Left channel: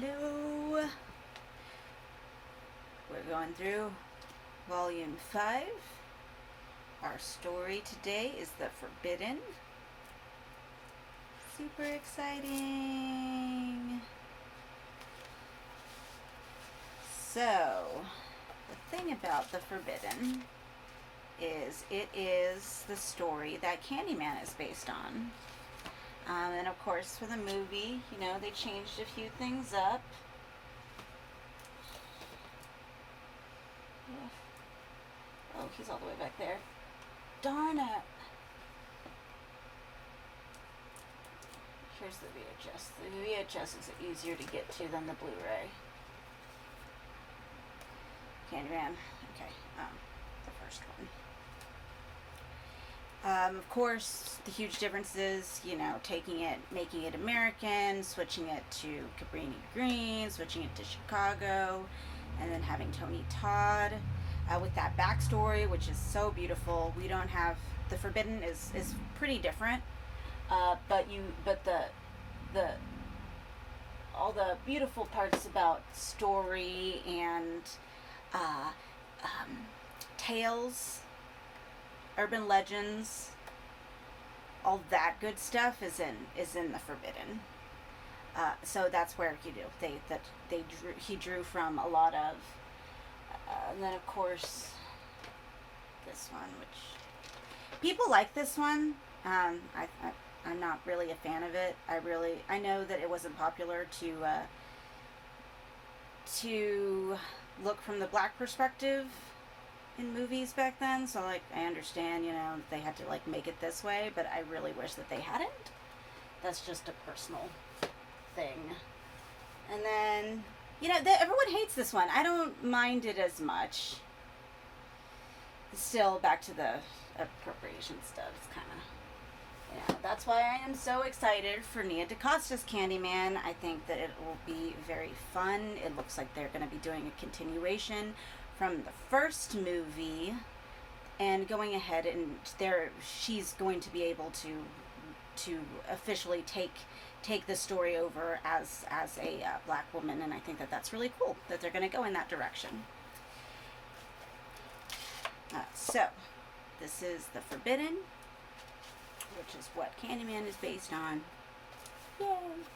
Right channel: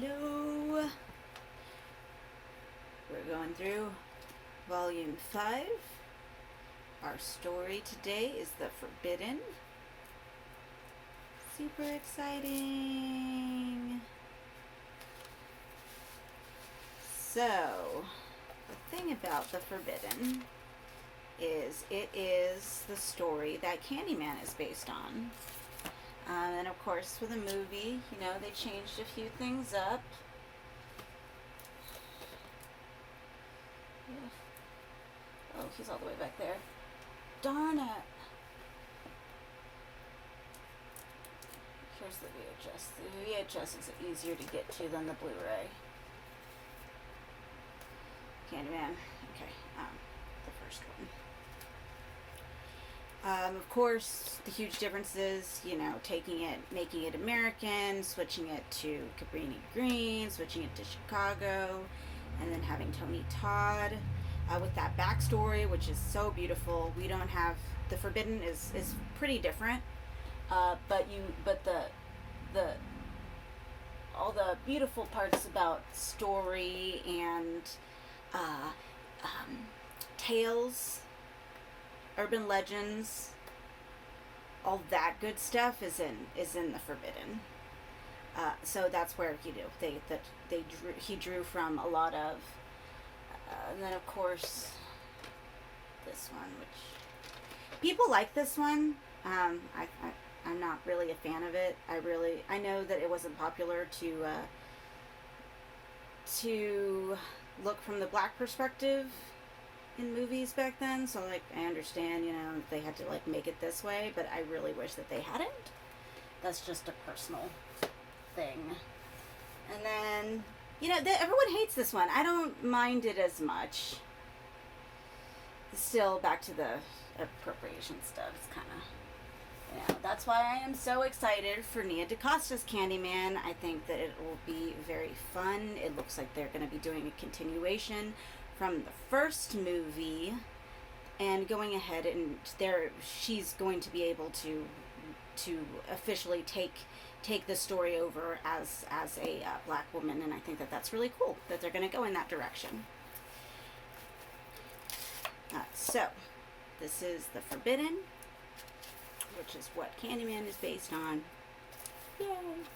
Hello. We're going through Volume 5. Our story today is The Forbidden. Super exciting. So, the thing about The Forbidden is it is the story that Candyman is based on. And of course, for the movie, they changed a few things up. Oh, he's all the way back there. Darn it. Here's the VHS. The VHS is easier to get to than the Blu-ray. Candyman. Okay, the first one. Of course, the huge difference is, taking it, making it American, switching it to Cabrini Green, switching it to Chicago, and then having Tony Todd with that backstory, which is so beautiful. We don't have The Forbidden is pretty different, but the all the beautiful parts about story and tales, urban legends, all that good stuff is in The Forbidden. So that's where he drew from a lot of, and then of course this one, which people like this one. I'm not really a fan of it. I know that it wasn't popular to look from the black perspective in movies back then, so I understand, they had to make it this way, but I really wish that they hadn't. That's just a personal thing. And then, everyone hates this one. I don't mind it as much. Still, back to the appropriation stuff. It's kind of, that's why I am so excited for Nia DaCosta's Candyman. I think that it will be very fun. It looks like they're going to be doing a continuation from the first movie, and going ahead, and she's going to be able to officially take the story over as a black woman, and I think that that's really cool that they're going to go in that direction. So this is The Forbidden, which is what Candyman is based on. Yay!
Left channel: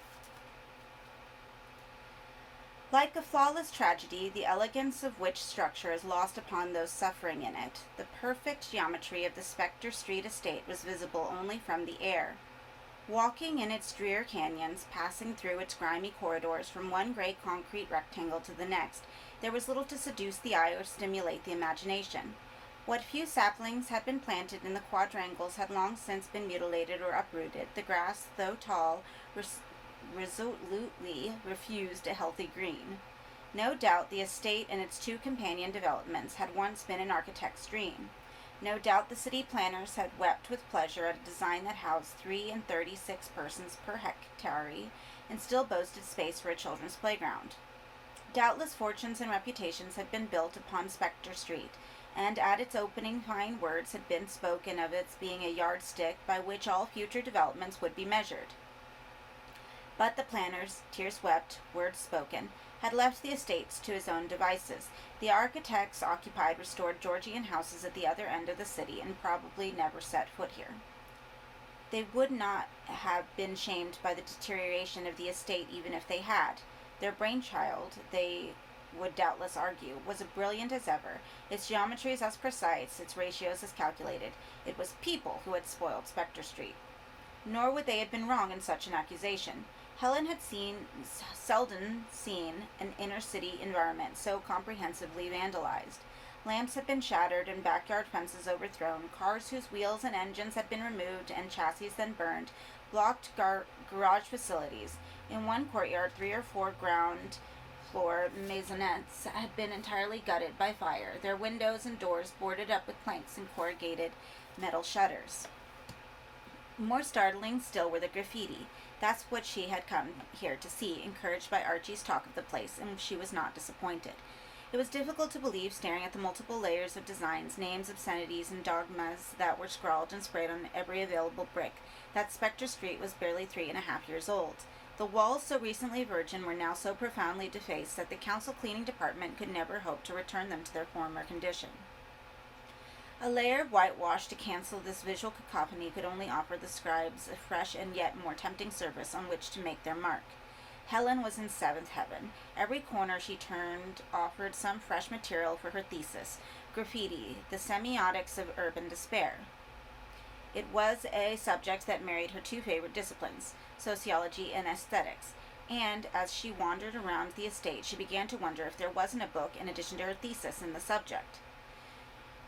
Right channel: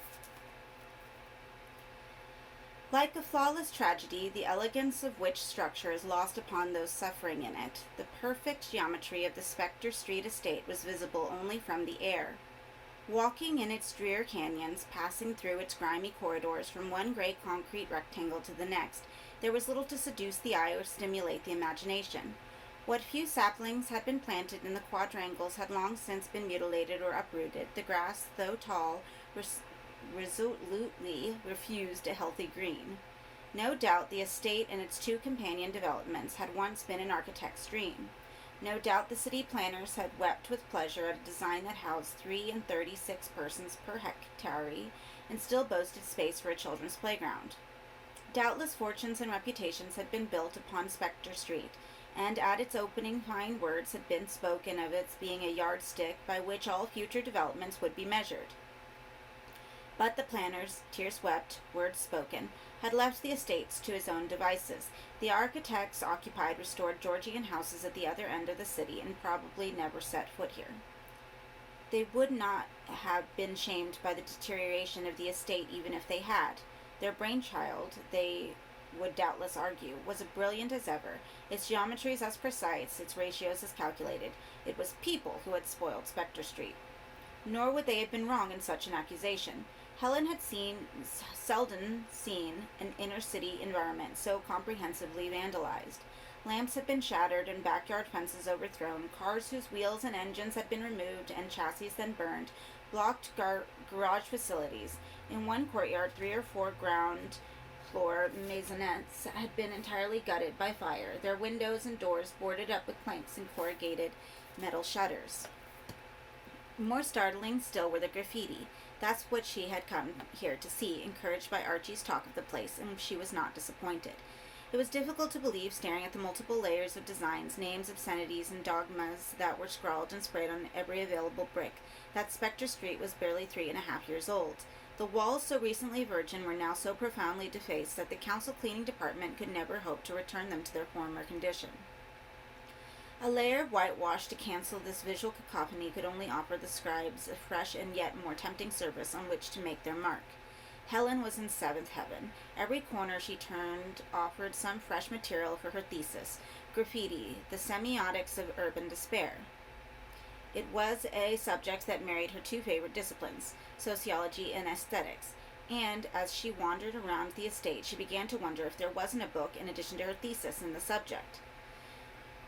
Like a flawless tragedy, the elegance of which structure is lost upon those suffering in it. The perfect geometry of the Spectre Street estate was visible only from the air. Walking in its drear canyons, passing through its grimy corridors from one great concrete rectangle to the next, there was little to seduce the eye or stimulate the imagination. What few saplings had been planted in the quadrangles had long since been mutilated or uprooted. The grass, though tall, resolutely refused a healthy green. No doubt the estate and its two companion developments had once been an architect's dream. No doubt the city planners had wept with pleasure at a design that housed 3 and 36 persons per hectare and still boasted space for a children's playground. Doubtless fortunes and reputations had been built upon Spectre Street, and at its opening fine words had been spoken of its being a yardstick by which all future developments would be measured. But the planners, tears wept, words spoken, had left the estates to his own devices. The architects occupied restored Georgian houses at the other end of the city and probably never set foot here. They would not have been shamed by the deterioration of the estate even if they had. Their brainchild, they would doubtless argue, was as brilliant as ever, its geometries as precise, its ratios as calculated. It was people who had spoiled Spectre Street. Nor would they have been wrong in such an accusation. Helen had seldom seen an inner-city environment so comprehensively vandalized. Lamps had been shattered and backyard fences overthrown. Cars whose wheels and engines had been removed and chassis then burned blocked garage facilities. In one courtyard, 3 or 4 ground floor maisonettes had been entirely gutted by fire, their windows and doors boarded up with planks and corrugated metal shutters. More startling still were the graffiti. That's what she had come here to see, encouraged by Archie's talk of the place, and she was not disappointed. It was difficult to believe, staring at the multiple layers of designs, names, obscenities, and dogmas that were scrawled and sprayed on every available brick, that Spectre Street was barely 3.5 years old. The walls, so recently virgin, were now so profoundly defaced that the council cleaning department could never hope to return them to their former condition. A layer of whitewash to cancel this visual cacophony could only offer the scribes a fresh and yet more tempting surface on which to make their mark. Helen was in seventh heaven. Every corner she turned offered some fresh material for her thesis, graffiti, the semiotics of urban despair. It was a subject that married her two favorite disciplines, sociology and aesthetics, and as she wandered around the estate, she began to wonder if there wasn't a book in addition to her thesis in the subject.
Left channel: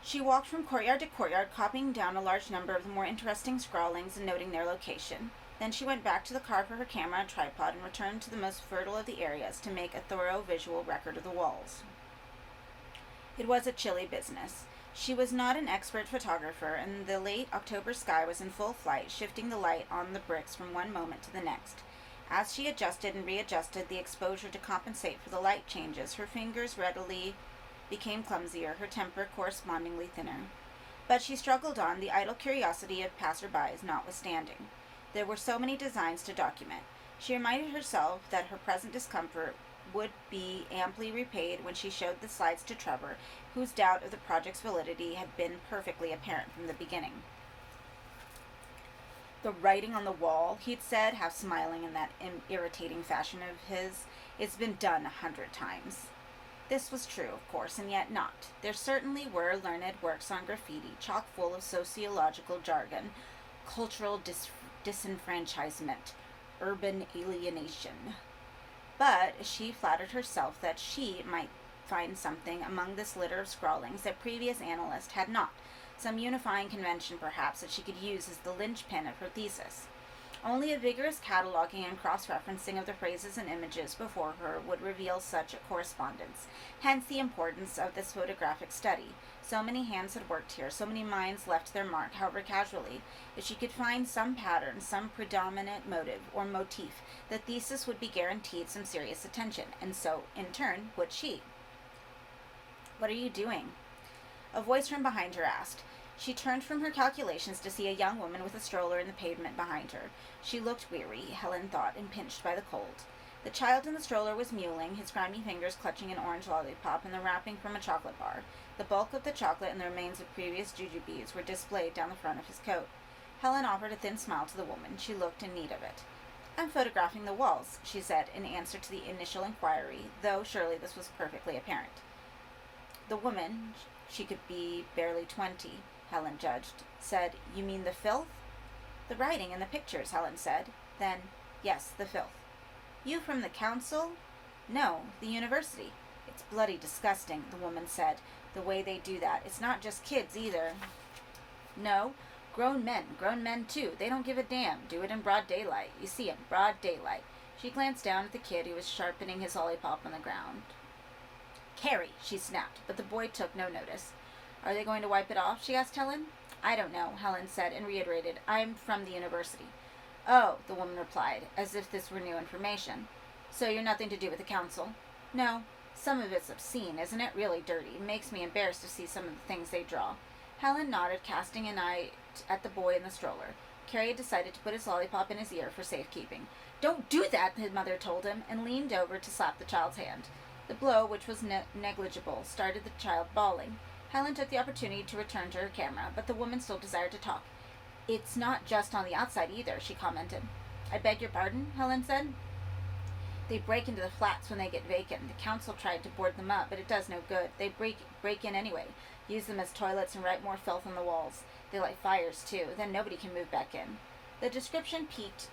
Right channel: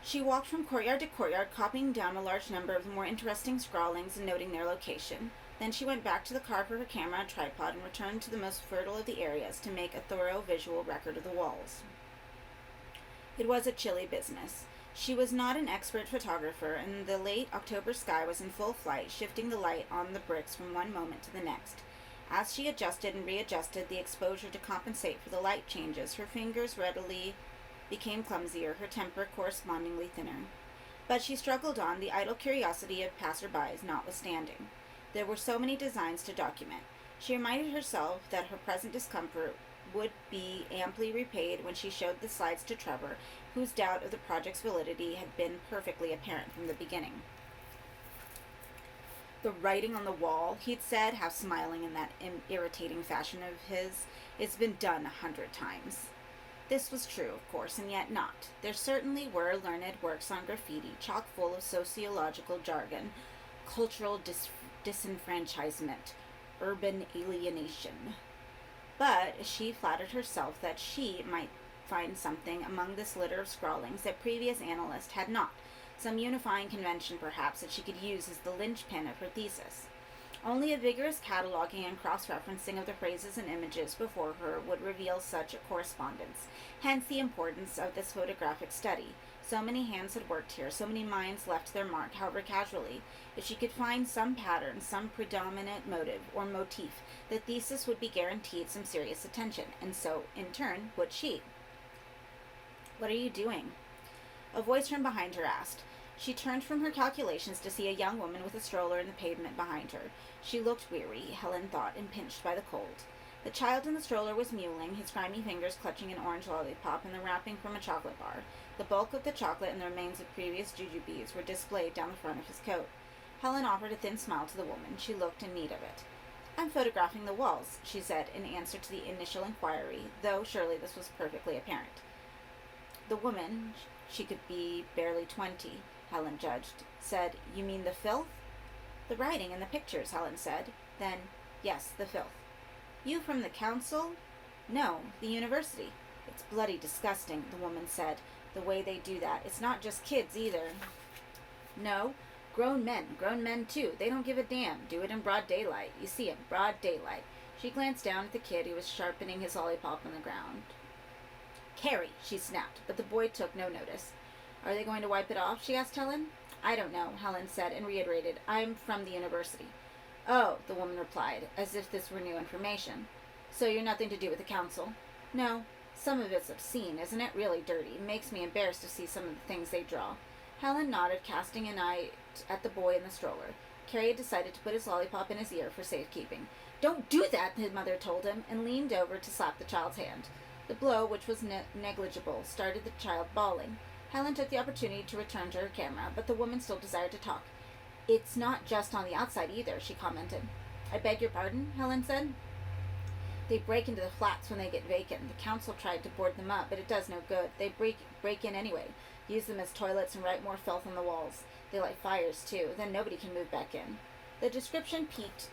She walked from courtyard to courtyard, copying down a large number of the more interesting scrawlings and noting their location. Then she went back to the car for her camera and tripod and returned to the most fertile of the areas to make a thorough visual record of the walls. It was a chilly business. She was not an expert photographer, and the late October sky was in full flight, shifting the light on the bricks from one moment to the next. As she adjusted and readjusted the exposure to compensate for the light changes, her fingers readily became clumsier, her temper correspondingly thinner. But she struggled on, the idle curiosity of passerbys notwithstanding. There were so many designs to document. She reminded herself that her present discomfort would be amply repaid when she showed the slides to Trevor, whose doubt of the project's validity had been perfectly apparent from the beginning. The writing on the wall, he'd said, half smiling in that irritating fashion of his, it's been done 100 times. This was true, of course, and yet not. There certainly were learned works on graffiti, chock full of sociological jargon, cultural disenfranchisement, urban alienation. But she flattered herself that she might find something among this litter of scrawlings that previous analysts had not, some unifying convention perhaps that she could use as the linchpin of her thesis. Only a vigorous cataloging and cross-referencing of the phrases and images before her would reveal such a correspondence, hence the importance of this photographic study. So many hands had worked here, so many minds left their mark, however casually. If she could find some pattern, some predominant motive or motif, the thesis would be guaranteed some serious attention, and so, in turn, would she. "What are you doing?" a voice from behind her asked. She turned from her calculations to see a young woman with a stroller in the pavement behind her. She looked weary, Helen thought, and pinched by the cold. The child in the stroller was mewling, his grimy fingers clutching an orange lollipop and the wrapping from a chocolate bar. The bulk of the chocolate and the remains of previous jujubes were displayed down the front of his coat. Helen offered a thin smile to the woman. She looked in need of it. "I'm photographing the walls," she said in answer to the initial inquiry, though surely this was perfectly apparent. The woman, she could be barely 20, Helen judged, said, "You mean the filth?" "The writing and the pictures," Helen said. Then, "Yes, the filth." "You from the council?" "No, the university." "It's bloody disgusting," the woman said, "the way they do that. It's not just kids, either." "No, grown men too. They don't give a damn. Do it in broad daylight. You see it, broad daylight." She glanced down at the kid who was sharpening his lollipop on the ground. "Carrie," she snapped, but the boy took no notice. "Are they going to wipe it off?" she asked Helen. "I don't know," Helen said, and reiterated, "I'm from the university." "Oh," the woman replied, as if this were new information. "So you're nothing to do with the council?" "No. Some of it's obscene, isn't it? Really dirty. It makes me embarrassed to see some of the things they draw." Helen nodded, casting an eye at the boy in the stroller. Carrie had decided to put his lollipop in his ear for safekeeping. "Don't do that," his mother told him, and leaned over to slap the child's hand. The blow, which was negligible, started the child bawling. Helen took the opportunity to return to her camera, but the woman still desired to talk. "It's not just on the outside either," she commented. "I beg your pardon?" Helen said. "They break into the flats when they get vacant. The council tried to board them up, but it does no good. They break in anyway, use them as toilets and write more filth on the walls. They light fires, too. Then nobody can move back in." The description piqued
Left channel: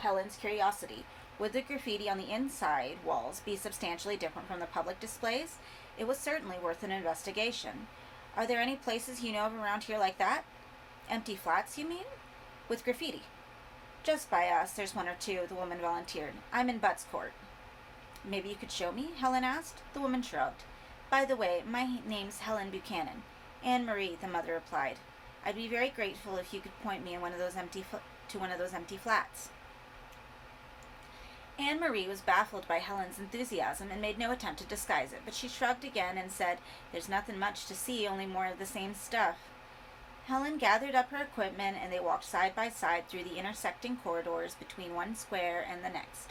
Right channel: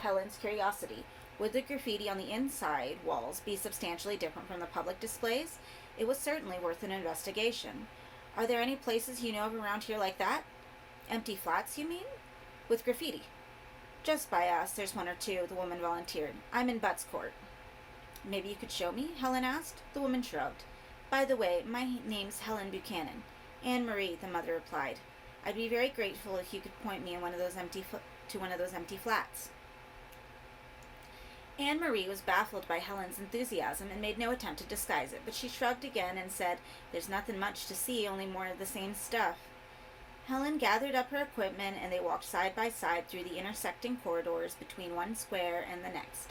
Helen's curiosity. Would the graffiti on the inside walls be substantially different from the public displays? It was certainly worth an investigation. "Are there any places you know of around here like that?" "Empty flats, you mean?" "With graffiti." "Just by us, there's one or two," the woman volunteered. "I'm in Butts Court." "Maybe you could show me?" Helen asked. The woman shrugged. "By the way, my name's Helen Buchanan." "Anne-Marie," the mother replied. "I'd be very grateful if you could point me in one of those empty flats." Anne-Marie was baffled by Helen's enthusiasm and made no attempt to disguise it, but she shrugged again and said, "There's nothing much to see, only more of the same stuff." Helen gathered up her equipment and they walked side by side through the intersecting corridors between one square and the next.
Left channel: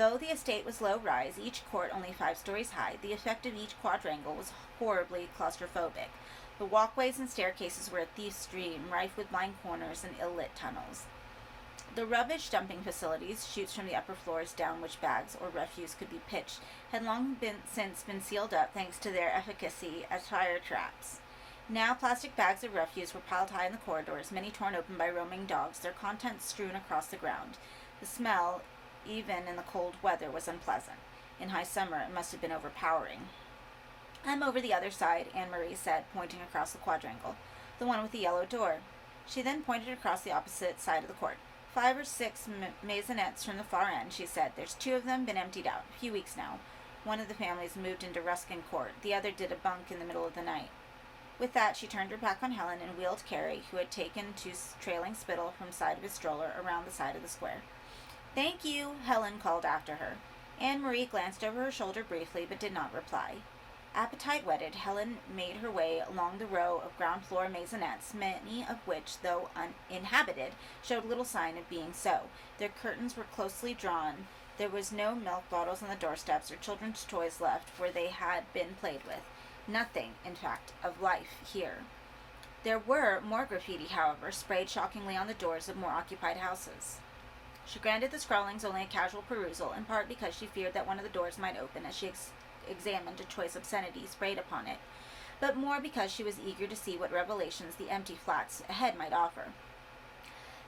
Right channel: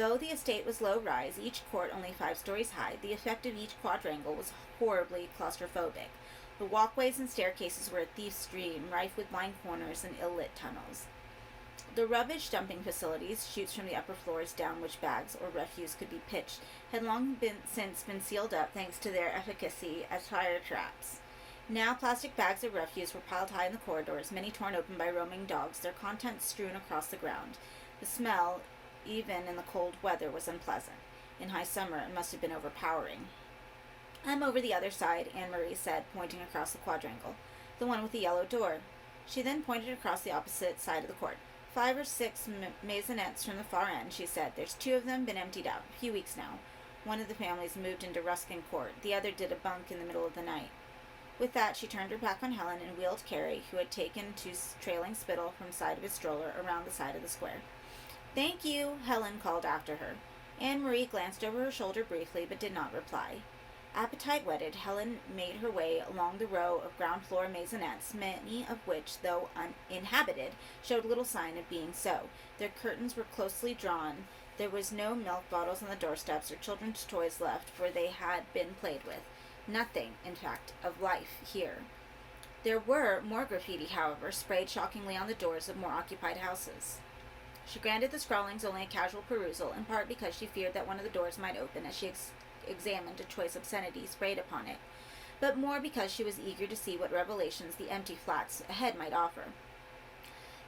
Though the estate was low-rise, each court only 5 stories high, the effect of each quadrangle was horribly claustrophobic. The walkways and staircases were a thief's dream, rife with blind corners and ill-lit tunnels. The rubbish dumping facilities, chutes from the upper floors down which bags or refuse could be pitched, had long since been sealed up thanks to their efficacy as fire traps. Now plastic bags of refuse were piled high in the corridors, many torn open by roaming dogs, their contents strewn across the ground. The smell, even in the cold weather, was unpleasant. In high summer, it must have been overpowering. "I'm over the other side," Anne-Marie said, pointing across the quadrangle. "The one with the yellow door." She then pointed across the opposite side of the court. 5 or 6 maisonettes from the far end, she said. "There's 2 of them, been emptied out. A few weeks now. One of the families moved into Ruskin Court. The other did a bunk in the middle of the night." With that, she turned her back on Helen and wheeled Carrie, who had taken to trailing Spittle from the side of his stroller, around the side of the square. "Thank you," Helen called after her. Anne-Marie glanced over her shoulder briefly, but did not reply. Appetite whetted, Helen made her way along the row of ground-floor maisonettes, many of which, though uninhabited, showed little sign of being so. Their curtains were closely drawn. There was no milk bottles on the doorsteps or children's toys left where they had been played with. Nothing, in fact, of life here. There were more graffiti, however, sprayed shockingly on the doors of more occupied houses. She granted the scrawlings only a casual perusal, in part because she feared that one of the doors might open as she examined a choice obscenity sprayed upon it, but more because she was eager to see what revelations the empty flats ahead might offer.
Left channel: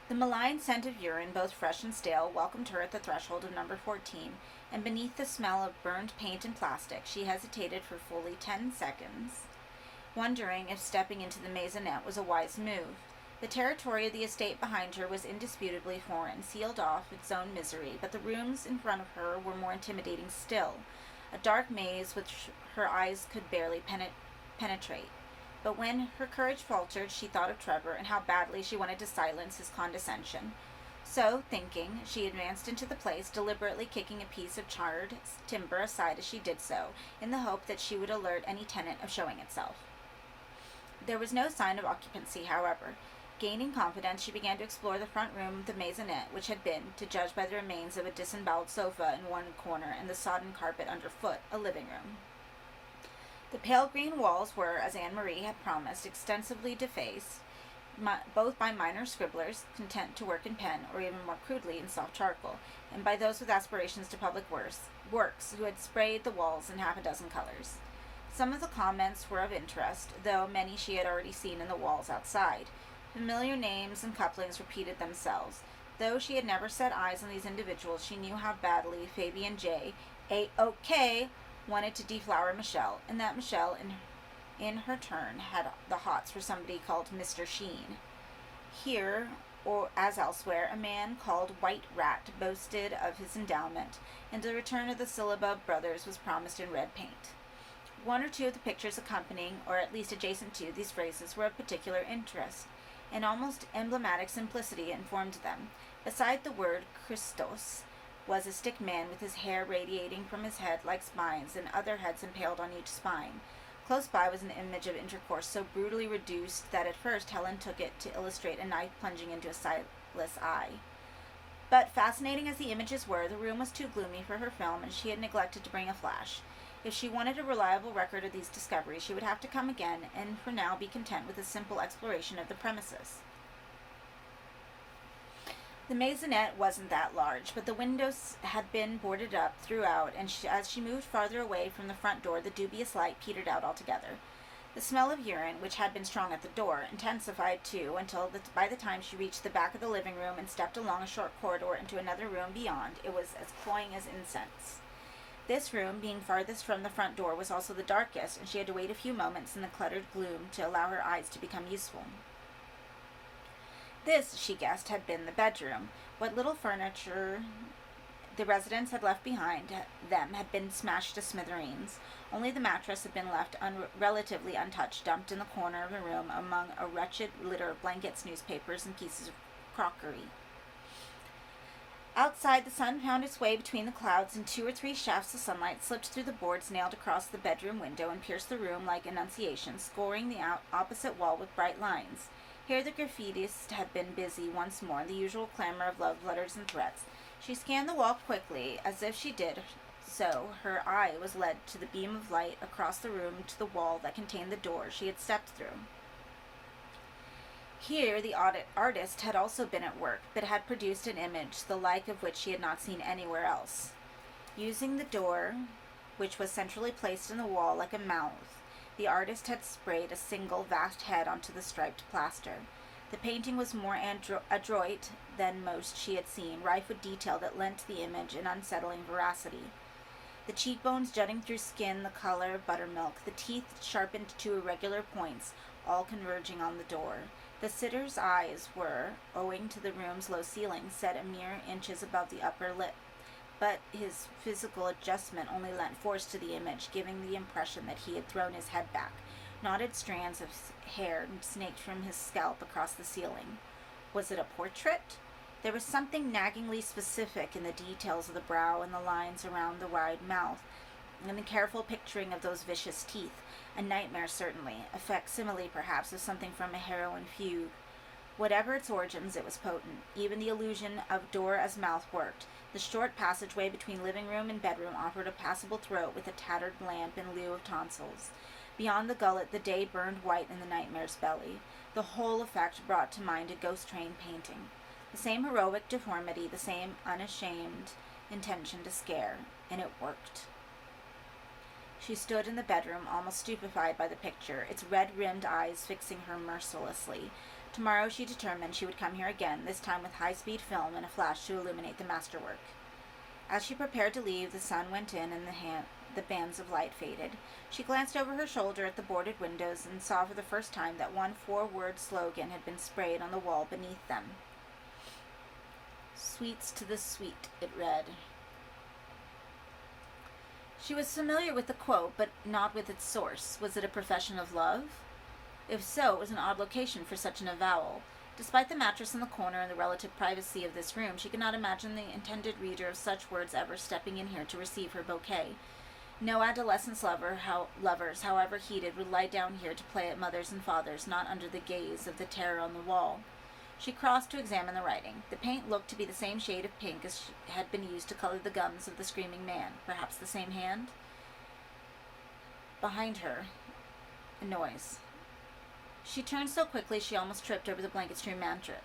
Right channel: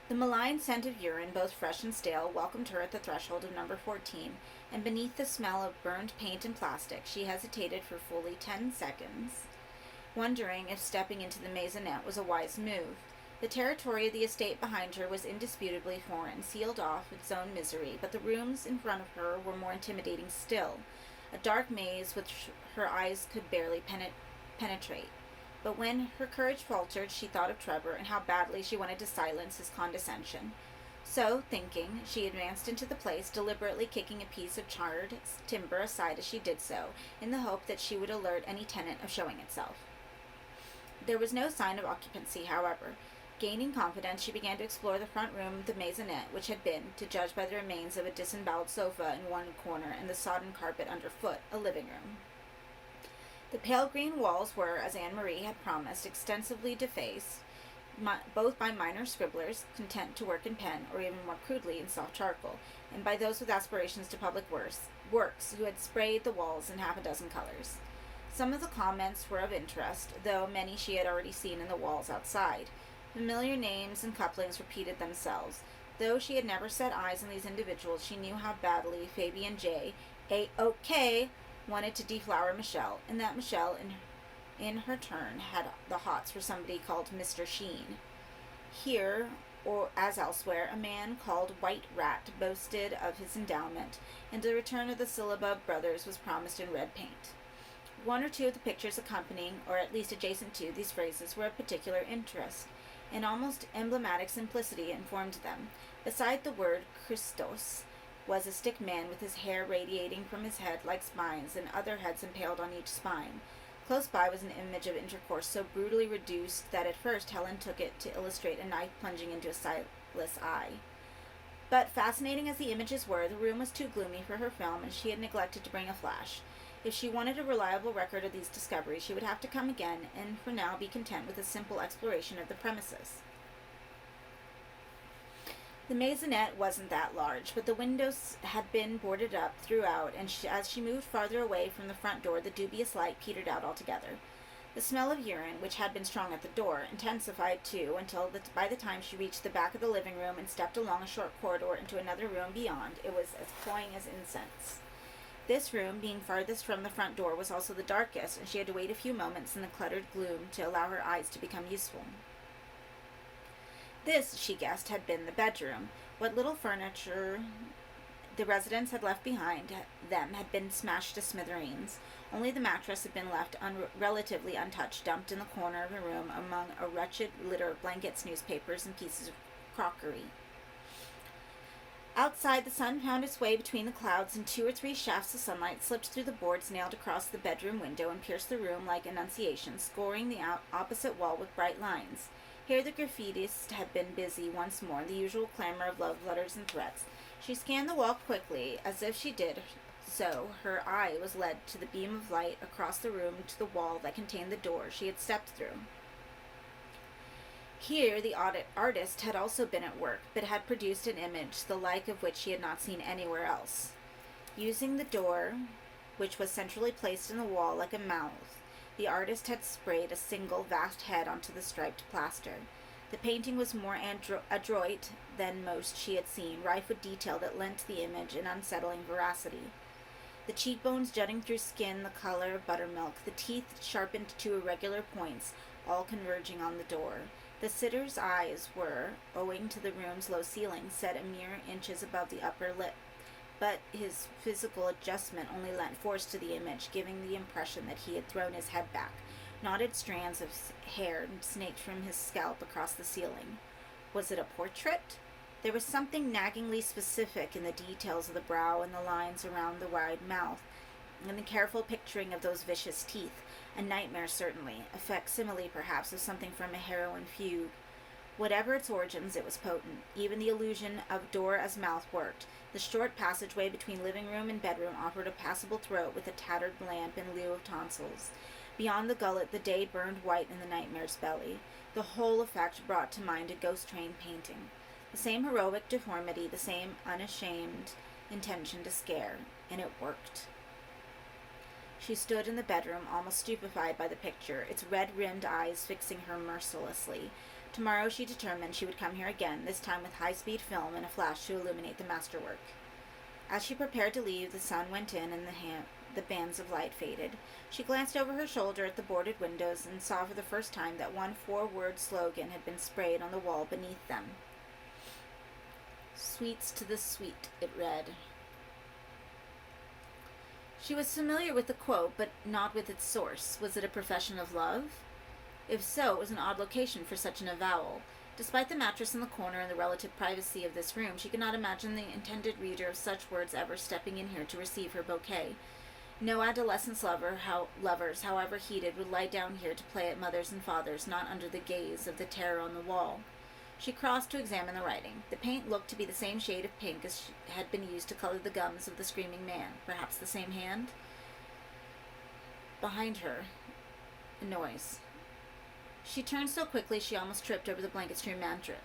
The malign scent of urine, both fresh and stale, welcomed her at the threshold of number 14, and beneath the smell of burned paint and plastic, she hesitated for fully 10 seconds, wondering if stepping into the maisonette was a wise move. The territory of the estate behind her was indisputably foreign, sealed off its own misery, but the rooms in front of her were more intimidating still, a dark maze which her eyes could barely penetrate. But when her courage faltered, she thought of Trevor and how badly she wanted to silence his condescension. So, thinking, she advanced into the place, deliberately kicking a piece of charred timber aside as she did so, in the hope that she would alert any tenant of showing itself. There was no sign of occupancy, however. Gaining confidence, she began to explore the front room of the maisonette, which had been, to judge by the remains of a disemboweled sofa in one corner and the sodden carpet underfoot, a living room. The pale green walls were, as Anne-Marie had promised, extensively defaced, both by minor scribblers, content to work in pen, or even more crudely in soft charcoal, and by those with aspirations to public works, who had sprayed the walls in half a dozen colors. Some of the comments were of interest, though many she had already seen in the walls outside. Familiar names and couplings repeated themselves. Though she had never set eyes on these individuals, she knew how badly Fabian J. A.O.K. wanted to deflower Michelle, and that Michelle, in her turn, had the hots for somebody called Mr. Sheen. Here, or as elsewhere, a man called White Rat boasted of his endowment, and the return of the Syllabub brothers was promised in red paint. One or two of the pictures accompanying, or at least adjacent to, these phrases were of particular interest. An almost emblematic simplicity informed them. Beside the word Christos was a stick man with his hair radiating from his head like spines and other heads impaled on each spine. Close by was an image of intercourse so brutally reduced that at first Helen took it to illustrate a knife plunging into a sightless eye. But fascinating as the images were, the room was too gloomy for her film, and she had neglected to bring a flash. If she wanted a reliable record of these discoveries, she would have to come again, and for now be content with a simple exploration of the premises. The maisonette wasn't that large, but the windows had been boarded up throughout, and as she moved farther away from the front door, the dubious light petered out altogether. The smell of urine, which had been strong at the door, intensified too, until by the time she reached the back of the living room and stepped along a short corridor into another room beyond, it was as cloying as incense. This room, being farthest from the front door, was also the darkest, and she had to wait a few moments in the cluttered gloom to allow her eyes to become useful. This, she guessed, had been the bedroom. What little furniture the residents had left behind them had been smashed to smithereens. Only the mattress had been left relatively untouched, dumped in the corner of the room among a wretched litter of blankets, newspapers, and pieces of crockery. Outside, the sun found its way between the clouds, and 2 or 3 shafts of sunlight slipped through the boards nailed across the bedroom window and pierced the room like Annunciation, scoring the opposite wall with bright lines. Here the graffitists had been busy once more, the usual clamor of love letters and threats. She scanned the wall quickly. As if she did so, her eye was led to the beam of light across the room to the wall that contained the door she had stepped through. Here the artist had also been at work, but had produced an image the like of which she had not seen anywhere else. Using the door, which was centrally placed in the wall like a mouth, the artist had sprayed a single vast head onto the striped plaster. The painting was more adroit than most she had seen, rife with detail that lent the image an unsettling veracity. The cheekbones jutting through skin the color of buttermilk, the teeth sharpened to irregular points, all converging on the door. The sitter's eyes were, owing to the room's low ceiling, set a mere inches above the upper lip, but his physical adjustment only lent force to the image, giving the impression that he had thrown his head back. Knotted strands of hair snaked from his scalp across the ceiling. Was it a portrait? There was something naggingly specific in the details of the brow and the lines around the wide mouth, and the careful picturing of those vicious teeth. A nightmare, certainly, a facsimile, perhaps, of something from a heroine fugue. Whatever its origins, it was potent. Even the illusion of door as mouth worked. The short passageway between living room and bedroom offered a passable throat with a tattered lamp in lieu of tonsils. Beyond the gullet, the day burned white in the nightmare's belly. The whole effect brought to mind a ghost train painting. The same heroic deformity, the same unashamed intention to scare, and it worked. She stood in the bedroom, almost stupefied by the picture, its red-rimmed eyes fixing her mercilessly. Tomorrow, she determined, she would come here again, this time with high-speed film and a flash to illuminate the masterwork. As she prepared to leave, the sun went in and the bands of light faded. She glanced over her shoulder at the boarded windows and saw for the first time that one four-word slogan had been sprayed on the wall beneath them. "Sweets to the sweet," it read. She was familiar with the quote, but not with its source. Was it a profession of love? If so, it was an odd location for such an avowal. Despite the mattress in the corner and the relative privacy of this room, she could not imagine the intended reader of such words ever stepping in here to receive her bouquet. No adolescence lovers, however heated, would lie down here to play at mothers and fathers, not under the gaze of the terror on the wall. She crossed to examine the writing. The paint looked to be the same shade of pink as had been used to color the gums of the screaming man. Perhaps the same hand? Behind her, a noise. She turned so quickly she almost tripped over the blanket-strewn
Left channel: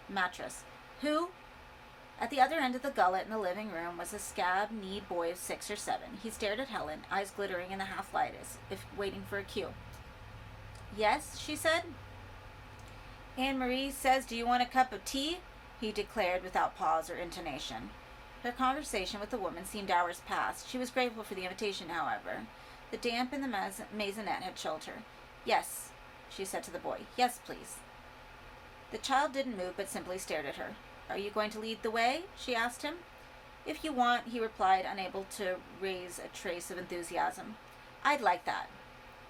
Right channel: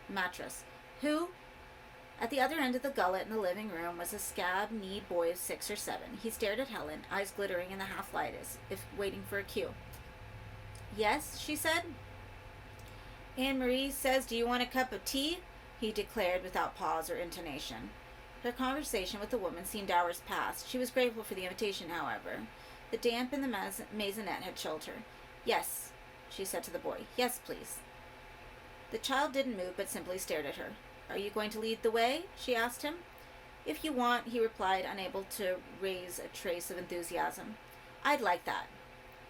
mattress. Who? At the other end of the gullet in the living room was a scab-kneed boy of 6 or 7. He stared at Helen, eyes glittering in the half-light as if waiting for a cue. "Yes," she said. "Anne-Marie says, do you want a cup of tea?" he declared without pause or intonation. Her conversation with the woman seemed hours past. She was grateful for the invitation, however. The damp in the maisonette had chilled her. "Yes," she said to the boy. "Yes, please." The child didn't move, but simply stared at her. "Are you going to lead the way?" she asked him. "If you want," he replied, unable to raise a trace of enthusiasm. "I'd like that."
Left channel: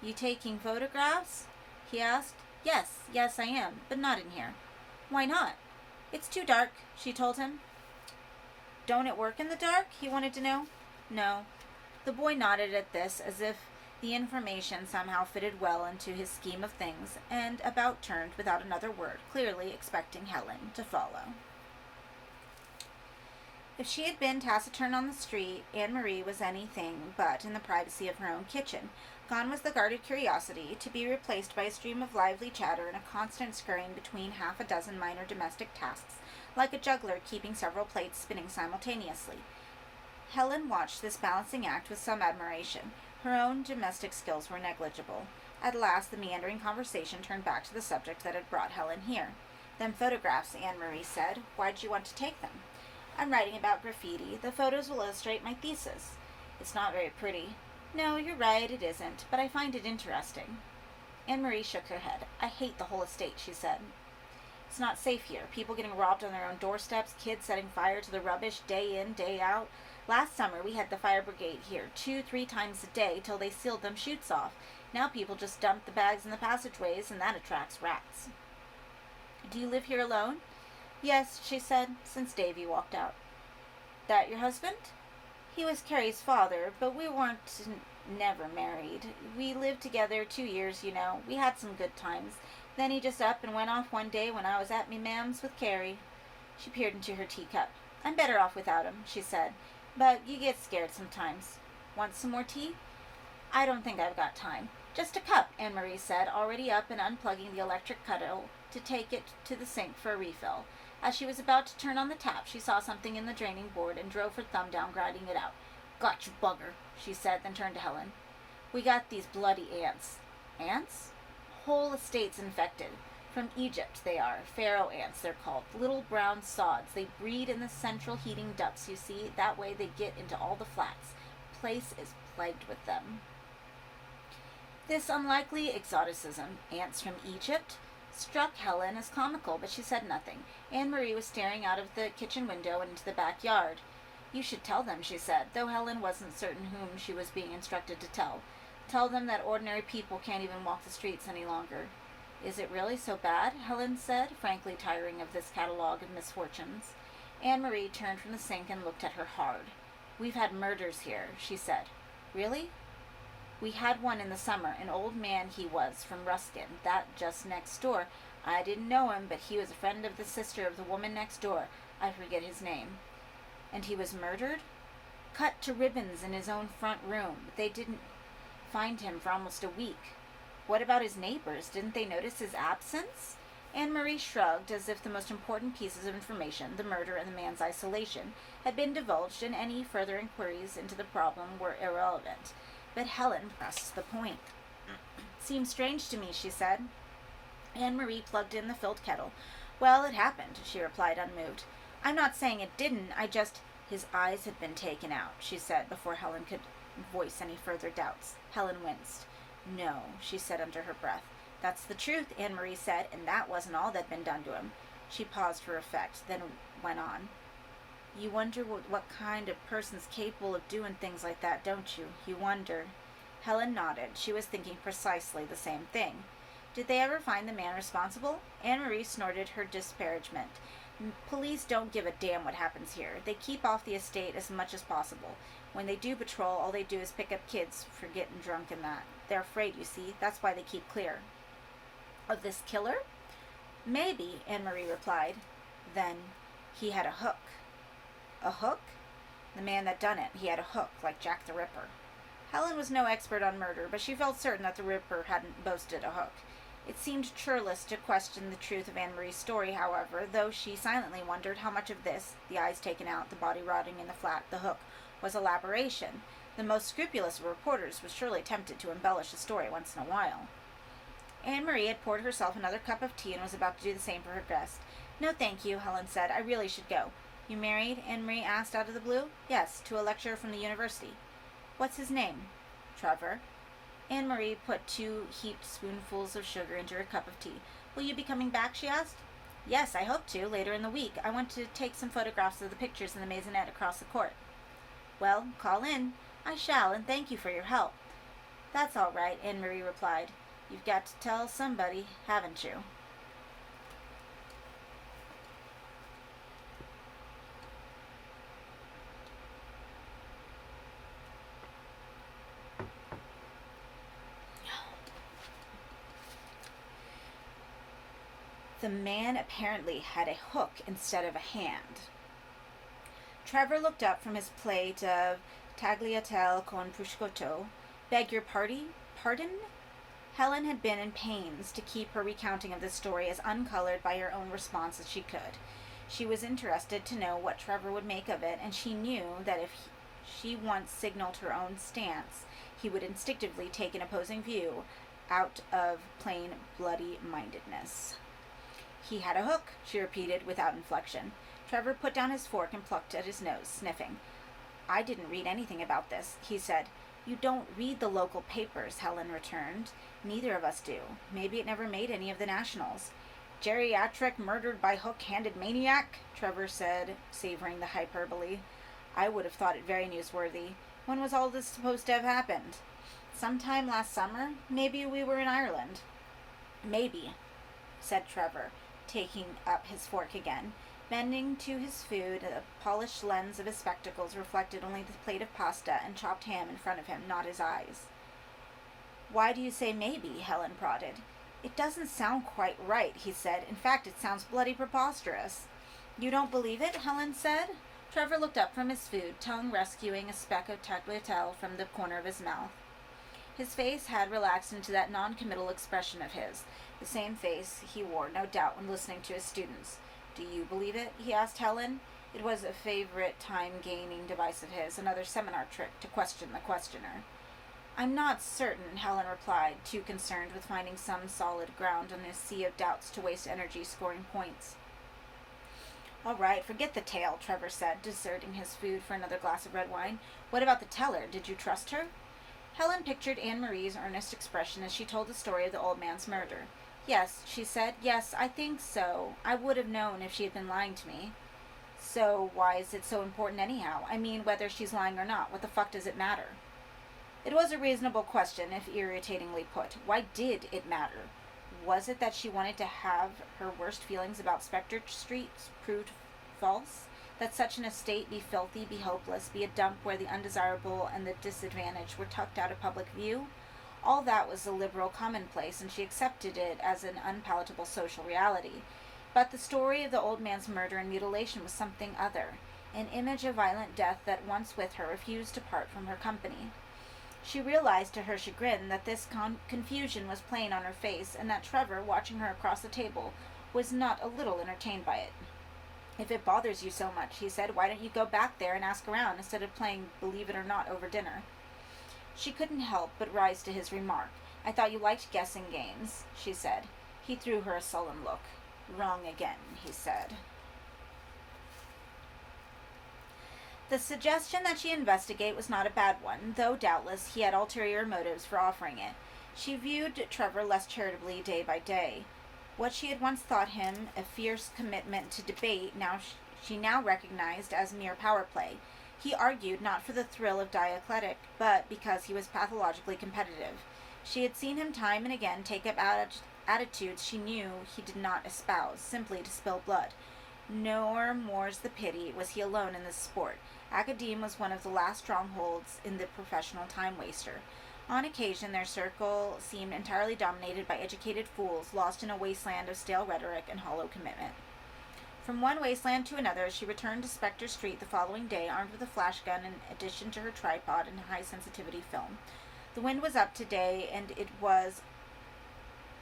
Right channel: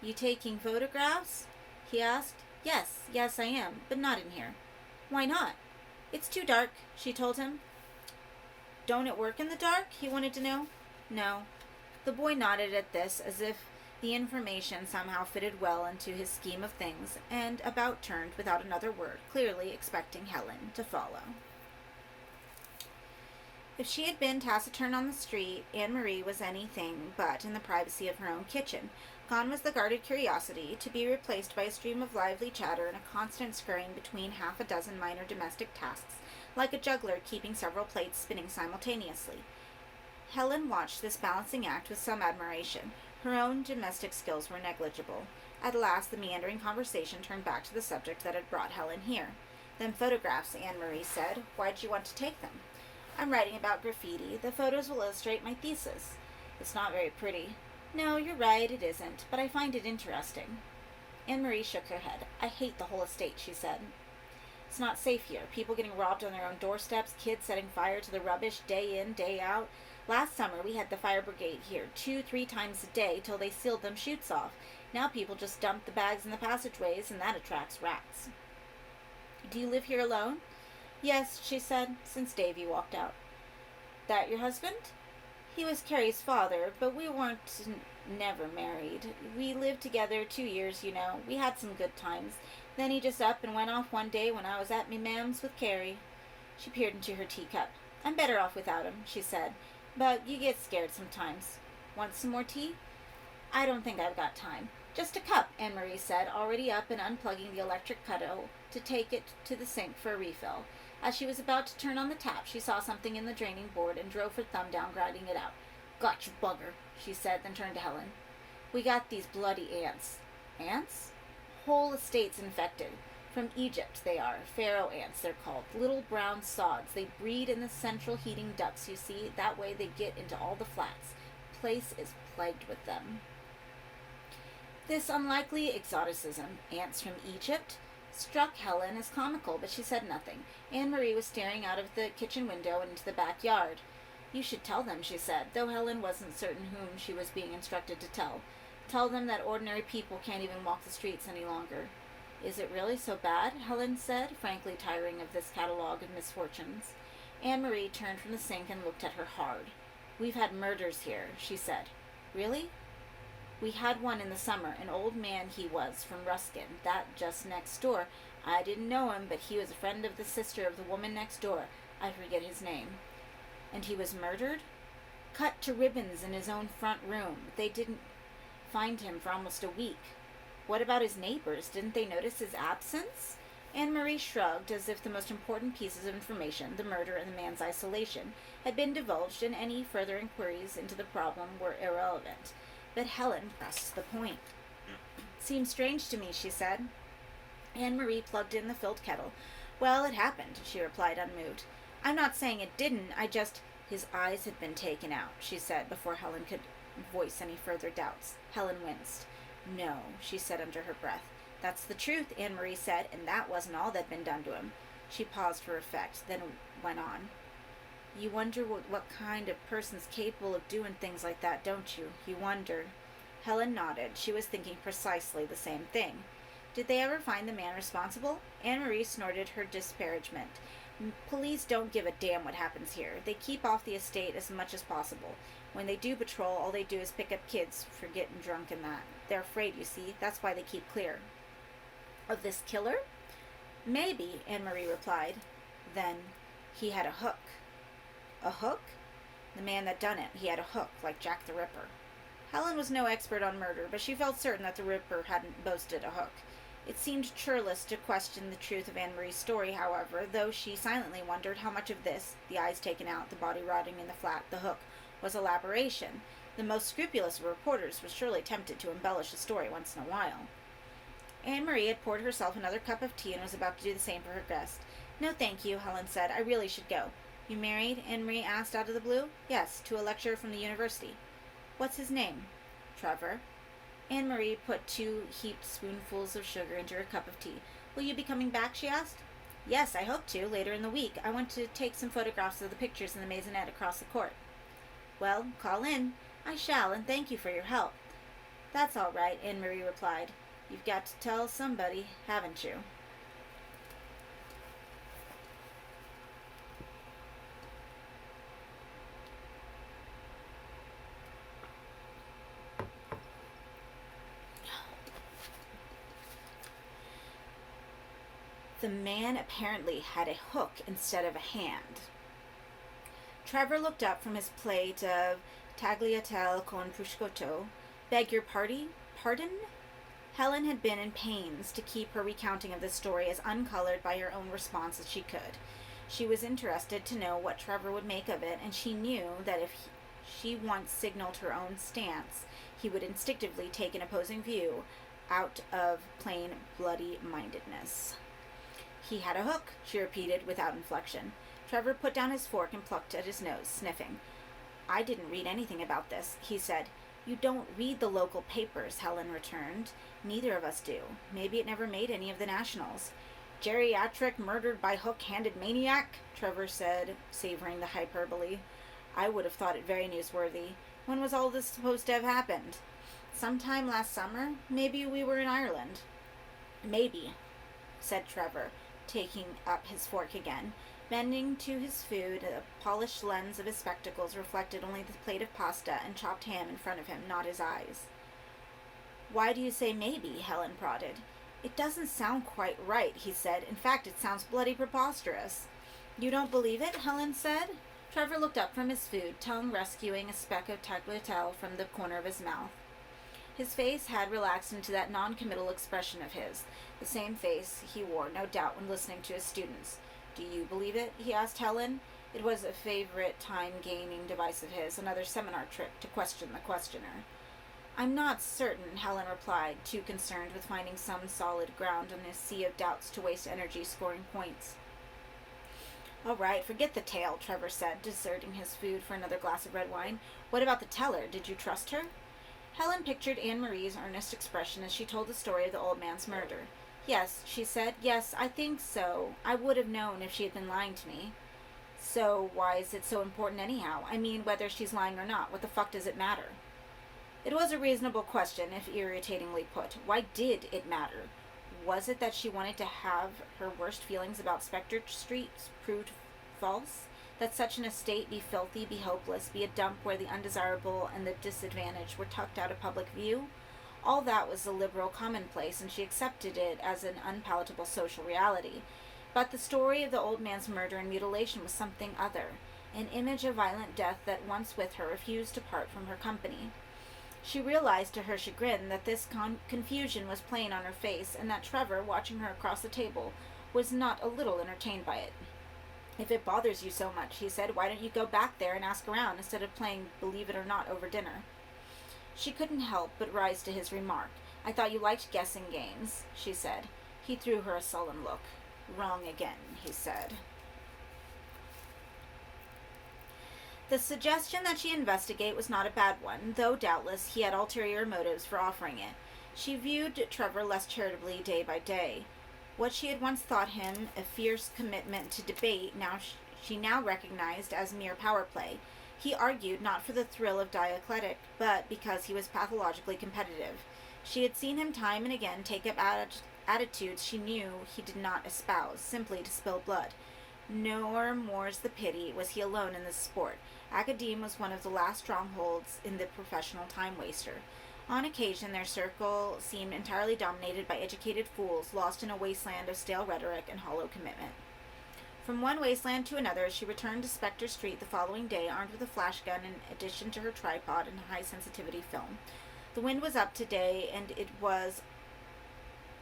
"You taking photographs?" he asked. Yes, I am, but not in here." "Why not?" "It's too dark," she told him. "Don't it work in the dark?" he wanted to know. "No." The boy nodded at this, as if the information somehow fitted well into his scheme of things, and about turned without another word, clearly expecting Helen to follow. If she had been taciturn on the street, Anne-Marie was anything but in the privacy of her own kitchen. Gone was the guarded curiosity, to be replaced by a stream of lively chatter and a constant scurrying between half a dozen minor domestic tasks, like a juggler keeping several plates spinning simultaneously. Helen watched this balancing act with some admiration. Her own domestic skills were negligible. At last the meandering conversation turned back to the subject that had brought Helen here. "Them photographs," Anne-Marie said. "Why'd you want to take them?" "I'm writing about graffiti. The photos will illustrate my thesis." "It's not very pretty." "No, you're right, it isn't, but I find it interesting." Anne-Marie shook her head. "I hate the whole estate," she said. "It's not safe here. People getting robbed on their own doorsteps, kids setting fire to the rubbish day in, day out. Last summer we had the fire brigade here 2-3 times a day till they sealed them chutes off. Now people just dump the bags in the passageways, and that attracts rats." "Do you live here alone?" "Yes," she said, since Davy walked out. "That your husband?" "He was Carrie's father, but we weren't never married. We lived together 2 years, you know. We had some good times. Then he just up and went off one day when I was at me ma'am's with Carrie." She peered into her teacup. I'm better off without him, she said. But you get scared sometimes. Want some more tea? I don't think I've got time. Just a cup, Anne Marie said, already up and unplugging the electric kettle to take it to the sink for a refill. As she was about to turn on the tap, she saw something in the draining board and drove her thumb down, grinding it out. Got you, bugger, she said, then turned to Helen. We got these bloody ants. Ants? Whole estates infected. From Egypt, they are. Pharaoh ants, they're called. Little brown sods. They breed in the central heating ducts, you see. That way they get into all the flats. Place is plagued with them. This unlikely exoticism, ants from Egypt, struck Helen as comical, but she said nothing. Anne Marie was staring out of the kitchen window and into the backyard. You should tell them, she said, though Helen wasn't certain whom she was being instructed to tell. Tell them that ordinary people can't even walk the streets any longer. Is it really so bad? Helen said, frankly tiring of this catalogue of misfortunes. Anne Marie turned from the sink and looked at her hard. We've had murders here, she said. Really? We had one in the summer, an old man he was, from Ruskin, that just next door. I didn't know him, but he was a friend of the sister of the woman next door. I forget his name. And he was murdered? Cut to ribbons in his own front room. They didn't find him for almost a week. What about his neighbors? Didn't they notice his absence? Anne Marie shrugged, as if the most important pieces of information, the murder and the man's isolation, had been divulged, and any further inquiries into the problem were irrelevant. But Helen pressed the point. Seems strange to me, she said. Anne Marie plugged in the filled kettle. Well, it happened, she replied, unmoved. I'm not saying it didn't, his eyes had been taken out, she said, before Helen could voice any further doubts. Helen winced. No, she said under her breath. That's the truth, Anne Marie said, and that wasn't all that'd been done to him. She paused for effect, then went on. You wonder what kind of person's capable of doing things like that, don't you? You wonder. Helen nodded. She was thinking precisely the same thing. Did they ever find the man responsible? Anne Marie snorted her disparagement. Police don't give a damn what happens here. They keep off the estate as much as possible. When they do patrol, all they do is pick up kids for getting drunk and that. They're afraid, you see. That's why they keep clear. Of this killer? Maybe, Anne Marie replied. Then he had a hook. A hook? The man that done it, he had a hook, like Jack the Ripper. Helen was no expert on murder, but she felt certain that the Ripper hadn't boasted a hook. It seemed churlish to question the truth of Anne Marie's story, however, though she silently wondered how much of this, the eyes taken out, the body rotting in the flat, the hook, was elaboration. The most scrupulous of reporters was surely tempted to embellish a story once in a while. Anne Marie had poured herself another cup of tea and was about to do the same for her guest. No, thank you, Helen said. I really should go. You married? Anne Marie asked out of the blue. Yes, to a lecturer from the university. What's his name? Trevor. Anne Marie put 2 heaped spoonfuls of sugar into her cup of tea. Will you be coming back? She asked. Yes, I hope to, later in the week. I want to take some photographs of the pictures in the maisonette across the court. Well, call in. I shall, and thank you for your help. That's all right, Anne Marie replied. You've got to tell somebody, haven't you? The man apparently had a hook instead of a hand. Trevor looked up from his plate of tagliatelle con prosciutto. Beg your pardon? Helen had been in pains to keep her recounting of the story as uncolored by her own response as she could. She was interested to know what Trevor would make of it, and she knew that if she once signaled her own stance, he would instinctively take an opposing view out of plain bloody-mindedness. He had a hook, she repeated without inflection. Trevor put down his fork and plucked at his nose, sniffing. I didn't read anything about this, he said. You don't read the local papers, Helen returned. Neither of us do. Maybe it never made any of the nationals. Geriatric murdered by hook-handed maniac, Trevor said, savoring the hyperbole. I would have thought it very newsworthy. When was all this supposed to have happened? Sometime last summer? Maybe we were in Ireland. Maybe, said Trevor, taking up his fork again. Bending to his food, the polished lens of his spectacles reflected only the plate of pasta and chopped ham in front of him, not his eyes. Why do you say maybe? Helen prodded. It doesn't sound quite right, he said. In fact, it sounds bloody preposterous. You don't believe it? Helen said. Trevor looked up from his food, tongue rescuing a speck of tagliatelle from the corner of his mouth. His face had relaxed into that non-committal expression of his, the same face he wore, no doubt, when listening to his students. Do you believe it? He asked Helen. It was a favorite time-gaming device of his, another seminar trick to question the questioner. I'm not certain, Helen replied, too concerned with finding some solid ground in a sea of doubts to waste energy scoring points. All right, forget the tale, Trevor said, deserting his food for another glass of red wine. What about the teller? Did you trust her? Helen pictured Anne-Marie's earnest expression as she told the story of the old man's murder. Yes, she said. Yes, I think so. I would have known if she had been lying to me. So why is it so important anyhow? I mean, whether she's lying or not, what the fuck does it matter? It was a reasonable question, if irritatingly put. Why did it matter? Was it that she wanted to have her worst feelings about Spectre Street proved false? That such an estate be filthy, be hopeless, be a dump where the undesirable and the disadvantaged were tucked out of public view? All that was a liberal commonplace, and she accepted it as an unpalatable social reality. But the story of the old man's murder and mutilation was something other, an image of violent death that once with her refused to part from her company. She realized to her chagrin that this confusion was plain on her face, and that Trevor, watching her across the table, was not a little entertained by it. If it bothers you so much, he said, why don't you go back there and ask around instead of playing Believe It or Not over dinner? She couldn't help but rise to his remark. I thought you liked guessing games, she said. He threw her a sullen look. Wrong again, he said. The suggestion that she investigate was not a bad one, though doubtless he had ulterior motives for offering it. She viewed Trevor less charitably day by day. What she had once thought him a fierce commitment to debate, she now recognized as mere power play. He argued not for the thrill of dialectic, but because he was pathologically competitive. She had seen him time and again take up attitudes she knew he did not espouse, simply to spill blood. Nor, more's the pity, was he alone in this sport. Academe was one of the last strongholds in the professional time-waster. On occasion, their circle seemed entirely dominated by educated fools lost in a wasteland of stale rhetoric and hollow commitment. From one wasteland to another, as she returned to Spectre Street the following day, armed with a flash gun in addition to her tripod and high-sensitivity film. The wind was up today, and it was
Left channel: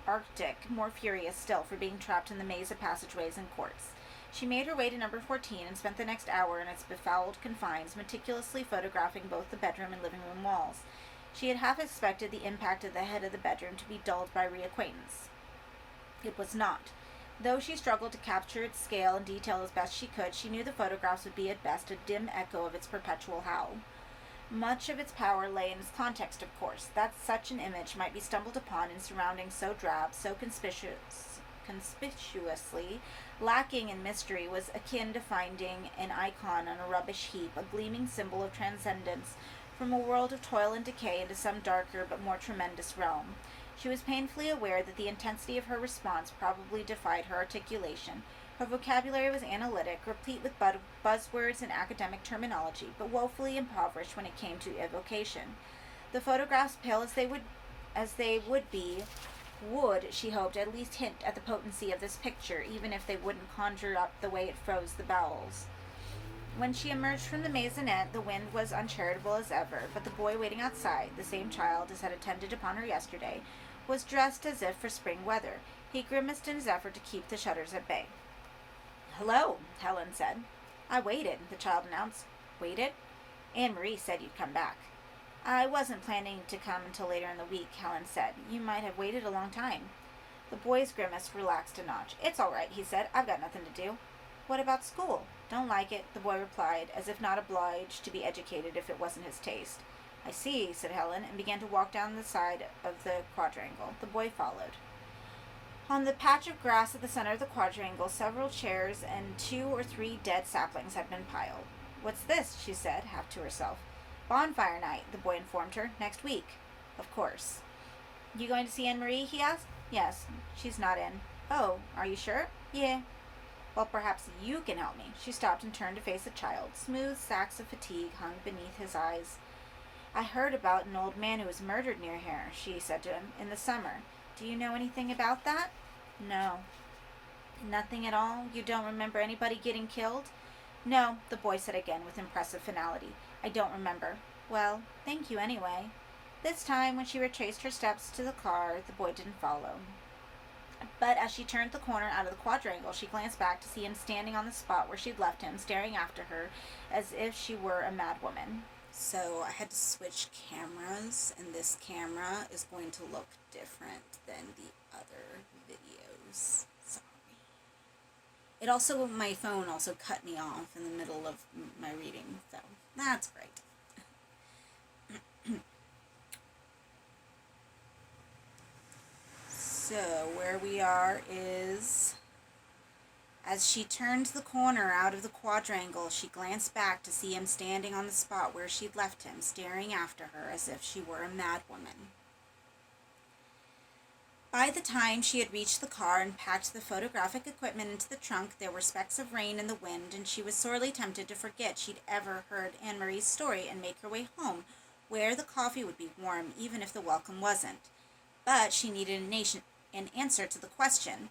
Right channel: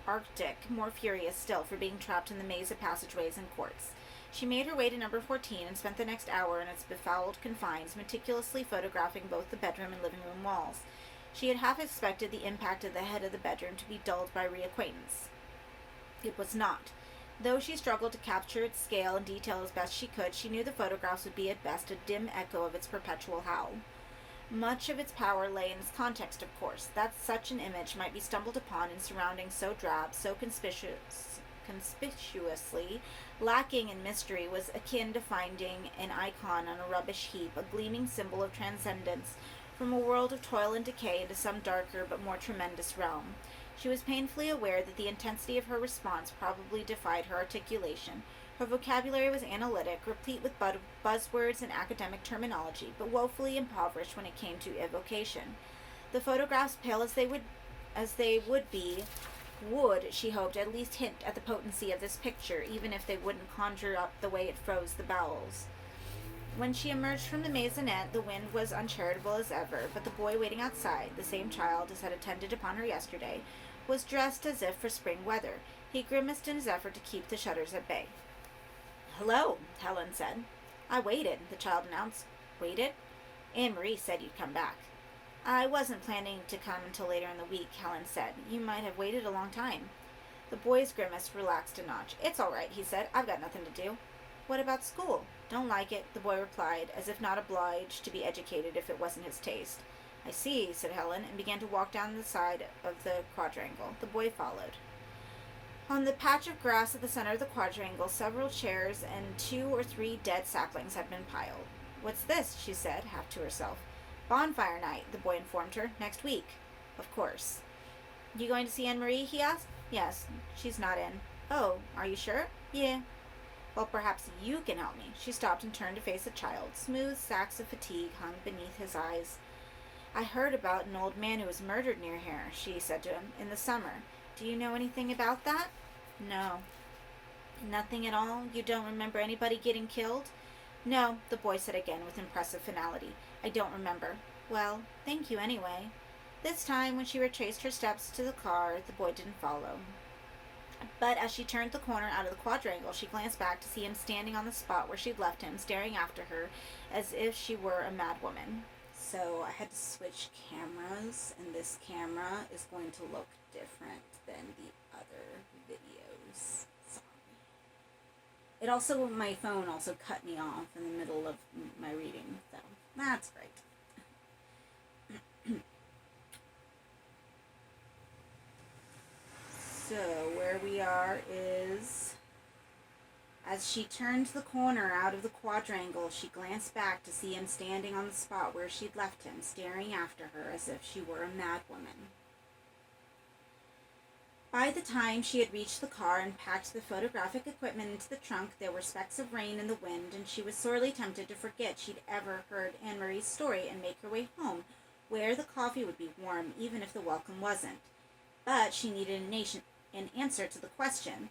Arctic, more furious still for being trapped in the maze of passageways and courts. She made her way to number 14 and spent the next hour in its befouled confines, meticulously photographing both the bedroom and living room walls. She had half expected the impact of the head of the bedroom to be dulled by reacquaintance. It was not. Though she struggled to capture its scale and detail as best she could, she knew the photographs would be at best a dim echo of its perpetual howl. Much of its power lay in its context, of course, that such an image might be stumbled upon in surroundings so drab, so conspicuously lacking in mystery, was akin to finding an icon on a rubbish heap, a gleaming symbol of transcendence from a world of toil and decay into some darker but more tremendous realm. She was painfully aware that the intensity of her response probably defied her articulation. Her vocabulary was analytic, replete with buzzwords and academic terminology, but woefully impoverished when it came to evocation. The photographs, pale as they would be, would, she hoped, at least hint at the potency of this picture, even if they wouldn't conjure up the way it froze the bowels. When she emerged from the maisonette, the wind was uncharitable as ever, but the boy waiting outside, the same child as had attended upon her yesterday, was dressed as if for spring weather. He grimaced in his effort to keep the shudders at bay. Hello, Helen said. I waited, the child announced. Waited? Anne-Marie said you'd come back. I wasn't planning to come until later in the week, Helen said. You might have waited a long time. The boy's grimace relaxed a notch. It's all right, he said. I've got nothing to do. What about school? Don't like it, the boy replied, as if not obliged to be educated if it wasn't his taste. I see, said Helen, and began to walk down the side of the quadrangle. The boy followed. On the patch of grass at the center of the quadrangle, several chairs and 2 or 3 dead saplings had been piled. What's this? She said, half to herself. Bonfire night, the boy informed her. Next week. Of course. You going to see Anne-Marie? He asked. Yes, she's not in. Oh, are you sure? Yeah. Well, perhaps you can help me. She stopped and turned to face the child. Smooth sacks of fatigue hung beneath his eyes. I heard about an old man who was murdered near here, she said to him, in the summer. Do you know anything about that? No. Nothing at all? You don't remember anybody getting killed? No, the boy said again with impressive finality. I don't remember. Well, thank you anyway. This time, when she retraced her steps to the car, the boy didn't follow. But as she turned the corner out of the quadrangle, she glanced back to see him standing on the spot where she'd left him, staring after her as if she were a mad woman. So I had to switch cameras, and this camera is going to look different than the other videos. Sorry. It also, my phone also cut me off in the middle of my reading, so that's great. So, where we are is, as she turned the corner out of the quadrangle, she glanced back to see him standing on the spot where she'd left him, staring after her as if she were a mad woman. By the time she had reached the car and packed the photographic equipment into the trunk, there were specks of rain in the wind, and she was sorely tempted to forget she'd ever heard Anne-Marie's story and make her way home, where the coffee would be warm, even if the welcome wasn't. But she needed an answer to the question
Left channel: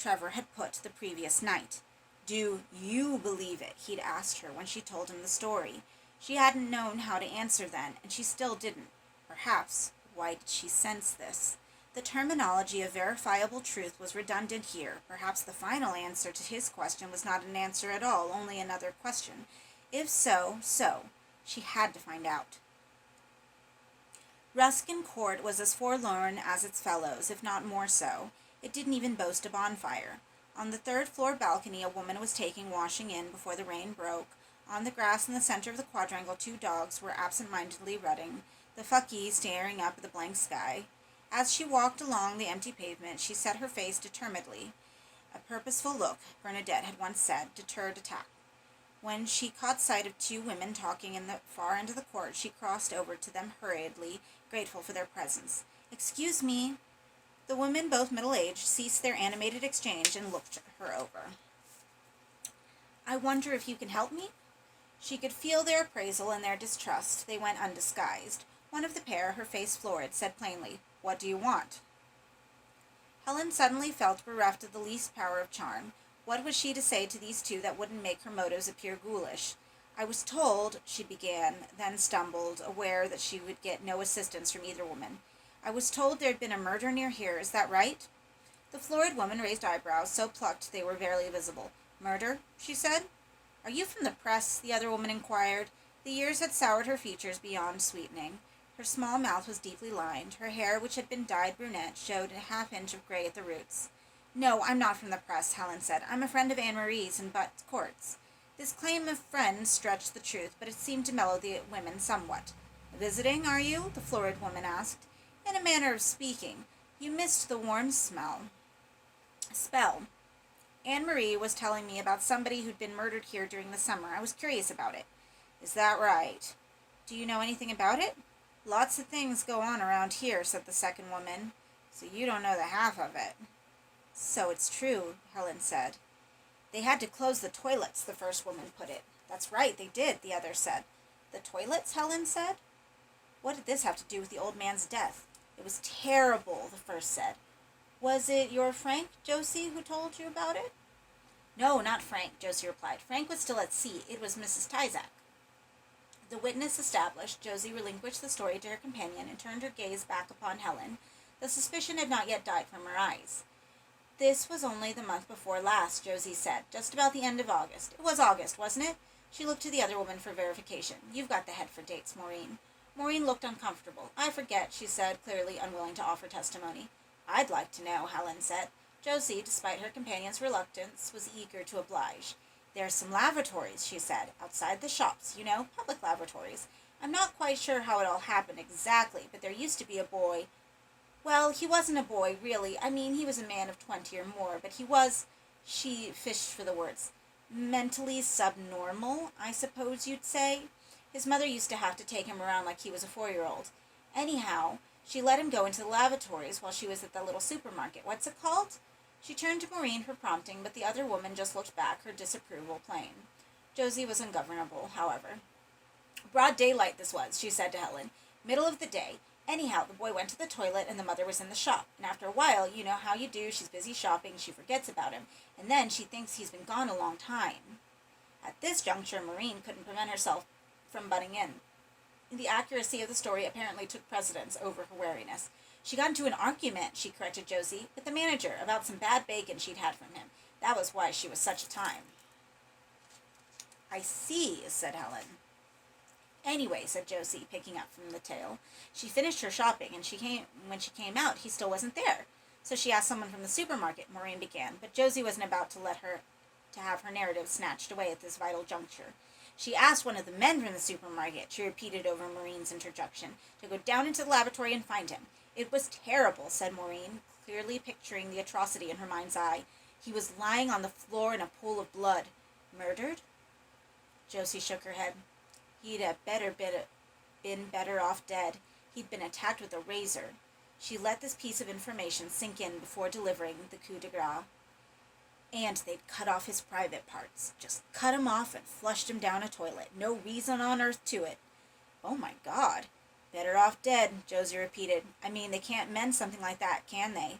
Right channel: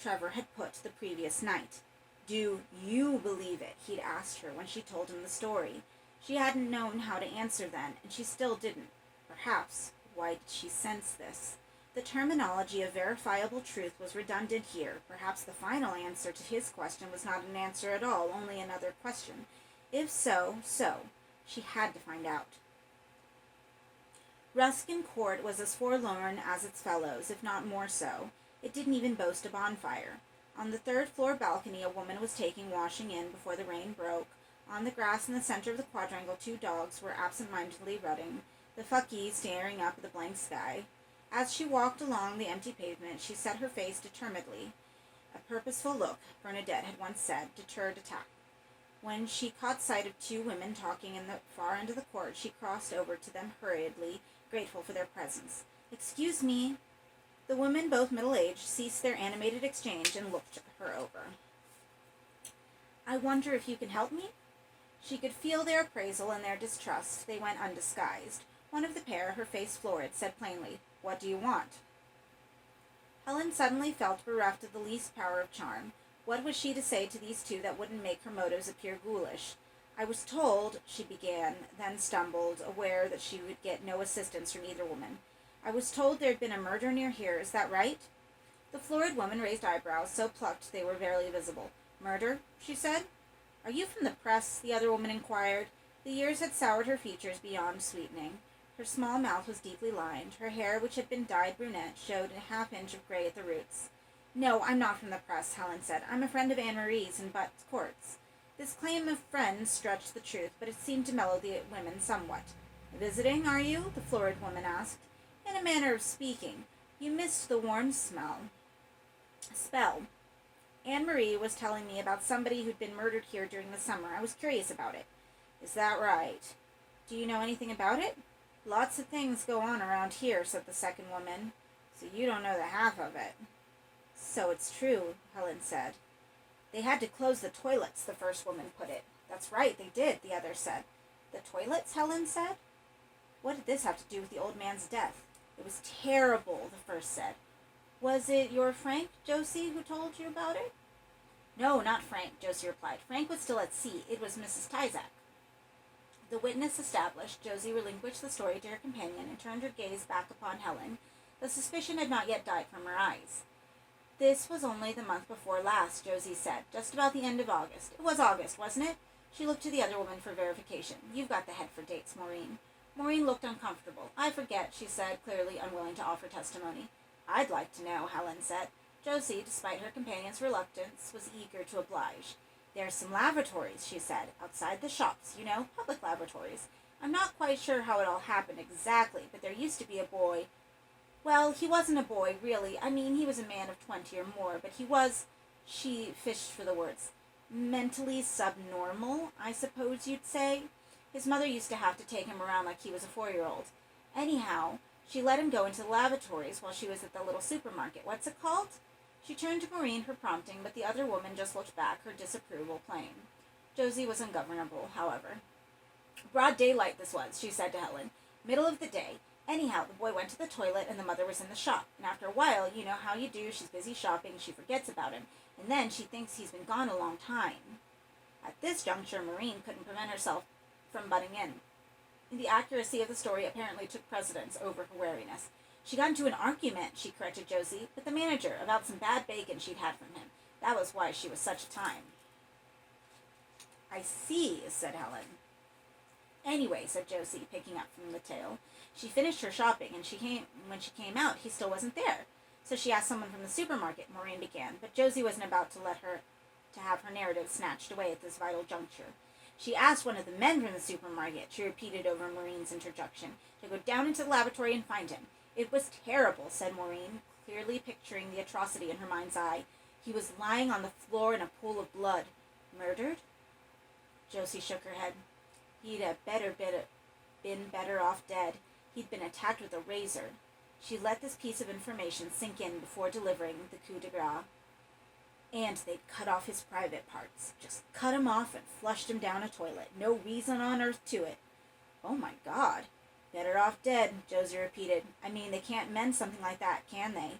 Trevor had put the previous night. Do you believe it? He'd asked her when she told him the story. She hadn't known how to answer then, and she still didn't. Perhaps. Why did she sense this? The terminology of verifiable truth was redundant here. Perhaps the final answer to his question was not an answer at all, only another question. If so, so. She had to find out. Ruskin Court was as forlorn as its fellows, if not more so. It didn't even boast a bonfire. On the third-floor balcony, a woman was taking washing in before the rain broke. On the grass in the center of the quadrangle, 2 dogs were absent-mindedly rutting, the fucky staring up at the blank sky. As she walked along the empty pavement, she set her face determinedly. A purposeful look, Bernadette had once said, deterred attack. When she caught sight of 2 women talking in the far end of the court, she crossed over to them hurriedly, grateful for their presence. Excuse me. The women, both middle-aged, ceased their animated exchange and looked her over. I wonder if you can help me? She could feel their appraisal and their distrust. They went undisguised. One of the pair, her face florid, said plainly, What do you want? Helen suddenly felt bereft of the least power of charm. What was she to say to these 2 that wouldn't make her motives appear ghoulish? I was told, she began, then stumbled, aware that she would get no assistance from either woman. I was told there'd been a murder near here, is that right? The florid woman raised eyebrows, so plucked they were barely visible. Murder? She said. Are you from the press? The other woman inquired. The years had soured her features beyond sweetening. Her small mouth was deeply lined. Her hair, which had been dyed brunette, showed a half-inch of gray at the roots. No, I'm not from the press, Helen said. I'm a friend of Anne-Marie's in Butt's Courts. This claim of friend stretched the truth, but it seemed to mellow the women somewhat. Visiting, are you? The florid woman asked. In a manner of speaking. You missed the warm spell. Anne-Marie was telling me about somebody who'd been murdered here during the summer. I was curious about it. Is that right? Do you know anything about it? Lots of things go on around here, said the second woman. So you don't know the half of it. So it's true, Helen said. They had to close the toilets, the first woman put it. That's right, they did, the other said. The toilets, Helen said? What did this have to do with the old man's death? It was terrible, the first said. Was it your Frank, Josie, who told you about it? No, not Frank, Josie replied. Frank was still at sea. It was Mrs. Tyzack. The witness established, Josie relinquished the story to her companion and turned her gaze back upon Helen. The suspicion had not yet died from her eyes. This was only the month before last, Josie said, just about the end of August. It was August, wasn't it? She looked to the other woman for verification. You've got the head for dates, Maureen. Maureen looked uncomfortable. I forget, she said, clearly unwilling to offer testimony. I'd like to know, Helen said. Josie, despite her companion's reluctance, was eager to oblige. There's some lavatories, she said, outside the shops, you know, public lavatories. I'm not quite sure how it all happened exactly, but there used to be a boy. Well, he wasn't a boy, really. I mean, he was a man of 20 or more, but he was, she fished for the words, mentally subnormal, I suppose you'd say. His mother used to have to take him around like he was a 4-year-old. Anyhow, she let him go into the lavatories while she was at the little supermarket. What's it called? She turned to Maureen for prompting, but the other woman just looked back, her disapproval plain. Josie was ungovernable, however. Broad daylight this was, she said to Helen. Middle of the day. Anyhow, the boy went to the toilet and the mother was in the shop. And after a while, you know how you do, she's busy shopping, she forgets about him. And then she thinks he's been gone a long time. At this juncture, Maureen couldn't prevent herself from butting in. The accuracy of the story apparently took precedence over her wariness. She got into an argument, she corrected Josie, with the manager about some bad bacon she'd had from him. That was why she was such a time. I see, said Helen. Anyway, said Josie, picking up from the tale, she finished her shopping, and when she came out, he still wasn't there. So she asked someone from the supermarket, Maureen began, but Josie wasn't about to have her narrative snatched away at this vital juncture. She asked one of the men from the supermarket, she repeated over Maureen's interjection, to go down into the laboratory and find him. It was terrible, said Maureen, clearly picturing the atrocity in her mind's eye. He was lying on the floor in a pool of blood. Murdered? Josie shook her head. He'd have been better off dead. He'd been attacked with a razor. She let this piece of information sink in before delivering the coup de grace. And they'd cut off his private parts. Just cut him off and flushed him down a toilet. No reason on earth to it. Oh my God. Better off dead, Josie repeated. I mean, they can't mend something like that, can they?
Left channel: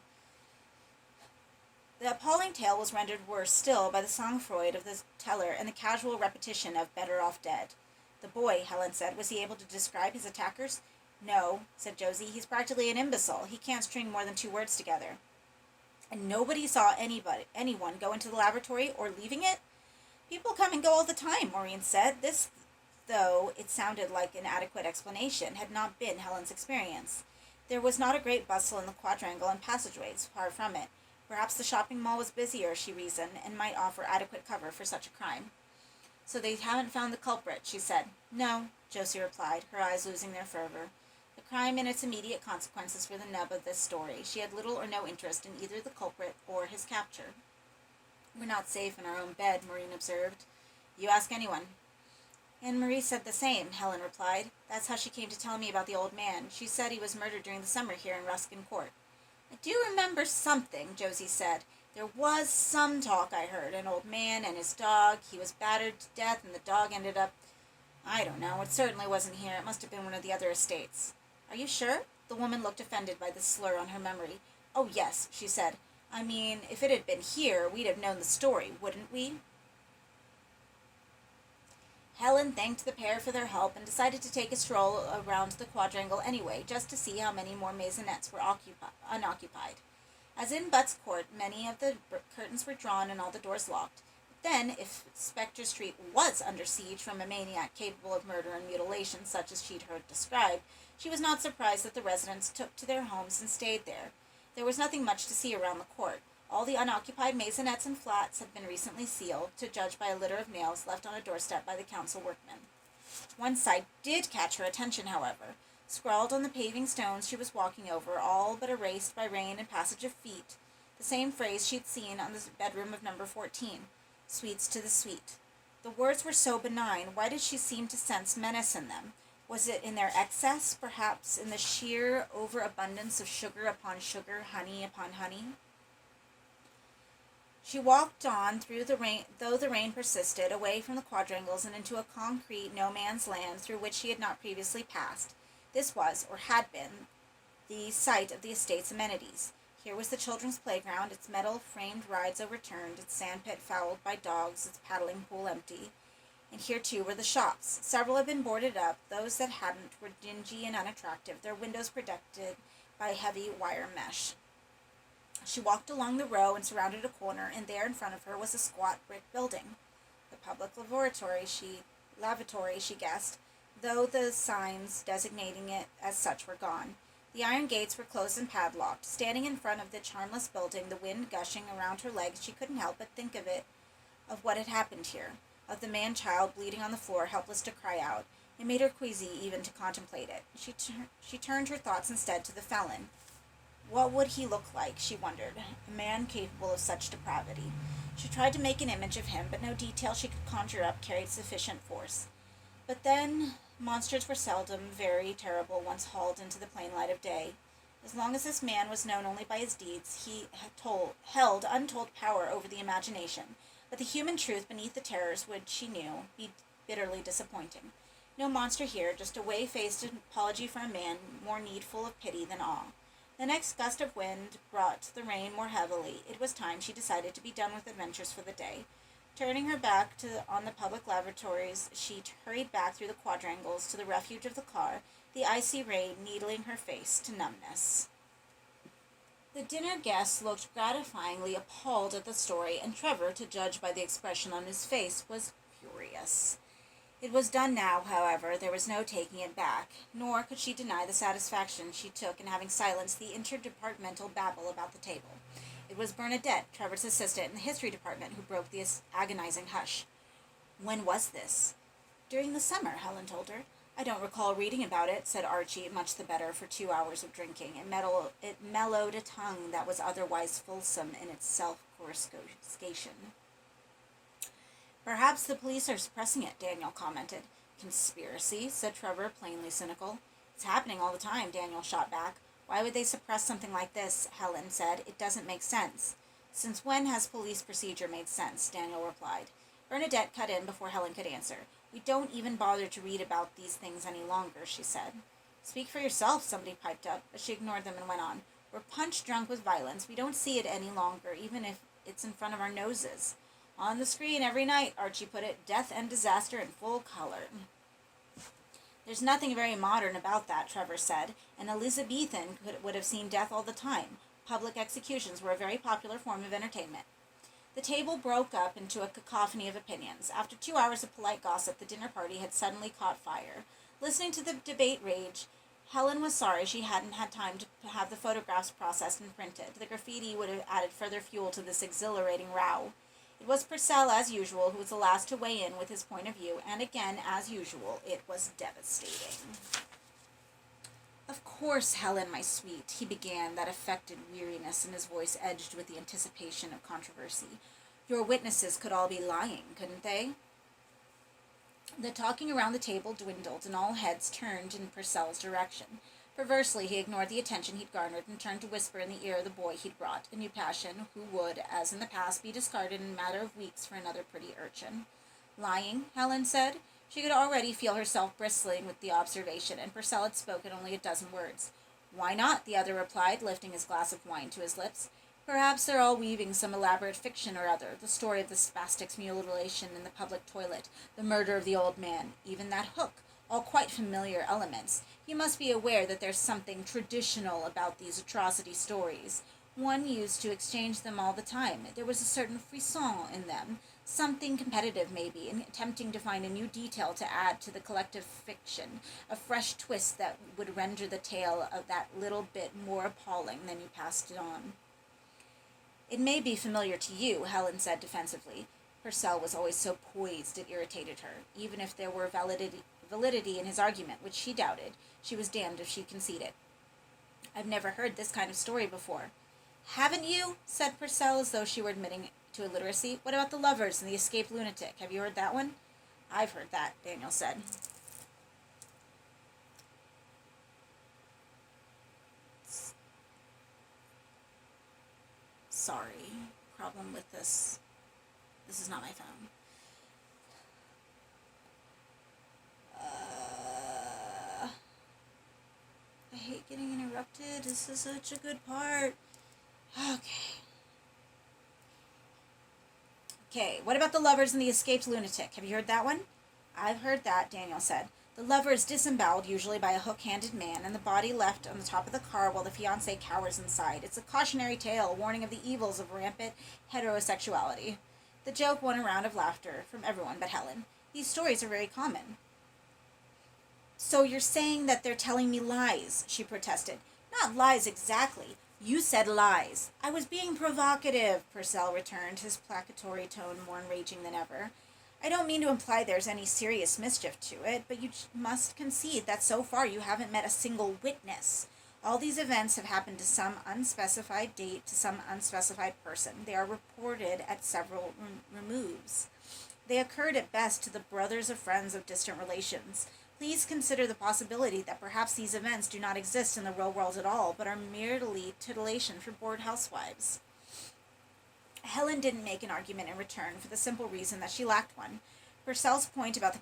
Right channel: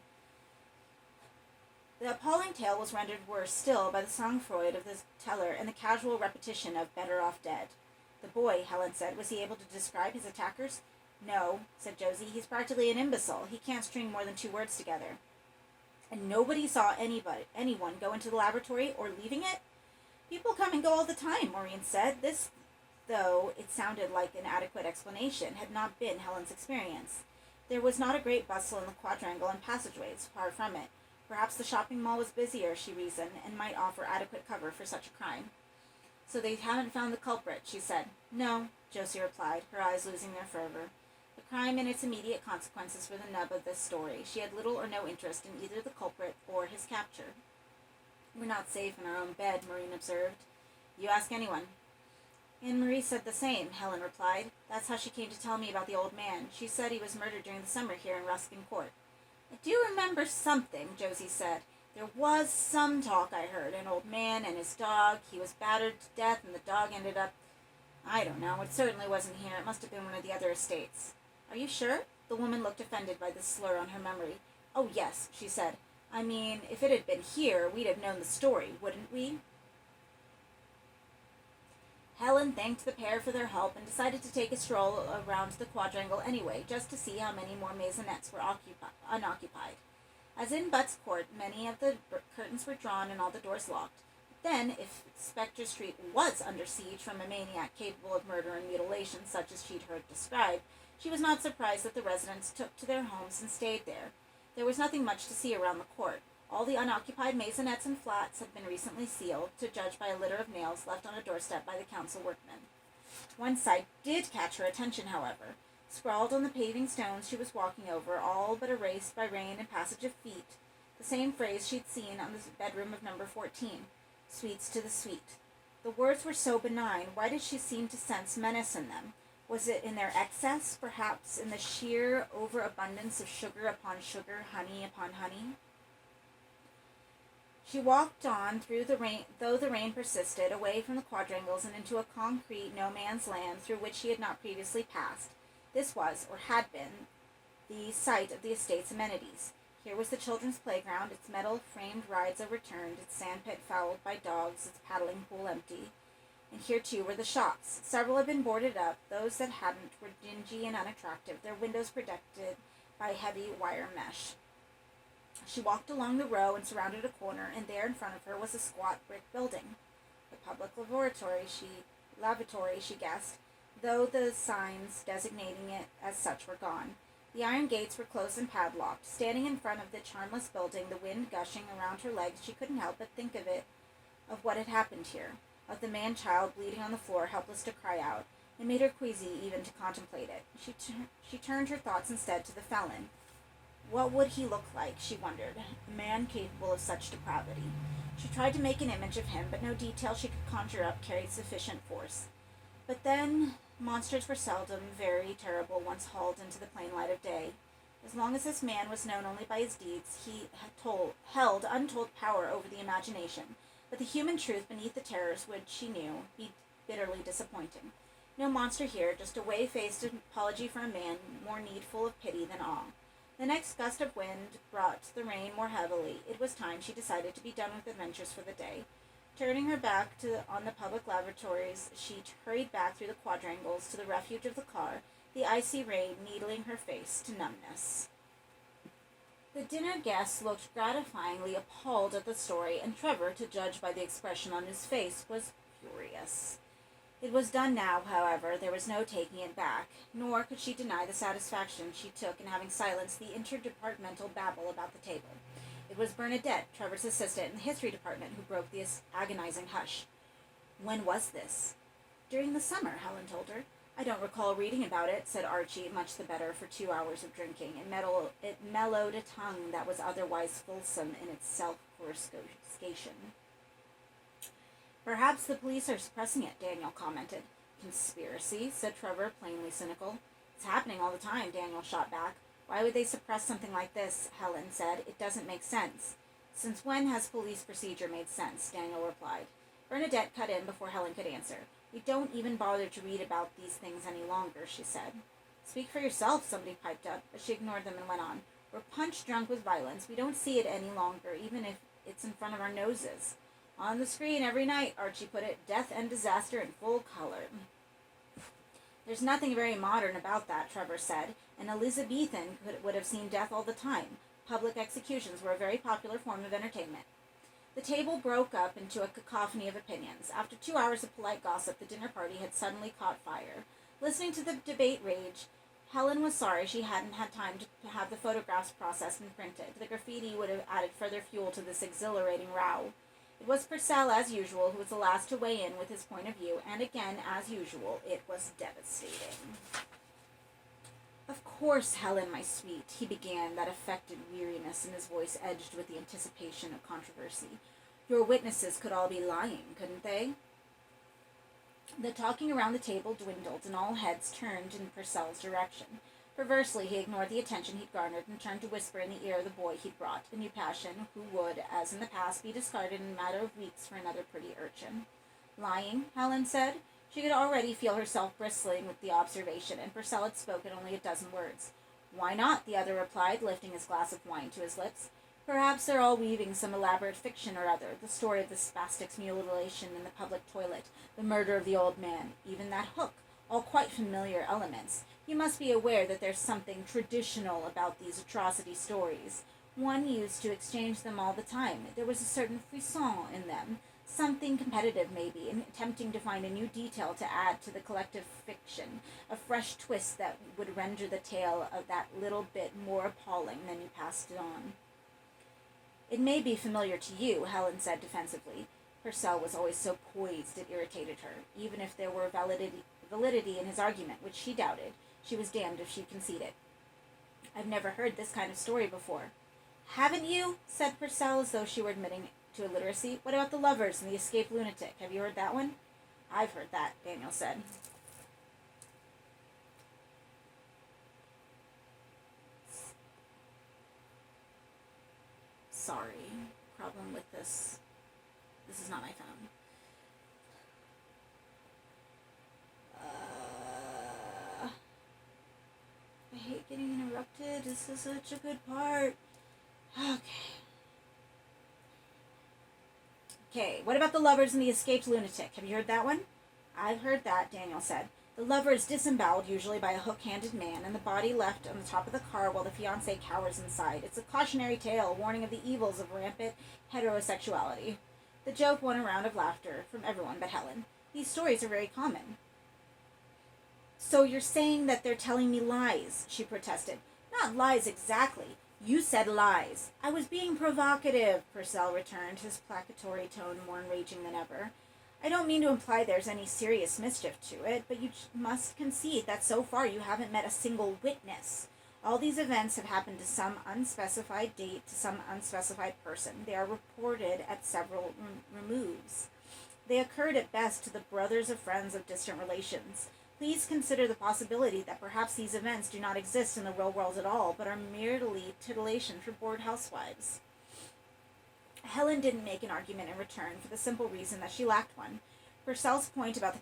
The appalling tale was rendered worse still by the sang-froid of the teller and the casual repetition of better off dead. The boy, Helen said, was he able to describe his attackers? No, said Josie. He's practically an imbecile. He can't string more than 2 words together. And nobody saw anyone go into the laboratory or leaving it? People come and go all the time, Maureen said. This, though it sounded like an adequate explanation, had not been Helen's experience. There was not a great bustle in the quadrangle and passageways, far from it. Perhaps the shopping mall was busier, she reasoned, and might offer adequate cover for such a crime. So they haven't found the culprit, she said. No, Josie replied, her eyes losing their fervor. The crime and its immediate consequences were the nub of this story. She had little or no interest in either the culprit or his capture. We're not safe in our own bed, Maureen observed. You ask anyone. And Marie said the same, Helen replied. That's how she came to tell me about the old man. She said he was murdered during the summer here in Ruskin Court. I do remember something, Josie said. There was some talk I heard. An old man and his dog. He was battered to death and the dog ended up... I don't know. It certainly wasn't here. It must have been one of the other estates. Are you sure? The woman looked offended by this slur on her memory. Oh, yes, she said. I mean, if it had been here, we'd have known the story, wouldn't we? Helen thanked the pair for their help and decided to take a stroll around the quadrangle anyway, just to see how many more maisonettes were unoccupied. As in Butt's Court, many of the curtains were drawn and all the doors locked. But then, if Spectre Street was under siege from a maniac capable of murder and mutilation such as she'd heard described, she was not surprised that the residents took to their homes and stayed there. There was nothing much to see around the court. All the unoccupied maisonettes and flats had been recently sealed, to judge by a litter of nails left on a doorstep by the council workmen. One sight did catch her attention, however. Scrawled on the paving stones she was walking over, all but erased by rain and passage of feet, the same phrase she'd seen on the bedroom of number 14, "Sweets to the sweet." The words were so benign, why did she seem to sense menace in them? Was it in their excess, perhaps in the sheer overabundance of sugar upon sugar, honey upon honey? She walked on through the rain, though the rain persisted, away from the quadrangles and into a concrete no-man's land through which she had not previously passed. This was, or had been, the site of the estate's amenities. Here was the children's playground, its metal-framed rides overturned, its sandpit fouled by dogs, its paddling pool empty. And here, too, were the shops. Several had been boarded up. Those that hadn't were dingy and unattractive, their windows protected by heavy wire mesh. She walked along the row and surrounded a corner, and there in front of her was a squat brick building. The public lavatory, she guessed, though the signs designating it as such were gone. The iron gates were closed and padlocked. Standing in front of the charmless building, the wind gushing around her legs, she couldn't help but think of what had happened here, of the man-child bleeding on the floor, helpless to cry out. It made her queasy even to contemplate it. She turned her thoughts instead to the felon. What would he look like, she wondered, a man capable of such depravity? She tried to make an image of him, but no detail she could conjure up carried sufficient force. But then, monsters were seldom very terrible once hauled into the plain light of day. As long as this man was known only by his deeds, he held untold power over the imagination, but the human truth beneath the terrors would, she knew, be bitterly disappointing. No monster here, just a whey-faced apology for a man more needful of pity than awe. The next gust of wind brought the rain more heavily. It was time, she decided, to be done with adventures for the day. Turning her back on the public lavatories, she hurried back through the quadrangles to the refuge of the car, the icy rain needling her face to numbness. The dinner guests looked gratifyingly appalled at the story, and Trevor, to judge by the expression on his face, was furious. It was done now, however. There was no taking it back, nor could she deny the satisfaction she took in having silenced the interdepartmental babble about the table. It was Bernadette, Trevor's assistant in the history department, who broke the agonizing hush. When was this? During the summer, Helen told her. I don't recall reading about it, said Archie, much the better for 2 hours of drinking. It mellowed a tongue that was otherwise fulsome in its self-coruscation. Perhaps the police are suppressing it, Daniel commented. Conspiracy, said Trevor, plainly cynical. It's happening all the time, Daniel shot back. Why would they suppress something like this? Helen said. It doesn't make sense. Since when has police procedure made sense? Daniel replied. Bernadette cut in before Helen could answer. We don't even bother to read about these things any longer, she said. Speak for yourself, somebody piped up, but she ignored them and went on. We're punch drunk with violence. We don't see it any longer, even if it's in front of our noses. On the screen every night, Archie put it, death and disaster in full color. There's nothing very modern about that, Trevor said. An Elizabethan would have seen death all the time. Public executions were a very popular form of entertainment. The table broke up into a cacophony of opinions. After 2 hours of polite gossip, the dinner party had suddenly caught fire. Listening to the debate rage, Helen was sorry she hadn't had time to have the photographs processed and printed. The graffiti would have added further fuel to this exhilarating row. It was Purcell, as usual, who was the last to weigh in with his point of view, and again, as usual, it was devastating. Of course, Helen, my sweet, he began, that affected weariness in his voice edged with the anticipation of controversy. Your witnesses could all be lying, couldn't they? The talking around the table dwindled, and all heads turned in Purcell's direction. Perversely, he ignored the attention he'd garnered and turned to whisper in the ear of the boy he'd brought, a new passion, who would, as in the past, be discarded in a matter of weeks for another pretty urchin. Lying, Helen said. She could already feel herself bristling with the observation, and Purcell had spoken only a dozen words. Why not? The other replied, lifting his glass of wine to his lips. Perhaps they're all weaving some elaborate fiction or other, the story of the spastic's mutilation in the public toilet, the murder of the old man, even that hook, all quite familiar elements. You must be aware that there's something traditional about these atrocity stories. One used to exchange them all the time. There was a certain frisson in them, something competitive maybe, in attempting to find a new detail to add to the collective fiction, a fresh twist that would render the tale of that little bit more appalling than you passed it on. It may be familiar to you, Helen said defensively. Purcell was always so poised it irritated her, even if there were validity in his argument, which she doubted. She was damned if she conceded. I've never heard this kind of story before. Haven't you? Said Purcell, as though she were admitting to illiteracy. What about the lovers and the escaped lunatic? Have you heard that one? I've heard that, Daniel said. Sorry. Problem with this. This is not my phone. I hate getting interrupted. This is such a good part. Okay, what about the lovers and the escaped lunatic? Have you heard that one? I've heard that, Daniel said. The lover is disemboweled, usually by a hook-handed man, and the body left on the top of the car while the fiancé cowers inside. It's a cautionary tale, warning of the evils of rampant heterosexuality. The joke won a round of laughter from everyone but Helen. These stories are very common. So you're saying that they're telling me lies, she protested. Not lies exactly. You said lies. I was being provocative, Purcell returned, his placatory tone more enraging than ever. I don't mean to imply there's any serious mischief to it, but you must concede that so far you haven't met a single witness. All these events have happened to some unspecified date, to some unspecified person. They are reported at several removes. They occurred at best to the brothers or friends of distant relations. Please consider the possibility that perhaps these events do not exist in the real world at all, but are merely titillation for bored housewives. Helen didn't make an argument in return for the simple reason that she lacked one. Purcell's point about the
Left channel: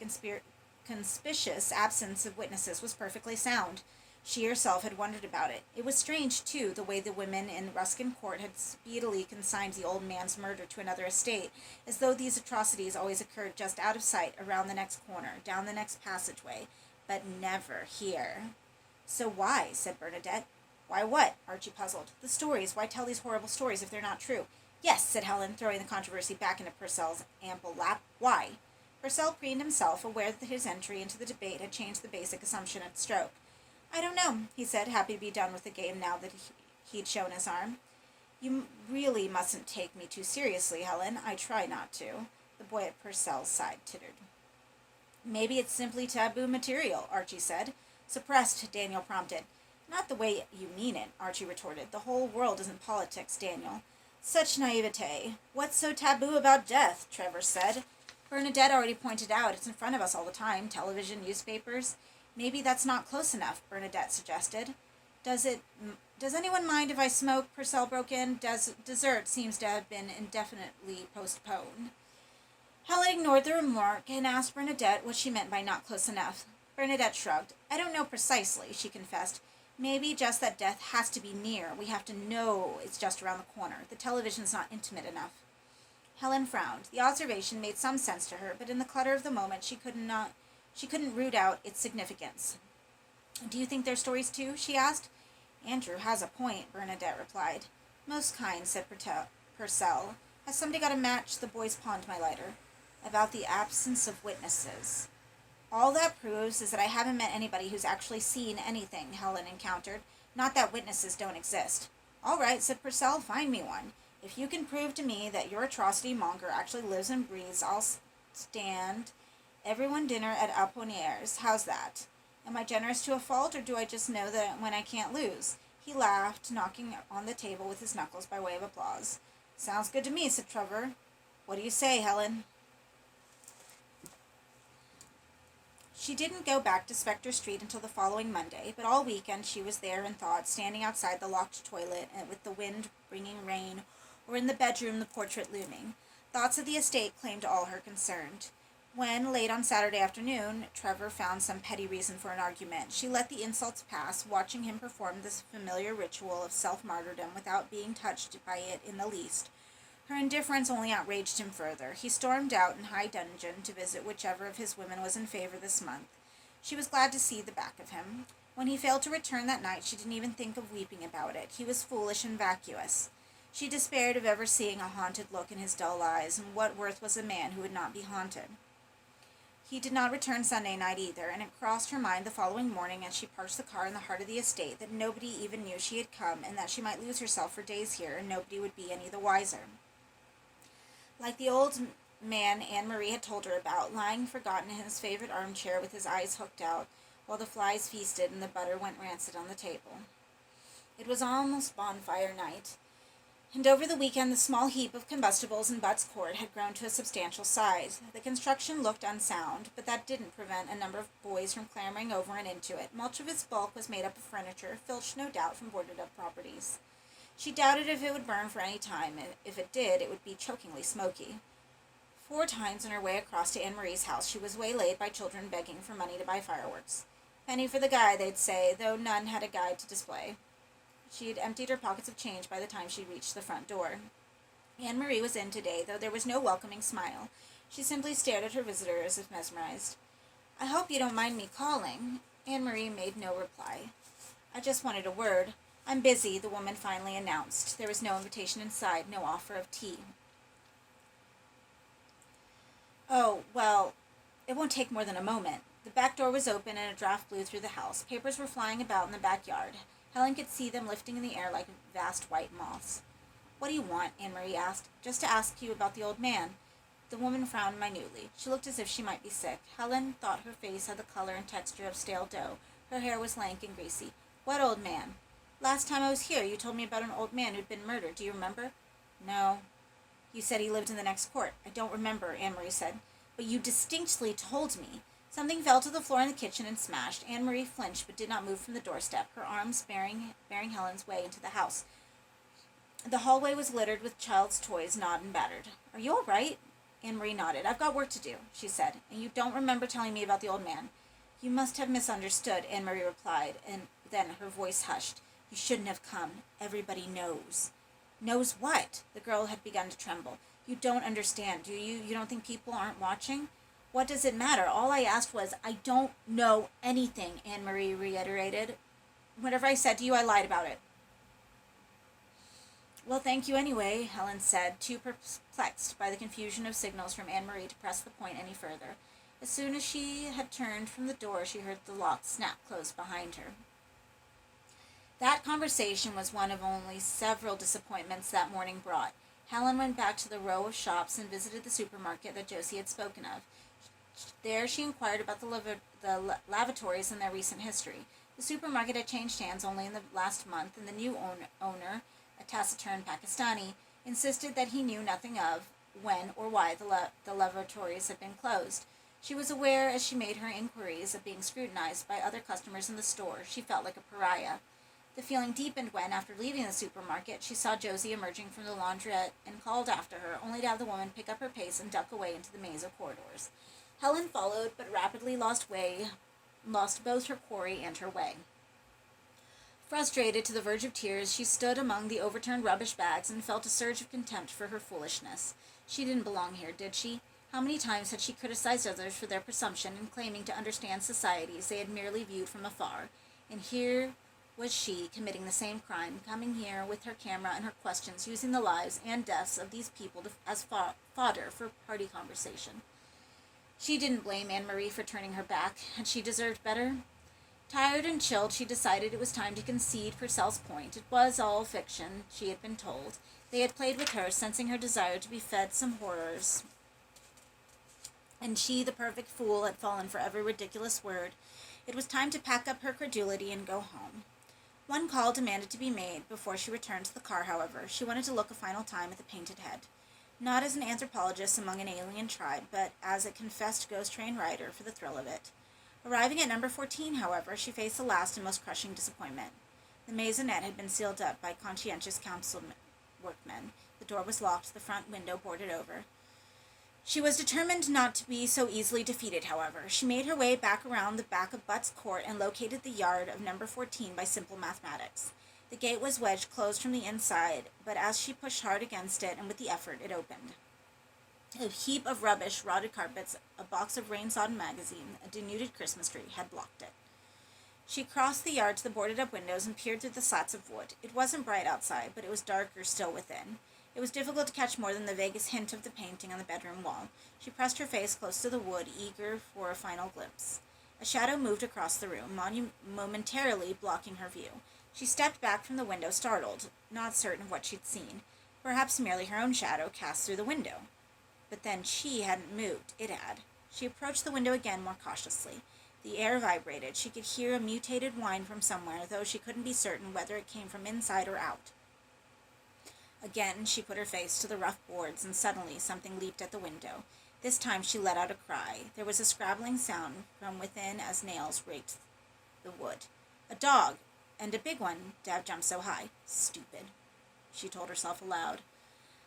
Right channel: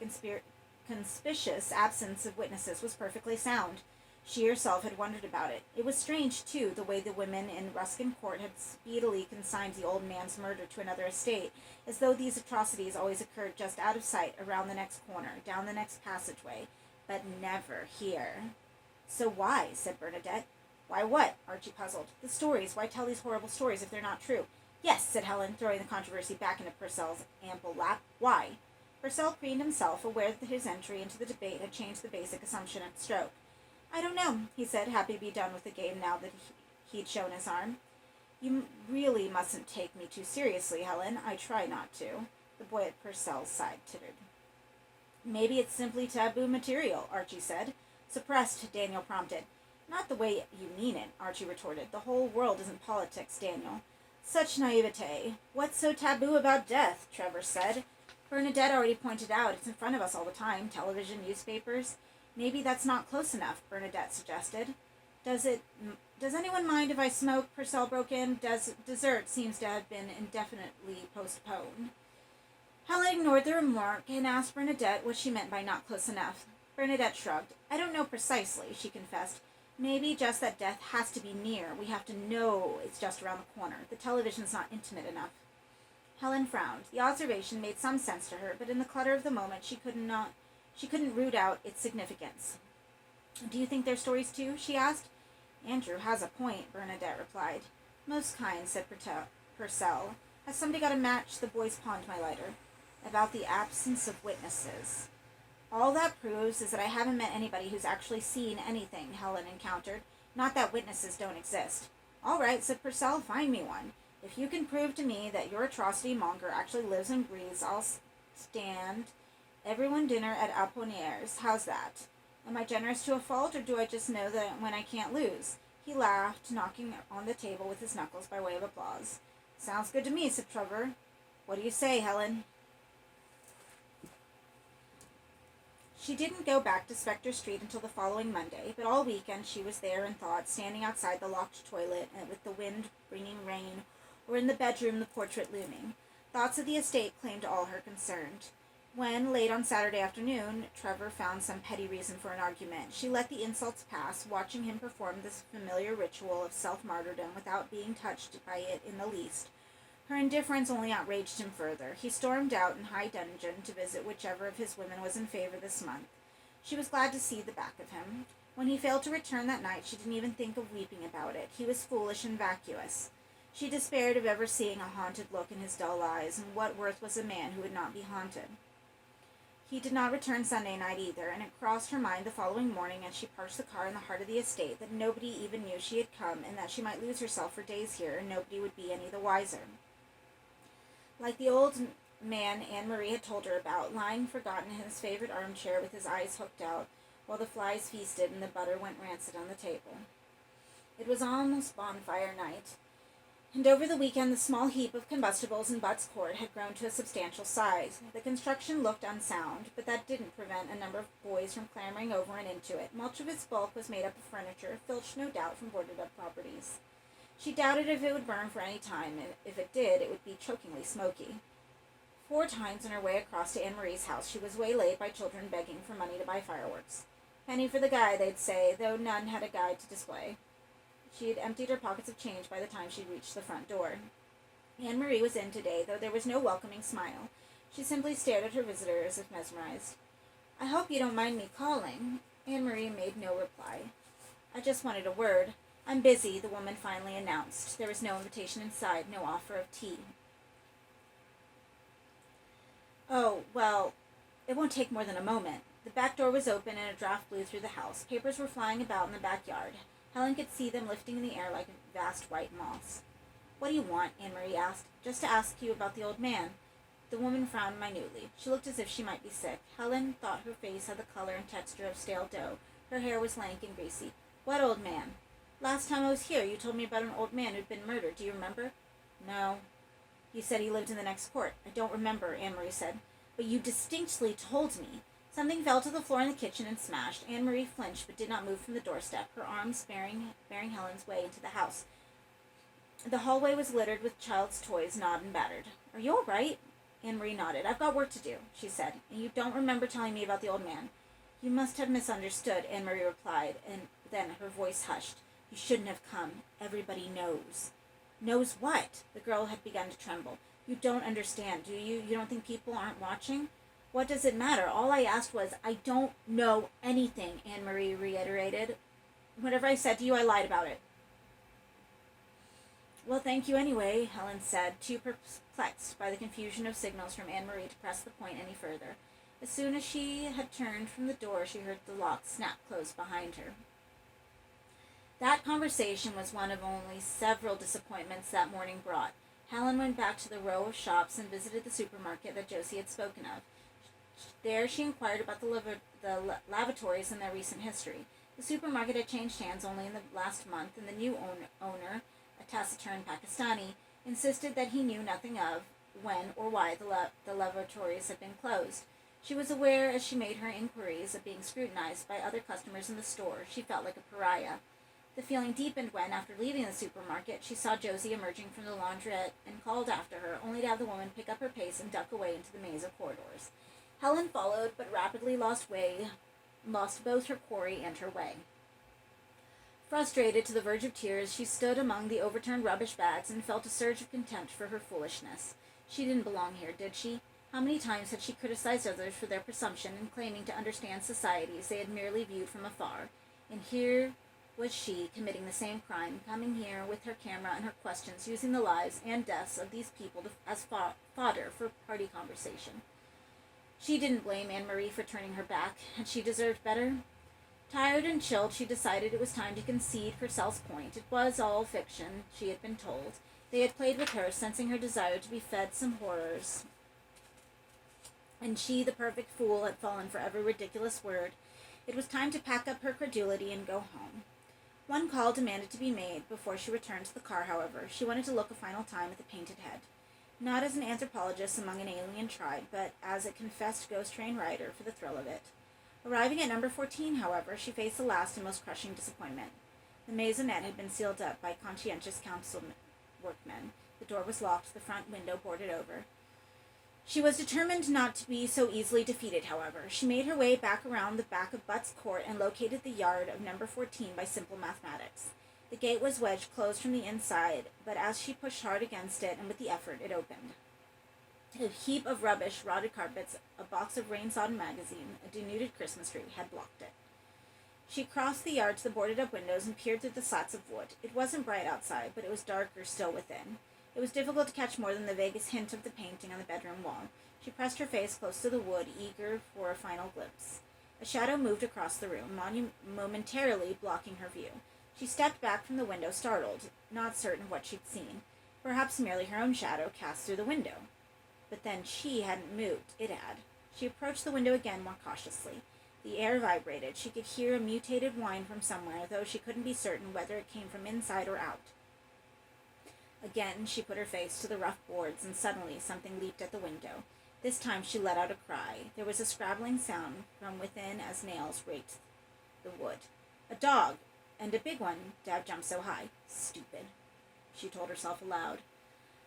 conspicuous absence of witnesses was perfectly sound. She herself had wondered about it. It was strange, too, the way the women in Ruskin Court had speedily consigned the old man's murder to another estate, as though these atrocities always occurred just out of sight, around the next corner, down the next passageway, but never here. "So why?" said Bernadette. "Why what?" Archie puzzled. "The stories. Why tell these horrible stories if they're not true?" "Yes," said Helen, throwing the controversy back into Purcell's ample lap. "Why?" Purcell preened himself, aware that his entry into the debate had changed the basic assumption at the stroke. "I don't know," he said, happy to be done with the game now that he'd shown his arm. "You really mustn't take me too seriously, Helen. I try not to." The boy at Purcell's side tittered. "Maybe it's simply taboo material," Archie said. "Suppressed," Daniel prompted. "Not the way you mean it," Archie retorted. "The whole world isn't politics, Daniel." "Such naivete. What's so taboo about death?" Trevor said. "Bernadette already pointed out it's in front of us all the time. Television, newspapers." "Maybe that's not close enough," Bernadette suggested. Does anyone mind if I smoke?" Purcell broke in. Dessert seems to have been indefinitely postponed." Helen ignored the remark and asked Bernadette what she meant by not close enough. Bernadette shrugged. "I don't know precisely," she confessed. "Maybe just that death has to be near. We have to know it's just around the corner. The television's not intimate enough." Helen frowned. The observation made some sense to her, but in the clutter of the moment she couldn't root out its significance. "Do you think they're stories too?" she asked. "Andrew has a point," Bernadette replied. "Most kind," said Purcell. "Has somebody got a match?" The boys pawned my lighter. "About the absence of witnesses." "All that proves is that I haven't met anybody who's actually seen anything," Helen encountered. "Not that witnesses don't exist." "All right," said Purcell, "find me one. If you can prove to me that your atrocity monger actually lives and breathes, I'll stand everyone dinner at Apollinaires. How's that? Am I generous to a fault, or do I just know that when I can't lose?" He laughed, knocking on the table with his knuckles by way of applause. "Sounds good to me," said Trevor. "What do you say, Helen?" She didn't go back to Spectre Street until the following Monday, but all weekend she was there in thought, standing outside the locked toilet and with the wind bringing rain, or in the bedroom the portrait looming. Thoughts of the estate claimed all her concern. When, late on Saturday afternoon, Trevor found some petty reason for an argument, she let the insults pass, watching him perform this familiar ritual of self-martyrdom without being touched by it in the least. Her indifference only outraged him further. He stormed out in high dudgeon to visit whichever of his women was in favor this month. She was glad to see the back of him. When he failed to return that night, she didn't even think of weeping about it. He was foolish and vacuous. She despaired of ever seeing a haunted look in his dull eyes, and what worth was a man who would not be haunted? He did not return Sunday night either, and it crossed her mind the following morning as she parked the car in the heart of the estate that nobody even knew she had come, and that she might lose herself for days here, and nobody would be any the wiser. Like the old man Anne-Marie had told her about, lying forgotten in his favorite armchair with his eyes hooked out, while the flies feasted and the butter went rancid on the table. It was almost bonfire night, and over the weekend the small heap of combustibles in Butt's Court had grown to a substantial size. The construction looked unsound, but that didn't prevent a number of boys from clambering over and into it. Much of its bulk was made up of furniture, filched no doubt from boarded-up properties. She doubted if it would burn for any time, and if it did, it would be chokingly smoky. 4 times on her way across to Anne-Marie's house, she was waylaid by children begging for money to buy fireworks. "Penny for the guy," they'd say, though none had a guide to display. She had emptied her pockets of change by the time she reached the front door. Anne-Marie was in today, though there was no welcoming smile. She simply stared at her visitor as if mesmerized. "I hope you don't mind me calling." Anne-Marie made no reply. "I just wanted a word. I'm busy," the woman finally announced. There was no invitation inside, no offer of tea. "Oh, well, it won't take more than a moment." The back door was open and a draft blew through the house. Papers were flying about in the backyard. Helen could see them lifting in the air like vast white moths. "What do you want?" Anne-Marie asked. "Just to ask you about the old man." The woman frowned minutely. She looked as if she might be sick. Helen thought her face had the color and texture of stale dough. Her hair was lank and greasy. "What old man?" "Last time I was here, you told me about an old man who'd been murdered. Do you remember?" "No." "You said he lived in the next court." "I don't remember," Anne-Marie said. "But you distinctly told me." Something fell to the floor in the kitchen and smashed. Anne-Marie flinched but did not move from the doorstep, her arms bearing Helen's way into the house. The hallway was littered with child's toys, gnawed and battered. "Are you all right?" Anne-Marie nodded. "I've got work to do," she said, "and you don't remember telling me about the old man." "You must have misunderstood," Anne-Marie replied, and then her voice hushed. "You shouldn't have come. Everybody knows." "Knows what?" The girl had begun to tremble. "You don't understand, do you? You don't think people aren't watching?" "What does it matter? All I asked was—" "I don't know anything," Anne-Marie reiterated. "Whatever I said to you, I lied about it." "Well, thank you anyway," Helen said, too perplexed by the confusion of signals from Anne-Marie to press the point any further. As soon as she had turned from the door, she heard the lock snap closed behind her. That conversation was one of only several disappointments that morning brought. Helen went back to the row of shops and visited the supermarket that Josie had spoken of. There she inquired about the lavatories and their recent history. The supermarket had changed hands only in the last month, and the new owner, a taciturn Pakistani, insisted that he knew nothing of when or why the lavatories had been closed. She was aware, as she made her inquiries, of being scrutinized by other customers in the store. She felt like a pariah. The feeling deepened when, after leaving the supermarket, she saw Josie emerging from the laundrette and called after her, only to have the woman pick up her pace and duck away into the maze of corridors. Helen followed, but rapidly lost both her quarry and her way. Frustrated to the verge of tears, she stood among the overturned rubbish bags and felt a surge of contempt for her foolishness. She didn't belong here, did she? How many times had she criticized others for their presumption in claiming to understand societies they had merely viewed from afar? And here was she, committing the same crime, coming here with her camera and her questions, using the lives and deaths of these people as fodder for party conversation. She didn't blame Anne-Marie for turning her back. Had she deserved better? Tired and chilled, she decided it was time to concede Purcell's point. It was all fiction, she had been told. They had played with her, sensing her desire to be fed some horrors. And she, the perfect fool, had fallen for every ridiculous word. It was time to pack up her credulity and go home. One call demanded to be made before she returned to the car, however. She wanted to look a final time at the painted head. Not as an anthropologist among an alien tribe, but as a confessed ghost train rider for the thrill of it. Arriving at number 14, however, she faced the last and most crushing disappointment. The maisonette had been sealed up by conscientious council workmen. The door was locked, the front window boarded over. She was determined not to be so easily defeated, however. She made her way back around the back of Butt's Court and located the yard of number 14 by simple mathematics. The gate was wedged closed from the inside, but as she pushed hard against it and with the effort, it opened. A heap of rubbish, rotted carpets, a box of rain-sodden magazine, a denuded Christmas tree had blocked it. She crossed the yard to the boarded-up windows and peered through the slats of wood. It wasn't bright outside, but it was darker still within. It was difficult to catch more than the vaguest hint of the painting on the bedroom wall. She pressed her face close to the wood, eager for a final glimpse. A shadow moved across the room, momentarily blocking her view. She stepped back from the window, startled, not certain what she'd seen. Perhaps merely her own shadow cast through the window. But then she hadn't moved. It had. She approached the window again more cautiously. The air vibrated. She could hear a mutated whine from somewhere, though she couldn't be certain whether it came from inside or out. Again, she put her face to the rough boards, and suddenly something leaped at the window. This time she let out a cry. There was a scrabbling sound from within as nails raked the wood. A dog! And a big one. Dad jumped so high. Stupid, she told herself aloud.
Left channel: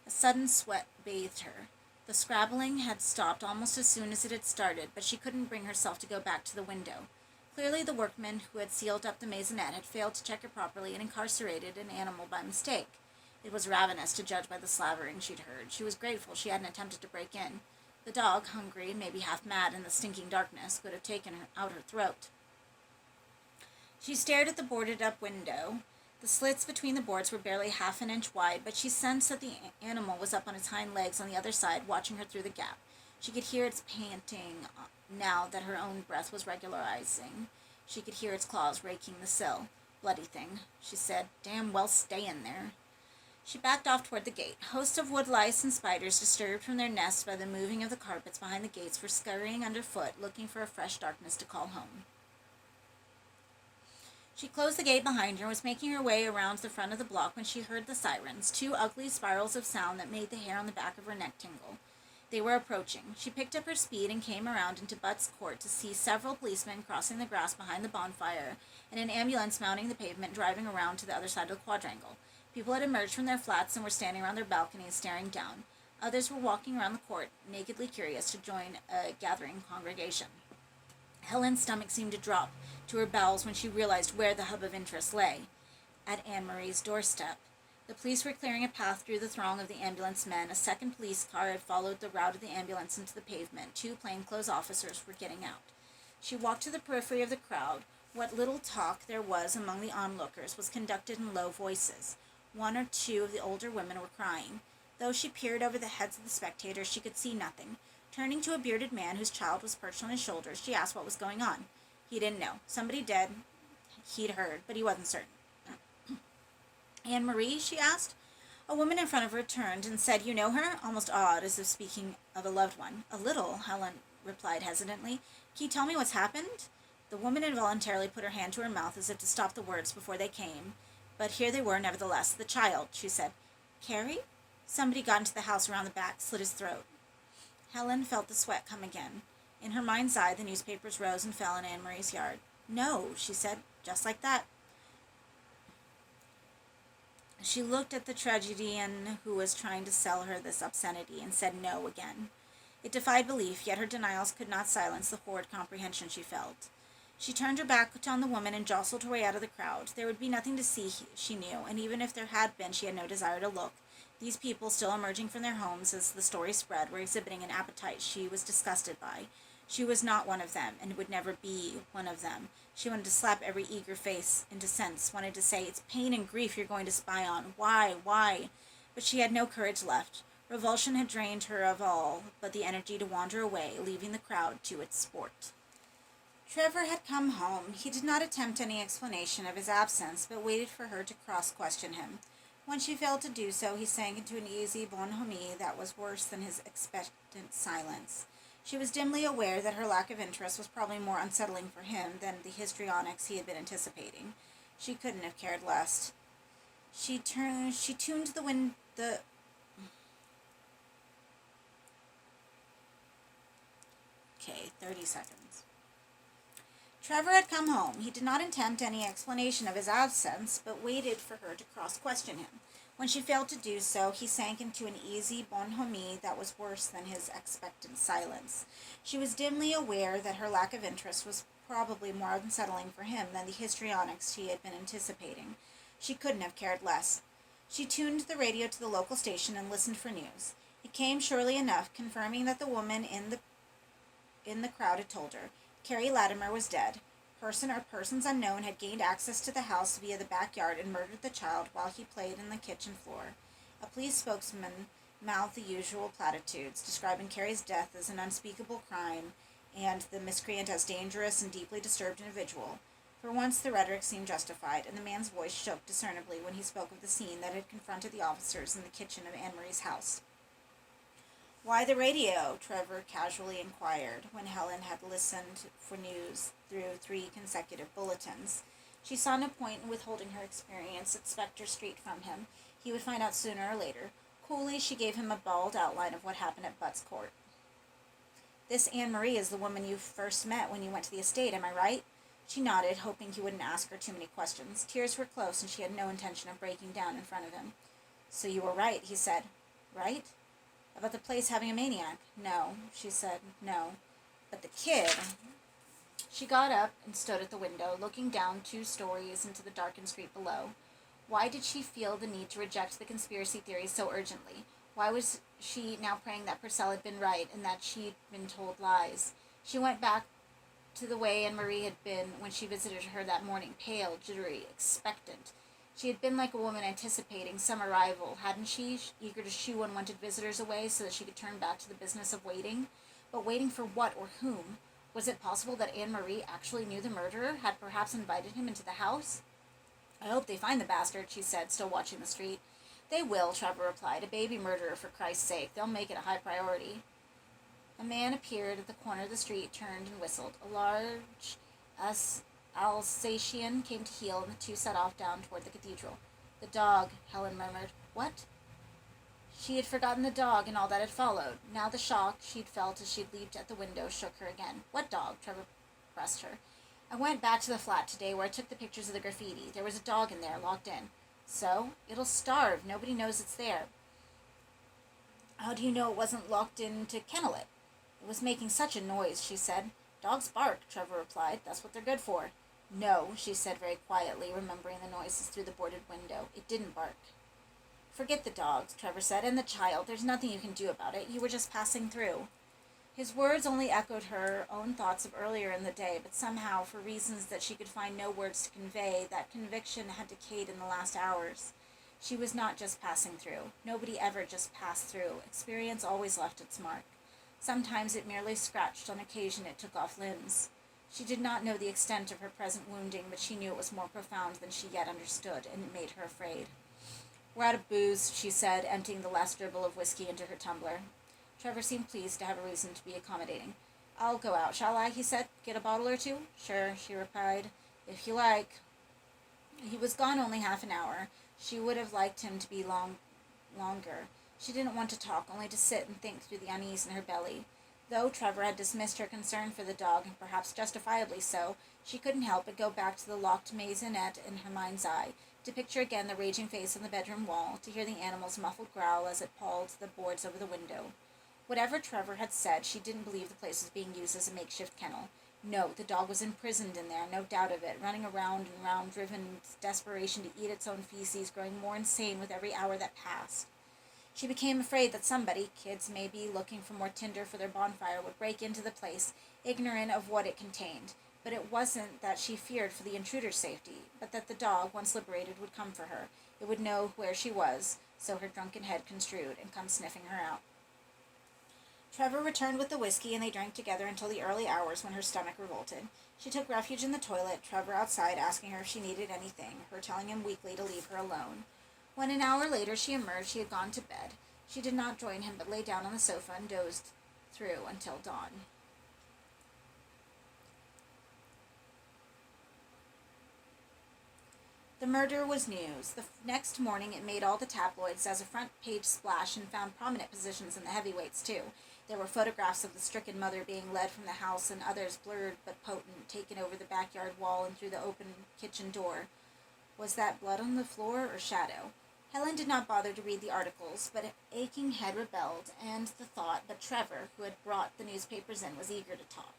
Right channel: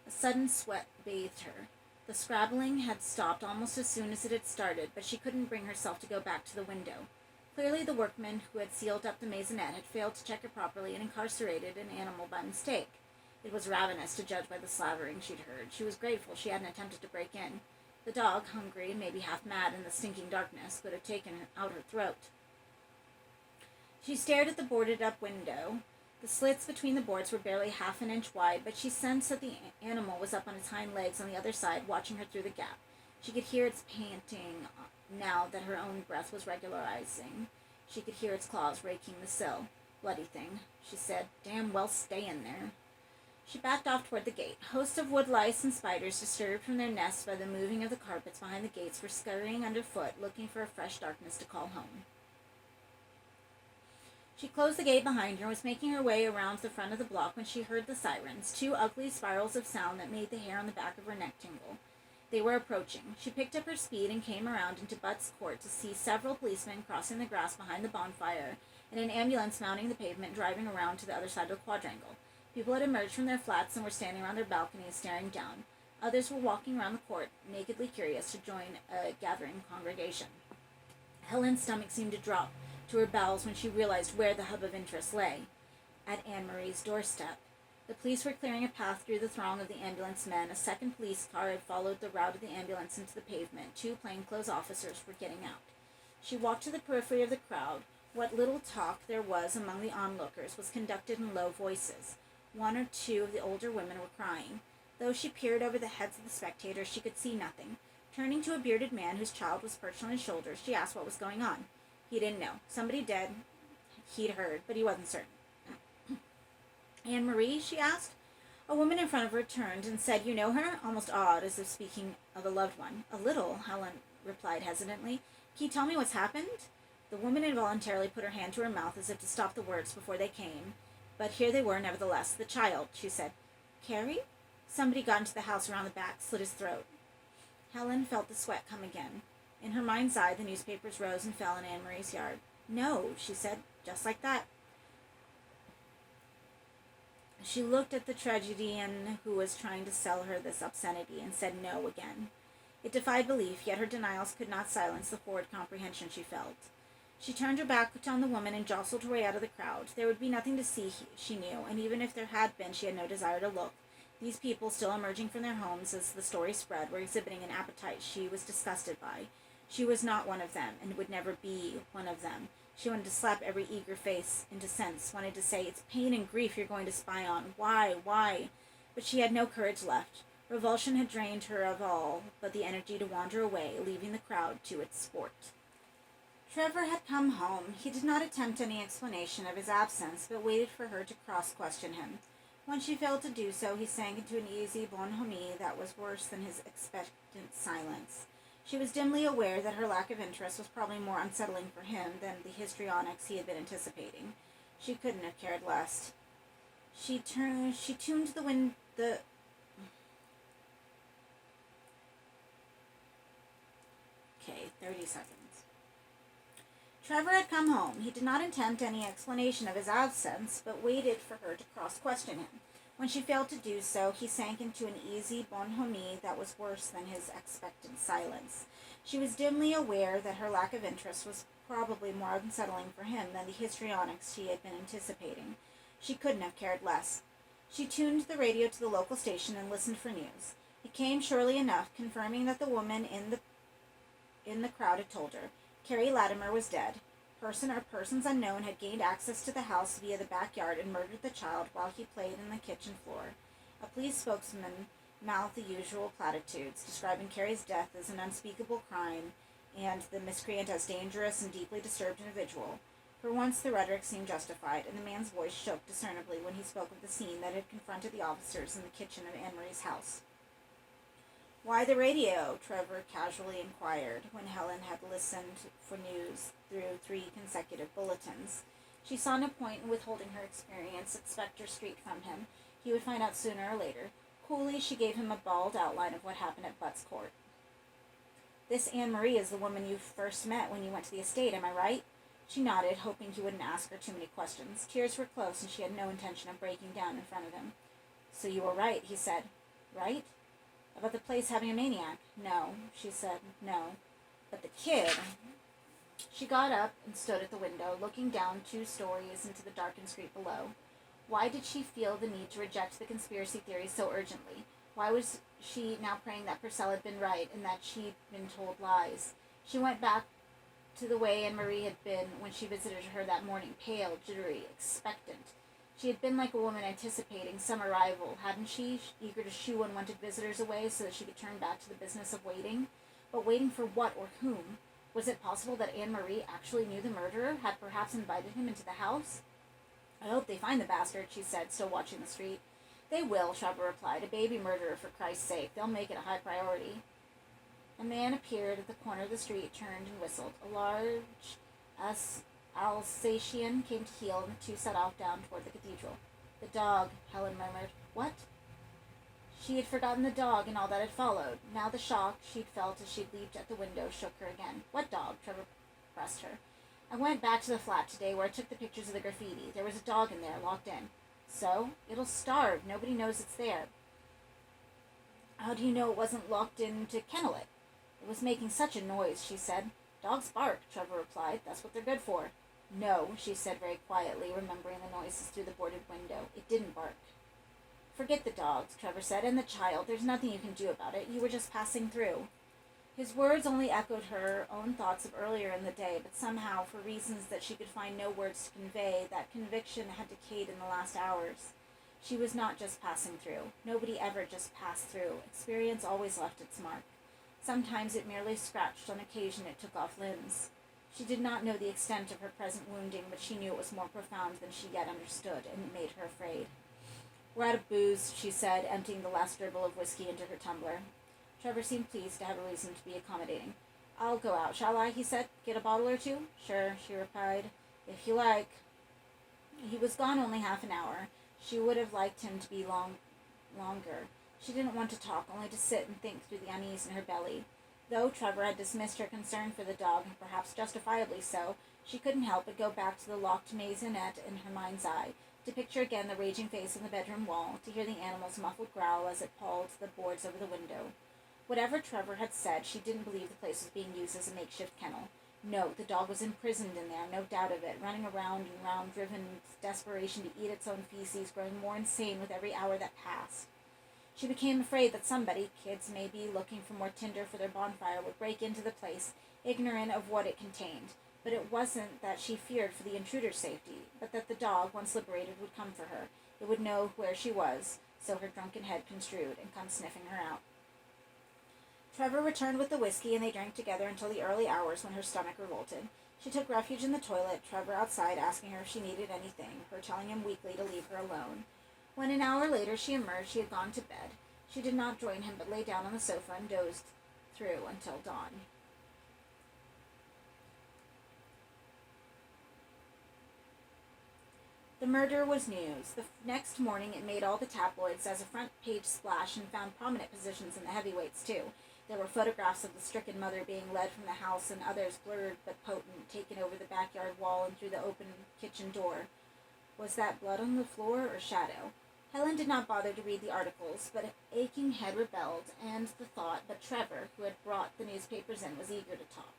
A sudden sweat bathed her. The scrabbling had stopped almost as soon as it had started, but she couldn't bring herself to go back to the window. Clearly the workmen who had sealed up the maisonette had failed to check it properly and incarcerated an animal by mistake. It was ravenous to judge by the slavering she'd heard. She was grateful she hadn't attempted to break in. The dog, hungry, maybe half mad in the stinking darkness, could have taken out her throat. She stared at the boarded-up window. The slits between the boards were barely half an inch wide, but she sensed that the animal was up on its hind legs on the other side, watching her through the gap. She could hear its panting now that her own breath was regularizing. She could hear its claws raking the sill. Bloody thing, she said. Damn well stay in there. She backed off toward the gate. Hosts of wood lice and spiders, disturbed from their nests by the moving of the carpets behind the gates, were scurrying underfoot, looking for a fresh darkness to call home. She closed the gate behind her and was making her way around the front of the block when she heard the sirens, two ugly spirals of sound that made the hair on the back of her neck tingle. They were approaching. She picked up her speed and came around into Butt's Court to see several policemen crossing the grass behind the bonfire and an ambulance mounting the pavement driving around to the other side of the quadrangle. People had emerged from their flats and were standing around their balconies staring down. Others were walking around the court, nakedly curious to join a gathering congregation. Helen's stomach seemed to drop to her bowels when she realized where the hub of interest lay, at Anne-Marie's doorstep. The police were clearing a path through the throng of the ambulance men. A second police car had followed the route of the ambulance into the pavement. 2 plainclothes officers were getting out. She walked to the periphery of the crowd. What little talk there was among the onlookers was conducted in low voices. 1 or 2 of the older women were crying. Though she peered over the heads of the spectators, she could see nothing. Turning to a bearded man whose child was perched on his shoulders, she asked what was going on. He didn't know. Somebody dead, he'd heard, but he wasn't certain. Anne-Marie, she asked. A woman in front of her turned and said, "You know her?" almost awed, as if speaking of a loved one. "A little," Helen replied hesitantly. "Can you tell me what's happened?" The woman involuntarily put her hand to her mouth as if to stop the words before they came. But here they were, nevertheless. "The child," she said. "Carrie?" Somebody got into the house around the back, slit his throat. Helen felt the sweat come again. In her mind's eye, the newspapers rose and fell in Anne-Marie's yard. "No," she said, just like that. She looked at the tragedian who was trying to sell her this obscenity and said no again. It defied belief, yet her denials could not silence the horrid comprehension she felt. She turned her back on the woman and jostled her way out of the crowd. There would be nothing to see, she knew, and even if there had been, she had no desire to look. These people, still emerging from their homes as the story spread, were exhibiting an appetite she was disgusted by. She was not one of them, and would never be one of them. She wanted to slap every eager face into sense, wanted to say, "It's pain and grief you're going to spy on. Why? But she had no courage left. Revulsion had drained her of all but the energy to wander away, leaving the crowd to its sport. Trevor had come home. He did not attempt any explanation of his absence, but waited for her to cross-question him. When she failed to do so, he sank into an easy bonhomie that was worse than his expectant silence. She was dimly aware that her lack of interest was probably more unsettling for him than the histrionics he had been anticipating. She couldn't have cared less. She tuned the Okay, 30 seconds. Trevor had come home. He did not attempt any explanation of his absence, but waited for her to cross-question him. When she failed to do so, he sank into an easy bonhomie that was worse than his expectant silence. She was dimly aware that her lack of interest was probably more unsettling for him than the histrionics she had been anticipating. She couldn't have cared less. She tuned the radio to the local station and listened for news. It came surely enough, confirming that the woman in the crowd had told her. Carrie Latimer was dead. Person or persons unknown had gained access to the house via the backyard and murdered the child while he played in the kitchen floor. A police spokesman mouthed the usual platitudes, describing Carrie's death as an unspeakable crime and the miscreant as dangerous and deeply disturbed individual. For once the rhetoric seemed justified, and the man's voice shook discernibly when he spoke of the scene that had confronted the officers in the kitchen of Anne-Marie's house. "Why the radio?" Trevor casually inquired, when Helen had listened for news through 3 consecutive bulletins. She saw no point in withholding her experience at Spectre Street from him. He would find out sooner or later. Coolly, she gave him a bald outline of what happened at Butts Court. "This Anne-Marie is the woman you first met when you went to the estate, am I right?" She nodded, hoping he wouldn't ask her too many questions. Tears were close, and she had no intention of breaking down in front of him. "So you were right," he said. "Right? About the place having a maniac?" "No," she said, "no. But the kid..." She got up and stood at the window, looking down 2 stories into the darkened street below. Why did she feel the need to reject the conspiracy theories so urgently? Why was she now praying that Purcell had been right and that she'd been told lies? She went back to the way Anne-Marie had been when she visited her that morning, pale, jittery, expectant. She had been like a woman anticipating some arrival, hadn't she, eager to shoo unwanted visitors away so that she could turn back to the business of waiting? But waiting for what or whom? Was it possible that Anne-Marie actually knew the murderer, had perhaps invited him into the house? "I hope they find the bastard," she said, still watching the street. "They will," Trevor replied. "A baby murderer, for Christ's sake. They'll make it a high priority." A man appeared at the corner of the street, turned and whistled. A large Alsatian came to heel, and the 2 set off down toward the cathedral. "The dog," Helen murmured. "What?" She had forgotten the dog and all that had followed. Now the shock she'd felt as she'd leaped at the window shook her again. "What dog?" Trevor pressed her. "I went back to the flat today where I took the pictures of the graffiti. There was a dog in there, locked in." "So? It'll starve. Nobody knows it's there." How do you know it wasn't locked in to kennel it? It was making such a noise, she said. Dogs bark, Trevor replied. That's what they're good for. No, she said very quietly, remembering the noises through the boarded window. It didn't bark. Forget the dogs, Trevor said, and the child. There's nothing you can do about it. You were just passing through. His words only echoed her own thoughts of earlier in the day, but somehow, for reasons that she could find no words to convey, that conviction had decayed in the last hours. She was not just passing through. Nobody ever just passed through. Experience always left its mark. Sometimes it merely scratched, on occasion it took off limbs. She did not know the extent of her present wounding, but she knew it was more profound than she yet understood, and it made her afraid. We're out of booze, she said, emptying the last dribble of whiskey into her tumbler. Trevor seemed pleased to have a reason to be accommodating. I'll go out, shall I? He said. Get a bottle or two? Sure, she replied. If you like. He was gone only half an hour. She would have liked him to be longer. She didn't want to talk, only to sit and think through the unease in her belly. Though Trevor had dismissed her concern for the dog, and perhaps justifiably so, she couldn't help but go back to the locked maisonette in her mind's eye, to picture again the raging face on the bedroom wall, to hear the animal's muffled growl as it pawed the boards over the window. Whatever Trevor had said, she didn't believe the place was being used as a makeshift kennel. No, the dog was imprisoned in there, no doubt of it, running around and round, driven in desperation to eat its own feces, growing more insane with every hour that passed. She became afraid that somebody, kids maybe, looking for more tinder for their bonfire, would break into the place, ignorant of what it contained. But it wasn't that she feared for the intruder's safety, but that the dog, once liberated, would come for her. It would know where she was, so her drunken head construed, and come sniffing her out. Trevor returned with the whiskey, and they drank together until the early hours when her stomach revolted. She took refuge in the toilet, Trevor outside asking her if she needed anything, her telling him weakly to leave her alone. When an hour later she emerged, she had gone to bed. She did not join him, but lay down on the sofa and dozed through until dawn. The murder was news. The next morning it made all the tabloids as a front-page splash and found prominent positions in the heavyweights, too. There were photographs of the stricken mother being led from the house and others, blurred but potent, taken over the backyard wall and through the open kitchen door. Was that blood on the floor or shadow? Helen did not bother to read the articles, but an aching head rebelled, and the thought that Trevor, who had brought the newspapers in, was eager to talk.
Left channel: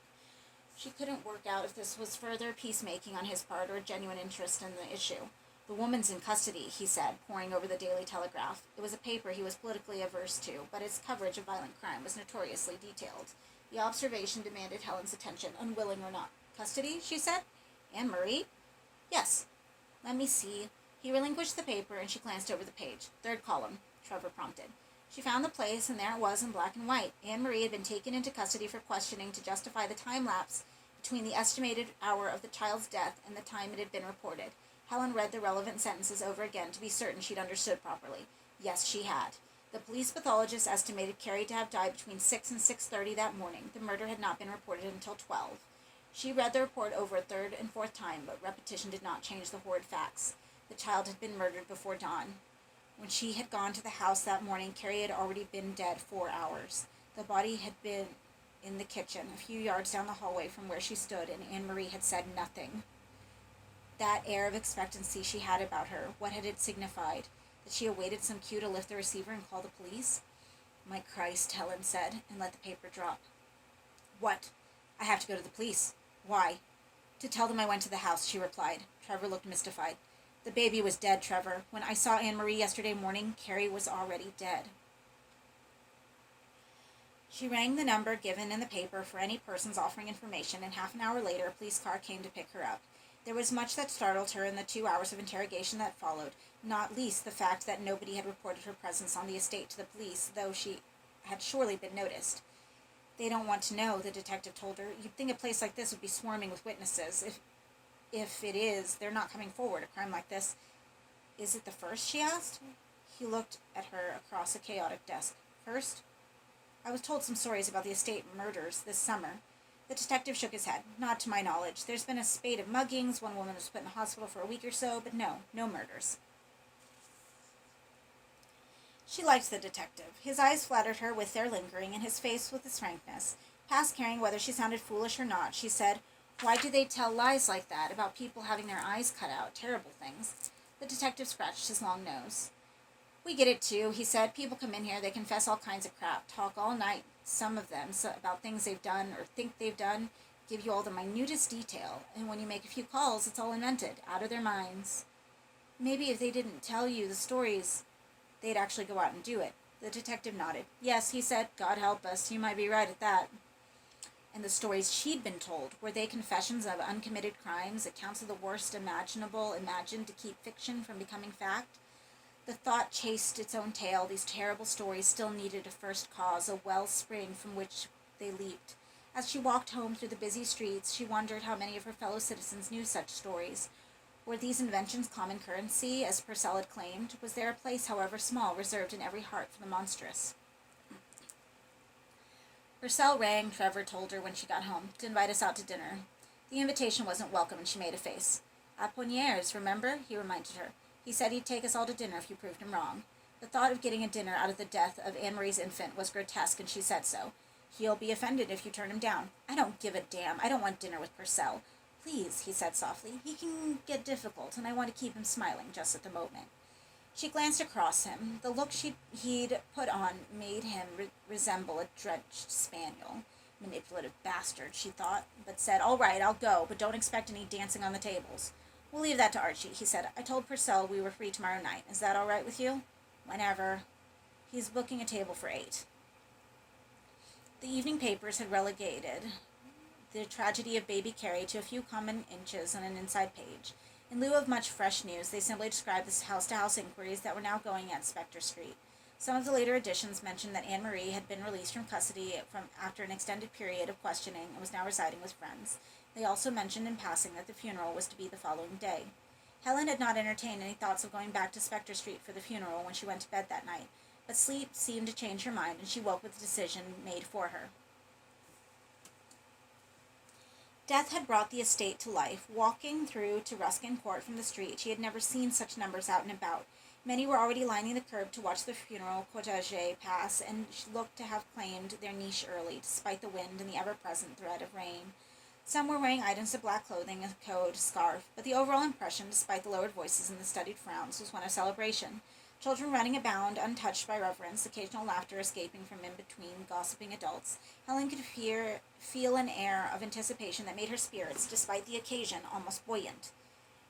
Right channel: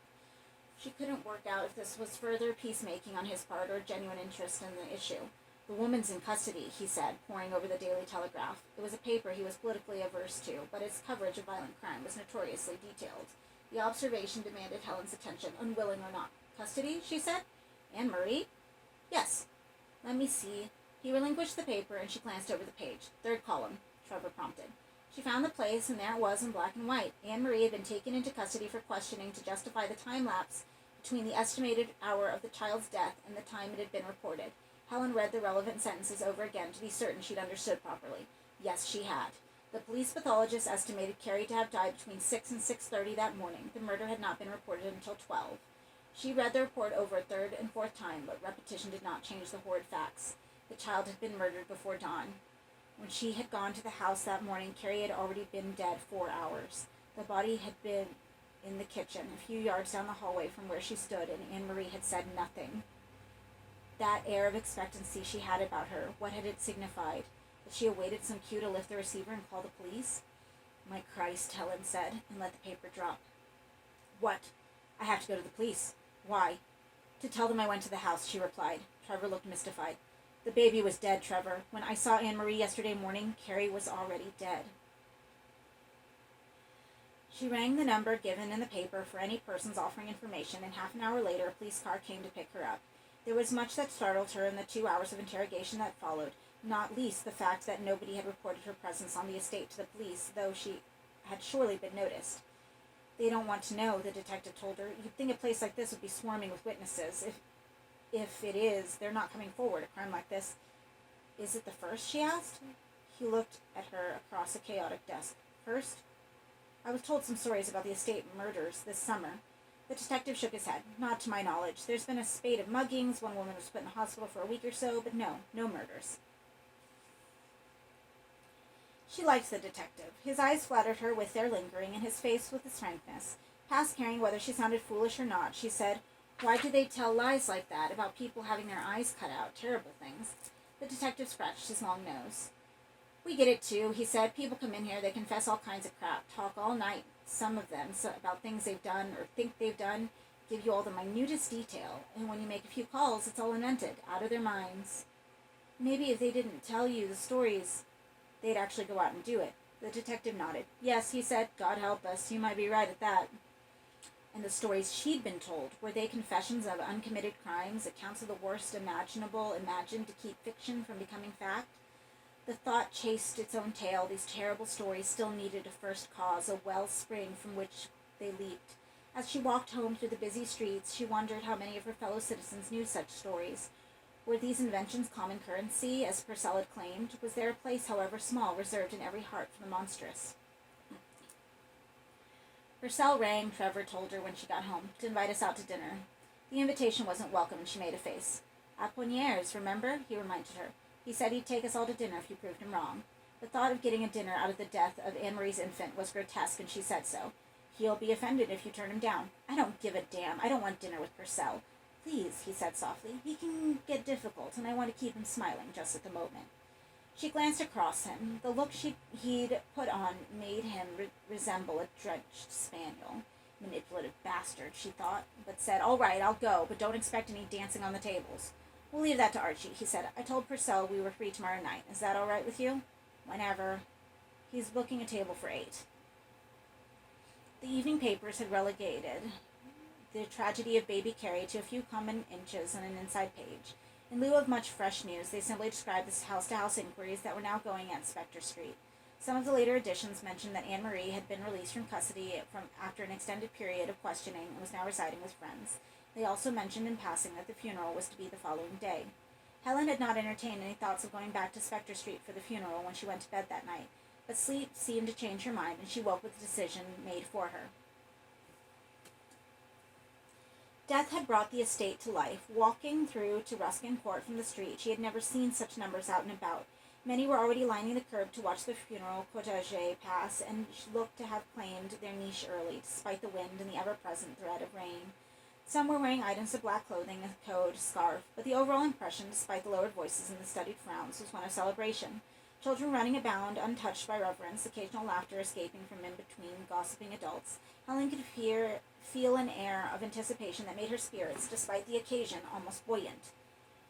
She couldn't work out if this was further peacemaking on his part or genuine interest in the issue. The woman's in custody, he said, poring over the Daily Telegraph. It was a paper he was politically averse to, but its coverage of violent crime was notoriously detailed. The observation demanded Helen's attention, unwilling or not. Custody, she said. Anne-Marie? Yes. Let me see. He relinquished the paper, and she glanced over the page. Third column, Trevor prompted. She found the place, and there it was in black and white. Anne-Marie had been taken into custody for questioning to justify the time lapse between the estimated hour of the child's death and the time it had been reported. Helen read the relevant sentences over again to be certain she'd understood properly. Yes, she had. The police pathologist estimated Carrie to have died between 6 and 6:30 that morning. The murder had not been reported until 12. She read the report over a third and fourth time, but repetition did not change the horrid facts. The child had been murdered before dawn. When she had gone to the house that morning, Carrie had already been dead 4 hours. The body had been in the kitchen, a few yards down the hallway from where she stood, and Anne-Marie had said nothing. That air of expectancy she had about her, what had it signified? That she awaited some cue to lift the receiver and call the police? My Christ, Helen said, and let the paper drop. What? I have to go to the police. Why? To tell them I went to the house, she replied. Trevor looked mystified. The baby was dead, Trevor. When I saw Anne-Marie yesterday morning, Carrie was already dead. She rang the number given in the paper for any persons offering information, and half an hour later a police car came to pick her up. There was much that startled her in the 2 hours of interrogation that followed, not least the fact that nobody had reported her presence on the estate to the police, though she had surely been noticed. They don't want to know, the detective told her. You'd think a place like this would be swarming with witnesses. If it is, they're not coming forward. A crime like this. Is it the first, she asked? He looked at her across a chaotic desk. First? I was told some stories about the estate murders this summer. The detective shook his head. Not to my knowledge. There's been a spate of muggings. One woman was put in the hospital for a week or so, but no murders. She liked the detective. His eyes flattered her with their lingering, and his face with its frankness. Past caring whether she sounded foolish or not, she said, Why do they tell lies like that about people having their eyes cut out? Terrible things. The detective scratched his long nose. We get it too, he said. People come in here, they confess all kinds of crap, talk all night, some of them, about things they've done or think they've done, give you all the minutest detail, and when you make a few calls, it's all invented, out of their minds. Maybe if they didn't tell you the stories, they'd actually go out and do it. The detective nodded. Yes, he said, God help us, you might be right at that. And the stories she'd been told, were they confessions of uncommitted crimes, accounts of the worst imaginable, imagined to keep fiction from becoming fact? The thought chased its own tail. These terrible stories still needed a first cause, a wellspring from which they leaped. As she walked home through the busy streets, she wondered how many of her fellow citizens knew such stories. Were these inventions common currency, as Purcell had claimed? Was there a place, however small, reserved in every heart for the monstrous? Purcell rang, Trevor told her when she got home, to invite us out to dinner. The invitation wasn't welcome, and she made a face. Aponières, remember? He reminded her. He said he'd take us all to dinner if you proved him wrong. The thought of getting a dinner out of the death of Anne-Marie's infant was grotesque, and she said so. He'll be offended if you turn him down. I don't give a damn. I don't want dinner with Purcell. Please, he said softly. He can get difficult, and I want to keep him smiling just at the moment. She glanced across him. The look he'd put on made him resemble a drenched spaniel. Manipulative bastard, she thought, but said, All right, I'll go, but don't expect any dancing on the tables. We'll leave that to Archie, he said. I told Purcell we were free tomorrow night. Is that all right with you? Whenever. He's booking a table for 8. The evening papers had relegated the tragedy of baby Carrie to a few common inches on an inside page. In lieu of much fresh news, they simply described the house-to-house inquiries that were now going at Spectre Street. Some of the later editions mentioned that Anne-Marie had been released from custody after an extended period of questioning and was now residing with friends. They also mentioned in passing that the funeral was to be the following day. Helen had not entertained any thoughts of going back to Spectre Street for the funeral when she went to bed that night, but sleep seemed to change her mind, and she woke with the decision made for her. Death had brought the estate to life. Walking through to Ruskin Court from the street, she had never seen such numbers out and about. Many were already lining the curb to watch the funeral cortege pass, and looked to have claimed their niche early, despite the wind and the ever-present threat of rain. Some were wearing items of black clothing, a coat, a scarf, but the overall impression, despite the lowered voices and the studied frowns, was one of celebration. Children running about, untouched by reverence, occasional laughter escaping from in between gossiping adults. Helen could feel an air of anticipation that made her spirits, despite the occasion, almost buoyant.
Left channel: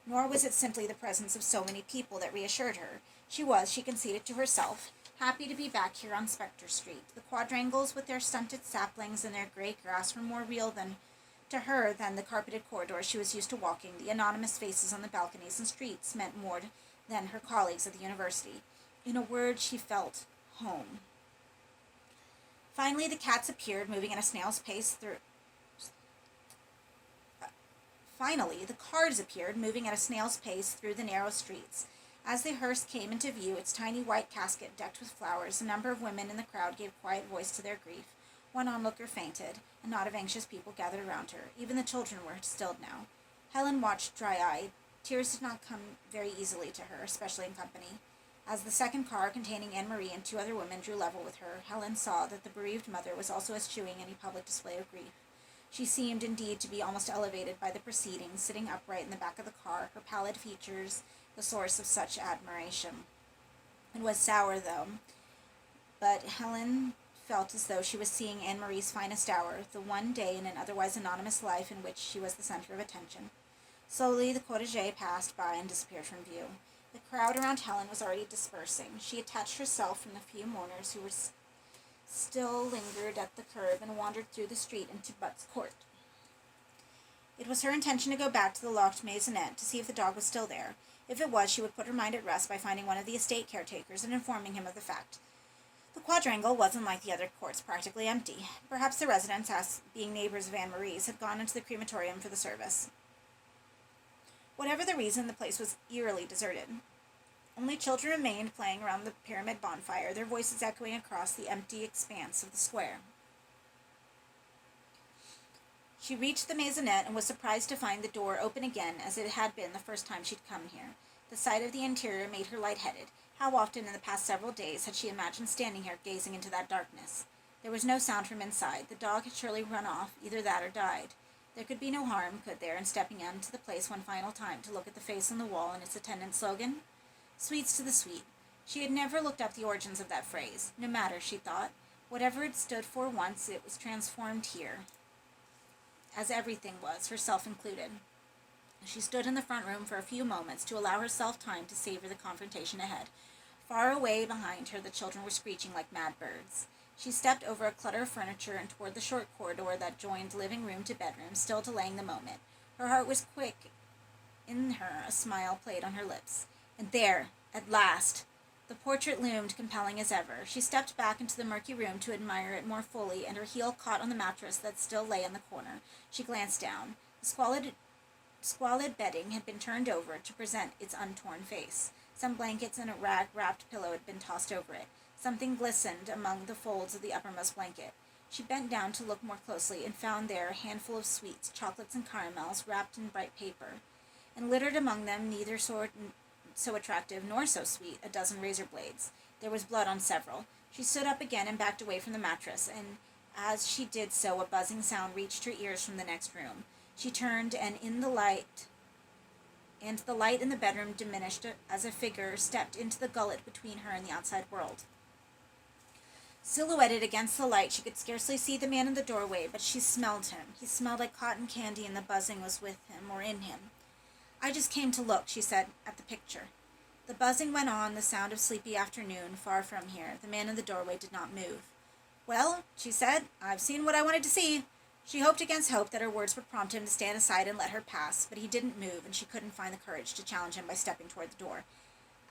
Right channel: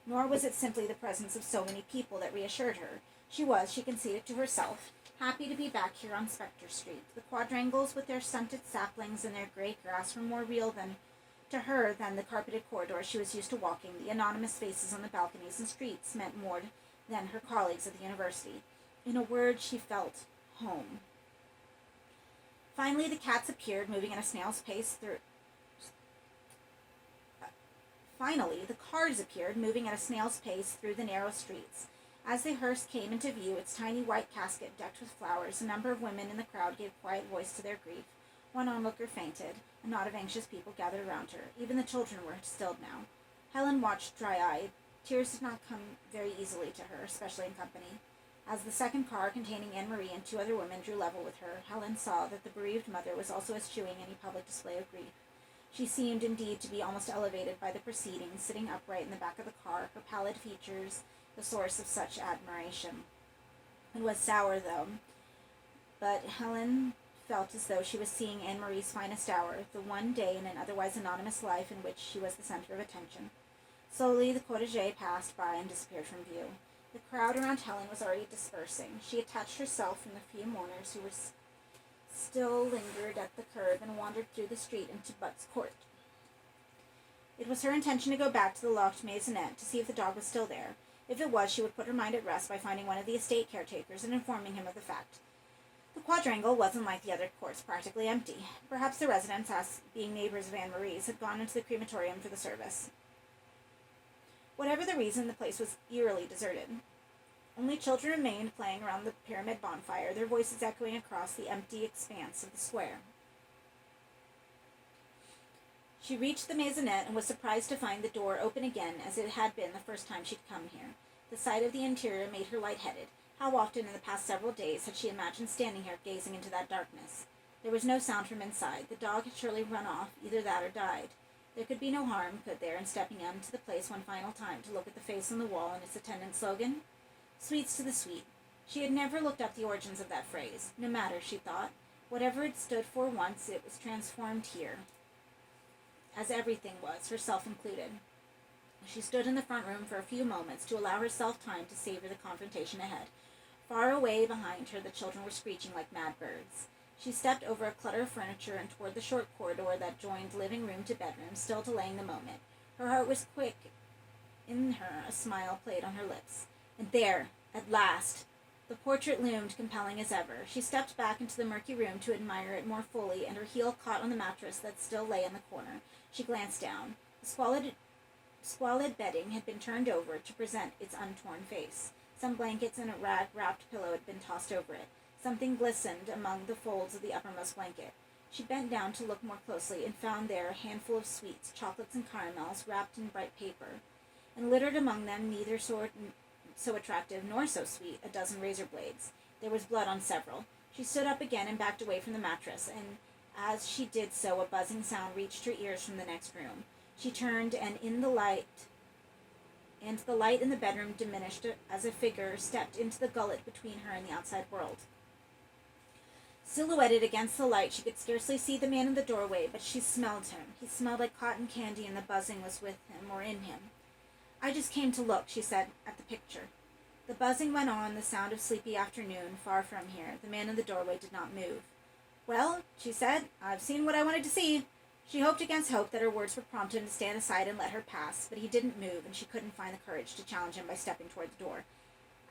Nor was it simply the presence of so many people that reassured her. She conceded to herself, happy to be back here on Spectre Street. The quadrangles with their stunted saplings and their gray grass were more real to her than the carpeted corridors she was used to walking. The anonymous faces on the balconies and streets meant more than her colleagues at the university. In a word, she felt home. Finally, the cats appeared, moving at a snail's pace through... Finally, the cars appeared, moving at a snail's pace through the narrow streets. As the hearse came into view, its tiny white casket decked with flowers, a number of women in the crowd gave quiet voice to their grief. One onlooker fainted. A knot of anxious people gathered around her. Even the children were stilled now. Helen watched dry-eyed. Tears did not come very easily to her, especially in company. As the second car, containing Anne-Marie and 2 other women, drew level with her, Helen saw that the bereaved mother was also eschewing any public display of grief. She seemed, indeed, to be almost elevated by the proceedings, sitting upright in the back of the car, her pallid features the source of such admiration. It was sour, though, but Helen felt as though she was seeing Anne-Marie's finest hour, the one day in an otherwise anonymous life in which she was the center of attention. Slowly the cortege passed by and disappeared from view. The crowd around Helen was already dispersing. She detached herself from the few mourners who were still lingered at the curb and wandered through the street into Butt's Court. It was her intention to go back to the locked maisonette to see if the dog was still there. If it was, she would put her mind at rest by finding one of the estate caretakers and informing him of the fact. The quadrangle wasn't like the other courts, practically empty. Perhaps the residents, as being neighbors of Anne-Marie's, had gone into the crematorium for the service. Whatever the reason, the place was eerily deserted. Only children remained playing around the pyramid bonfire, their voices echoing across the empty expanse of the square. She reached the maisonette and was surprised to find the door open again as it had been the first time she'd come here. The sight of the interior made her lightheaded. How often in the past several days had she imagined standing here gazing into that darkness? There was no sound from inside. The dog had surely run off, either that or died. There could be no harm, could there, in stepping into the place one final time to look at the face on the wall and its attendant slogan? Sweets to the sweet. She had never looked up the origins of that phrase. No matter, she thought. Whatever it stood for once, it was transformed here, as everything was, herself included. She stood in the front room for a few moments to allow herself time to savor the confrontation ahead. Far away behind her, the children were screeching like mad birds. She stepped over a clutter of furniture and toward the short corridor that joined living room to bedroom, still delaying the moment. Her heart was quick. In her, a smile played on her lips. And there, at last! The portrait loomed compelling as ever. She stepped back into the murky room to admire it more fully, and her heel caught on the mattress that still lay in the corner. She glanced down. The squalid bedding had been turned over to present its untorn face. Some blankets and a rag-wrapped pillow had been tossed over it. Something glistened among the folds of the uppermost blanket. She bent down to look more closely and found there a handful of sweets, chocolates and caramels, wrapped in bright paper. And littered among them, neither so attractive nor so sweet, a dozen razor blades. There was blood on several. She stood up again and backed away from the mattress, and as she did so, a buzzing sound reached her ears from the next room. She turned, and the light in the bedroom diminished as a figure stepped into the gullet between her and the outside world. Silhouetted against the light, she could scarcely see the man in the doorway, but she smelled him. He smelled like cotton candy, and the buzzing was with him, or in him. "I just came to look," she said, "at the picture." The buzzing went on, the sound of sleepy afternoon, far from here. The man in the doorway did not move. "Well," she said, "I've seen what I wanted to see." She hoped against hope that her words would prompt him to stand aside and let her pass, but he didn't move, and she couldn't find the courage to challenge him by stepping toward the door.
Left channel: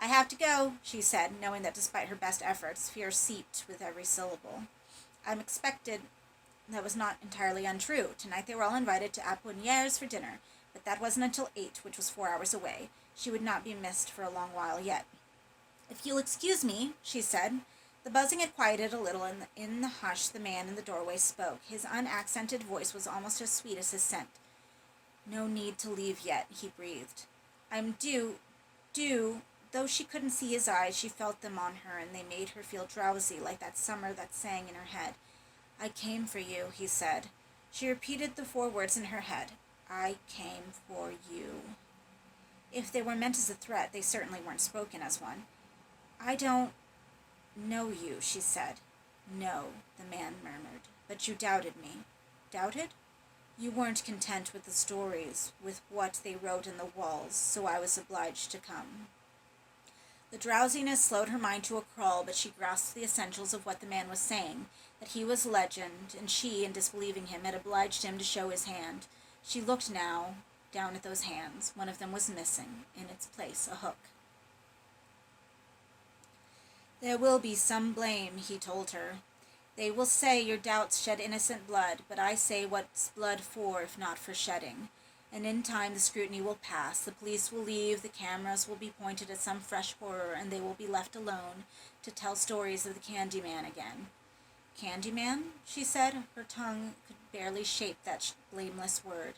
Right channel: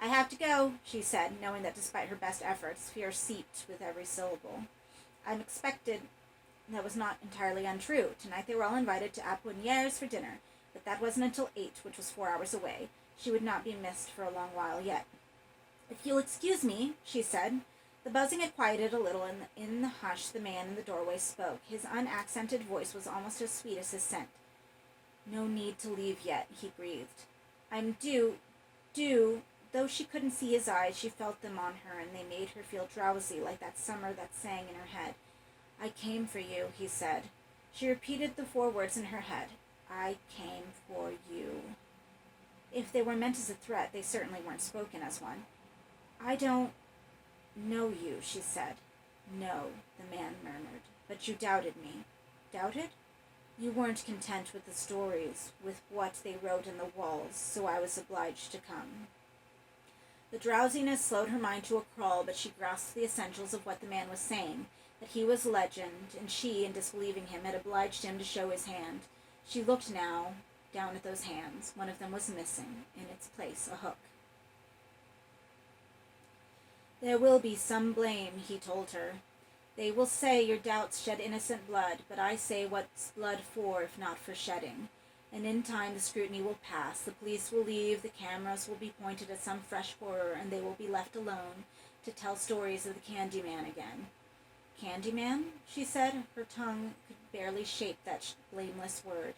"I have to go," she said, knowing that despite her best efforts, fear seeped with every syllable. "I'm expected." That was not entirely untrue. Tonight they were all invited to Apponier's for dinner, but that wasn't until 8, which was 4 hours away. She would not be missed for a long while yet. "If you'll excuse me," she said. The buzzing had quieted a little, and in the hush the man in the doorway spoke. His unaccented voice was almost as sweet as his scent. "No need to leave yet," he breathed. "I'm due. Though she couldn't see his eyes, she felt them on her, and they made her feel drowsy, like that summer that sang in her head. "I came for you," he said. She repeated the 4 words in her head. "I came for you." If they were meant as a threat, they certainly weren't spoken as one. "I don't know you," she said. "No," the man murmured. "But you doubted me." "Doubted?" "You weren't content with the stories, with what they wrote in the walls, so I was obliged to come." The drowsiness slowed her mind to a crawl, but she grasped the essentials of what the man was saying, that he was legend, and she, in disbelieving him, had obliged him to show his hand. She looked now down at those hands. One of them was missing, in its place a hook. "There will be some blame," he told her. "They will say your doubts shed innocent blood, but I say what's blood for if not for shedding. And in time the scrutiny will pass, the police will leave, the cameras will be pointed at some fresh horror, and they will be left alone to tell stories of the Candyman again." "Candyman?" she said. Her tongue could barely shape that blameless word.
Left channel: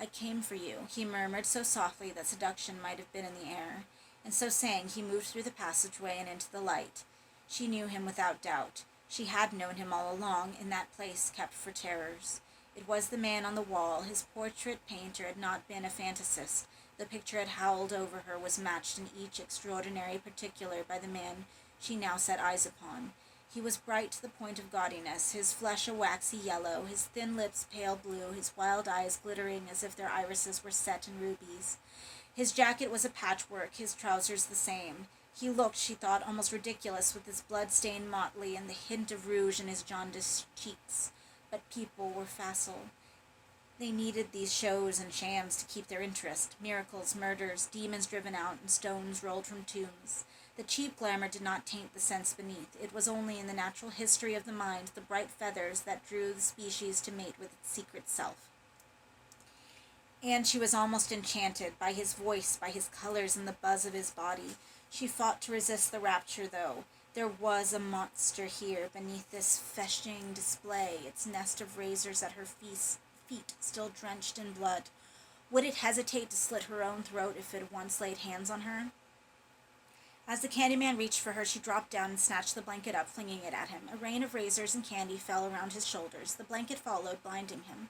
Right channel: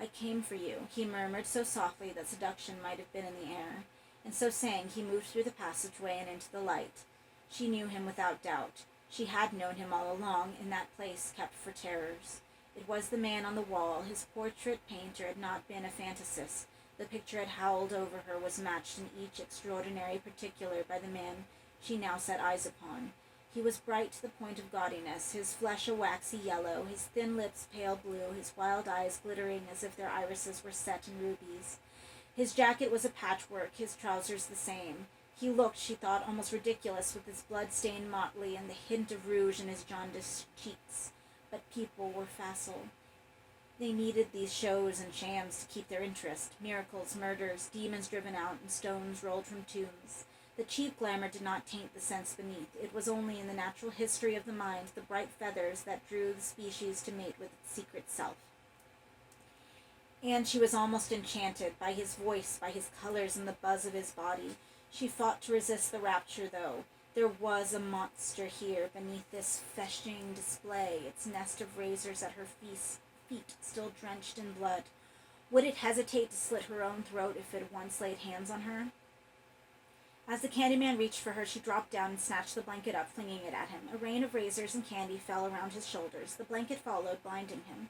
"I came for you," he murmured so softly that seduction might have been in the air. And so saying, he moved through the passageway and into the light. She knew him without doubt. She had known him all along, in that place kept for terrors. It was the man on the wall. His portrait painter had not been a fantasist. The picture had howled over her, was matched in each extraordinary particular by the man she now set eyes upon. He was bright to the point of gaudiness, his flesh a waxy yellow, his thin lips pale blue, his wild eyes glittering as if their irises were set in rubies. His jacket was a patchwork, his trousers the same. He looked, she thought, almost ridiculous with his blood-stained motley and the hint of rouge in his jaundiced cheeks. But people were facile. They needed these shows and shams to keep their interest. Miracles, murders, demons driven out, and stones rolled from tombs. The cheap glamour did not taint the sense beneath. It was only in the natural history of the mind, the bright feathers that drew the species to mate with its secret self. And she was almost enchanted by his voice, by his colors, and the buzz of his body. She fought to resist the rapture, though. There was a monster here, beneath this fetching display, its nest of razors at her feet still drenched in blood. Would it hesitate to slit her own throat if it once laid hands on her? As the Candyman reached for her, she dropped down and snatched the blanket up, flinging it at him. A rain of razors and candy fell around his shoulders. The blanket followed, blinding him.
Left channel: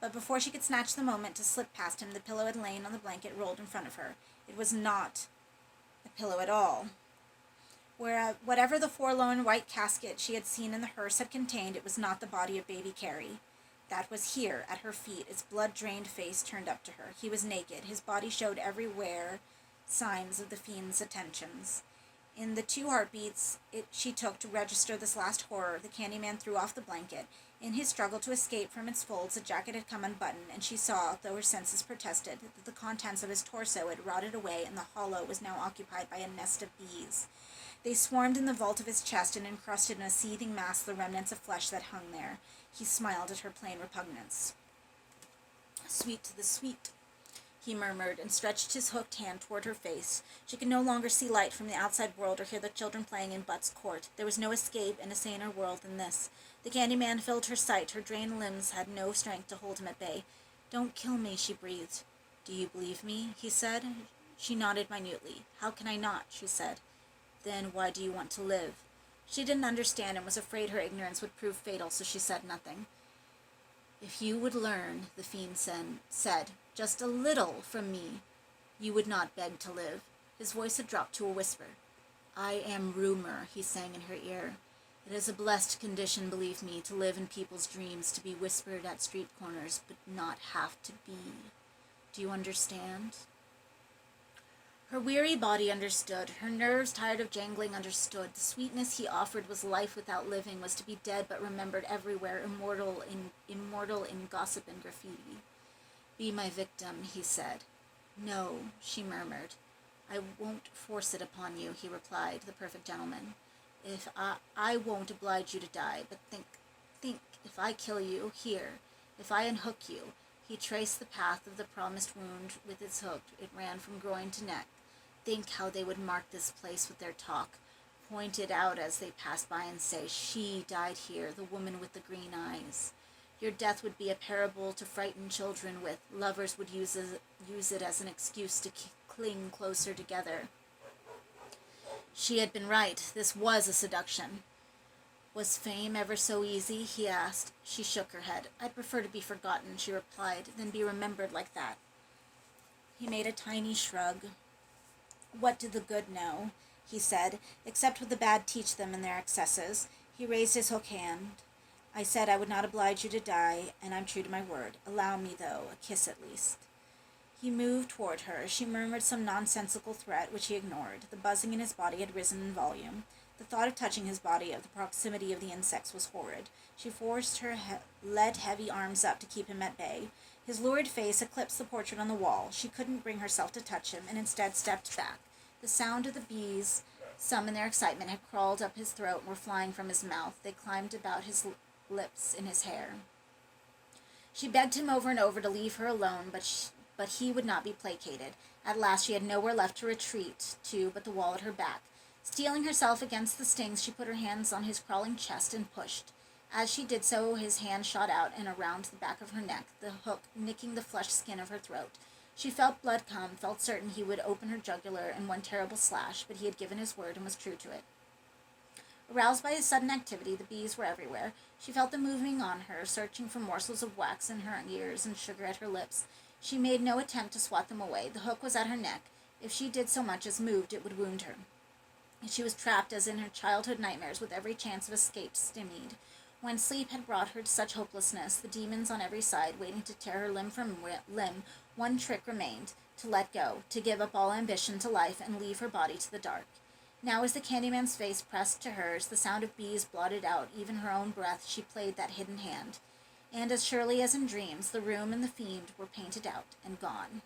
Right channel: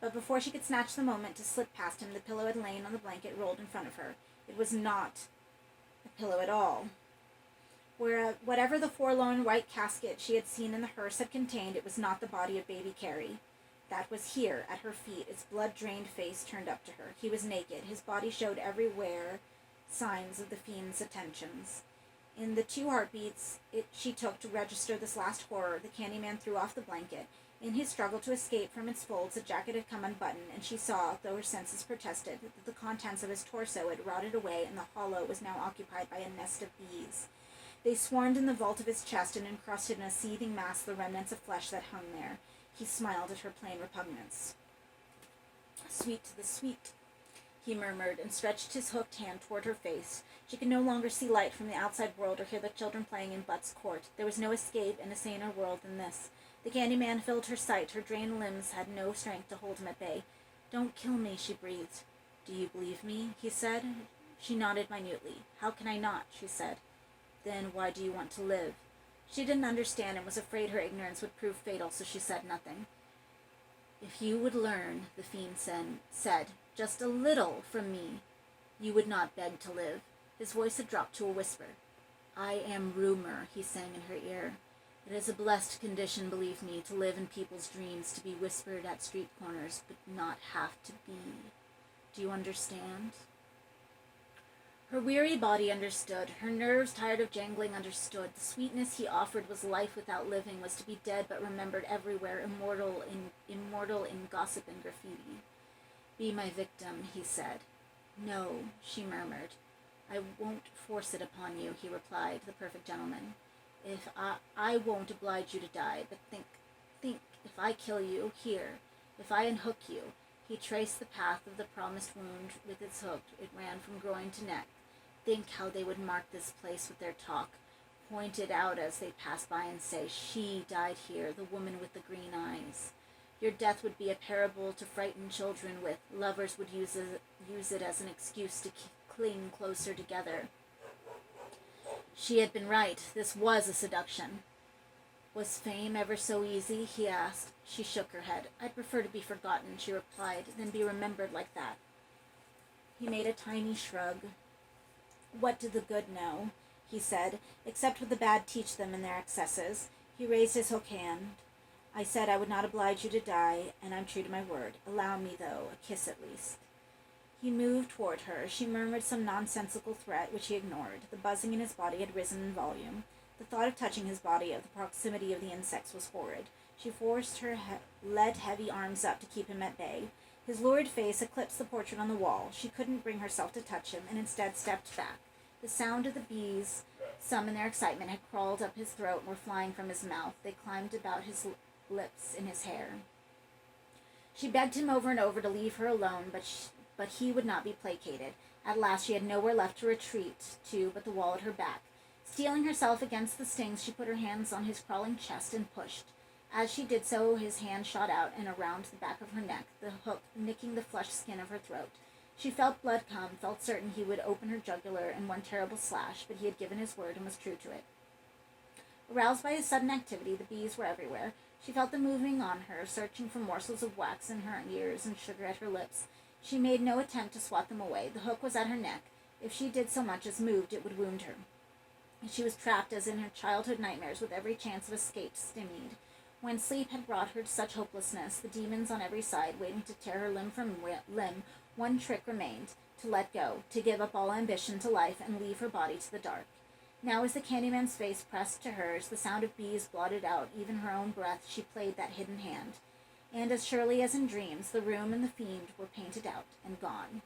But before she could snatch the moment to slip past him, the pillow had lain on the blanket rolled in front of her. It was not a pillow at all. Whatever the forlorn white casket she had seen in the hearse had contained, it was not the body of baby Carrie. That was here, at her feet, its blood-drained face turned up to her. He was naked. His body showed everywhere signs of the fiend's attentions. In the 2 heartbeats she took to register this last horror, the Candyman threw off the blanket. In his struggle to escape from its folds, the jacket had come unbuttoned, and she saw, though her senses protested, that the contents of his torso had rotted away, and the hollow was now occupied by a nest of bees. They swarmed in the vault of his chest and encrusted in a seething mass the remnants of flesh that hung there. He smiled at her plain repugnance. "Sweet to the sweet," he murmured, and stretched his hooked hand toward her face. She could no longer see light from the outside world or hear the children playing in Butt's court. There was no escape in a saner world than this. The Candyman filled her sight. Her drained limbs had no strength to hold him at bay. "Don't kill me," she breathed. "Do you believe me?" he said. She nodded minutely. "How can I not?" she said. "Then why do you want to live?" She didn't understand and was afraid her ignorance would prove fatal, so she said nothing. "If you would learn," the fiend said, "just a little from me, you would not beg to live." His voice had dropped to a whisper. "I am rumor," he sang in her ear. "It is a blessed condition, believe me, to live in people's dreams, to be whispered at street corners, but not have to be. Do you understand?" Her weary body understood. Her nerves, tired of jangling, understood. The sweetness he offered was life without living, was to be dead but remembered everywhere, immortal in gossip and graffiti. "Be my victim," he said. "No," she murmured. "I won't force it upon you," he replied, the perfect gentleman. "If I won't oblige you to die, but think, if I kill you, here, if I unhook you." He traced the path of the promised wound with its hook. It ran from groin to neck. "Think how they would mark this place with their talk, point it out as they passed by and say, 'She died here, the woman with the green eyes.' Your death would be a parable to frighten children with. Lovers would use it as an excuse to cling closer together." She had been right. This was a seduction. "Was fame ever so easy?" he asked. She shook her head. "I'd prefer to be forgotten," she replied, "than be remembered like that." He made a tiny shrug. "What do the good know," he said, "except what the bad teach them in their excesses?" He raised his hook hand. "I said I would not oblige you to die, and I'm true to my word. Allow me, though, a kiss at least." He moved toward her. She murmured some nonsensical threat, which he ignored. The buzzing in his body had risen in volume. The thought of touching his body, of the proximity of the insects, was horrid. She forced her lead-heavy arms up to keep him at bay. His lurid face eclipsed the portrait on the wall. She couldn't bring herself to touch him, and instead stepped back. The sound of the bees, some in their excitement, had crawled up his throat and were flying from his mouth. They climbed about his lips in his hair. She begged him over and over to leave her alone, but he would not be placated. At last she had nowhere left to retreat to but the wall at her back. Steeling herself against the stings, she put her hands on his crawling chest and pushed. As she did so, his hand shot out and around the back of her neck, the hook nicking the flushed skin of her throat. She felt blood come, felt certain he would open her jugular in one terrible slash, but he had given his word and was true to it. Aroused by his sudden activity, the bees were everywhere. She felt them moving on her, searching for morsels of wax in her ears and sugar at her lips. She made no attempt to swat them away. The hook was at her neck. If she did so much as moved, it would wound her. She was trapped as in her childhood nightmares, with every chance of escape stymied. When sleep had brought her to such hopelessness, the demons on every side waiting to tear her limb from limb, one trick remained: to let go, to give up all ambition to life and leave her body to the dark. Now, as the Candyman's face pressed to hers, the sound of bees blotted out even her own breath. She played that hidden hand. And as surely as in dreams, the room and the fiend were painted out and gone.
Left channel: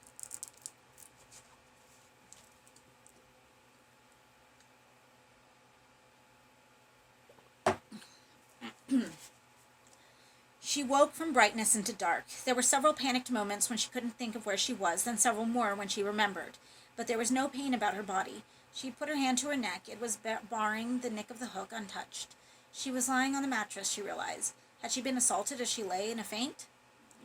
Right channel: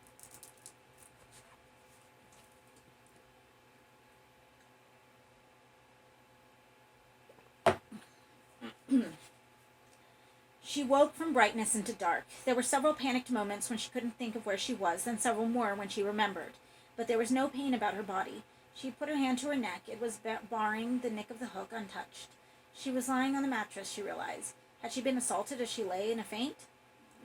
She woke from brightness into dark. There were several panicked moments when she couldn't think of where she was, then several more when she remembered. But there was no pain about her body. She put her hand to her neck. It was barring the nick of the hook untouched. She was lying on the mattress, she realized. Had she been assaulted as she lay in a faint?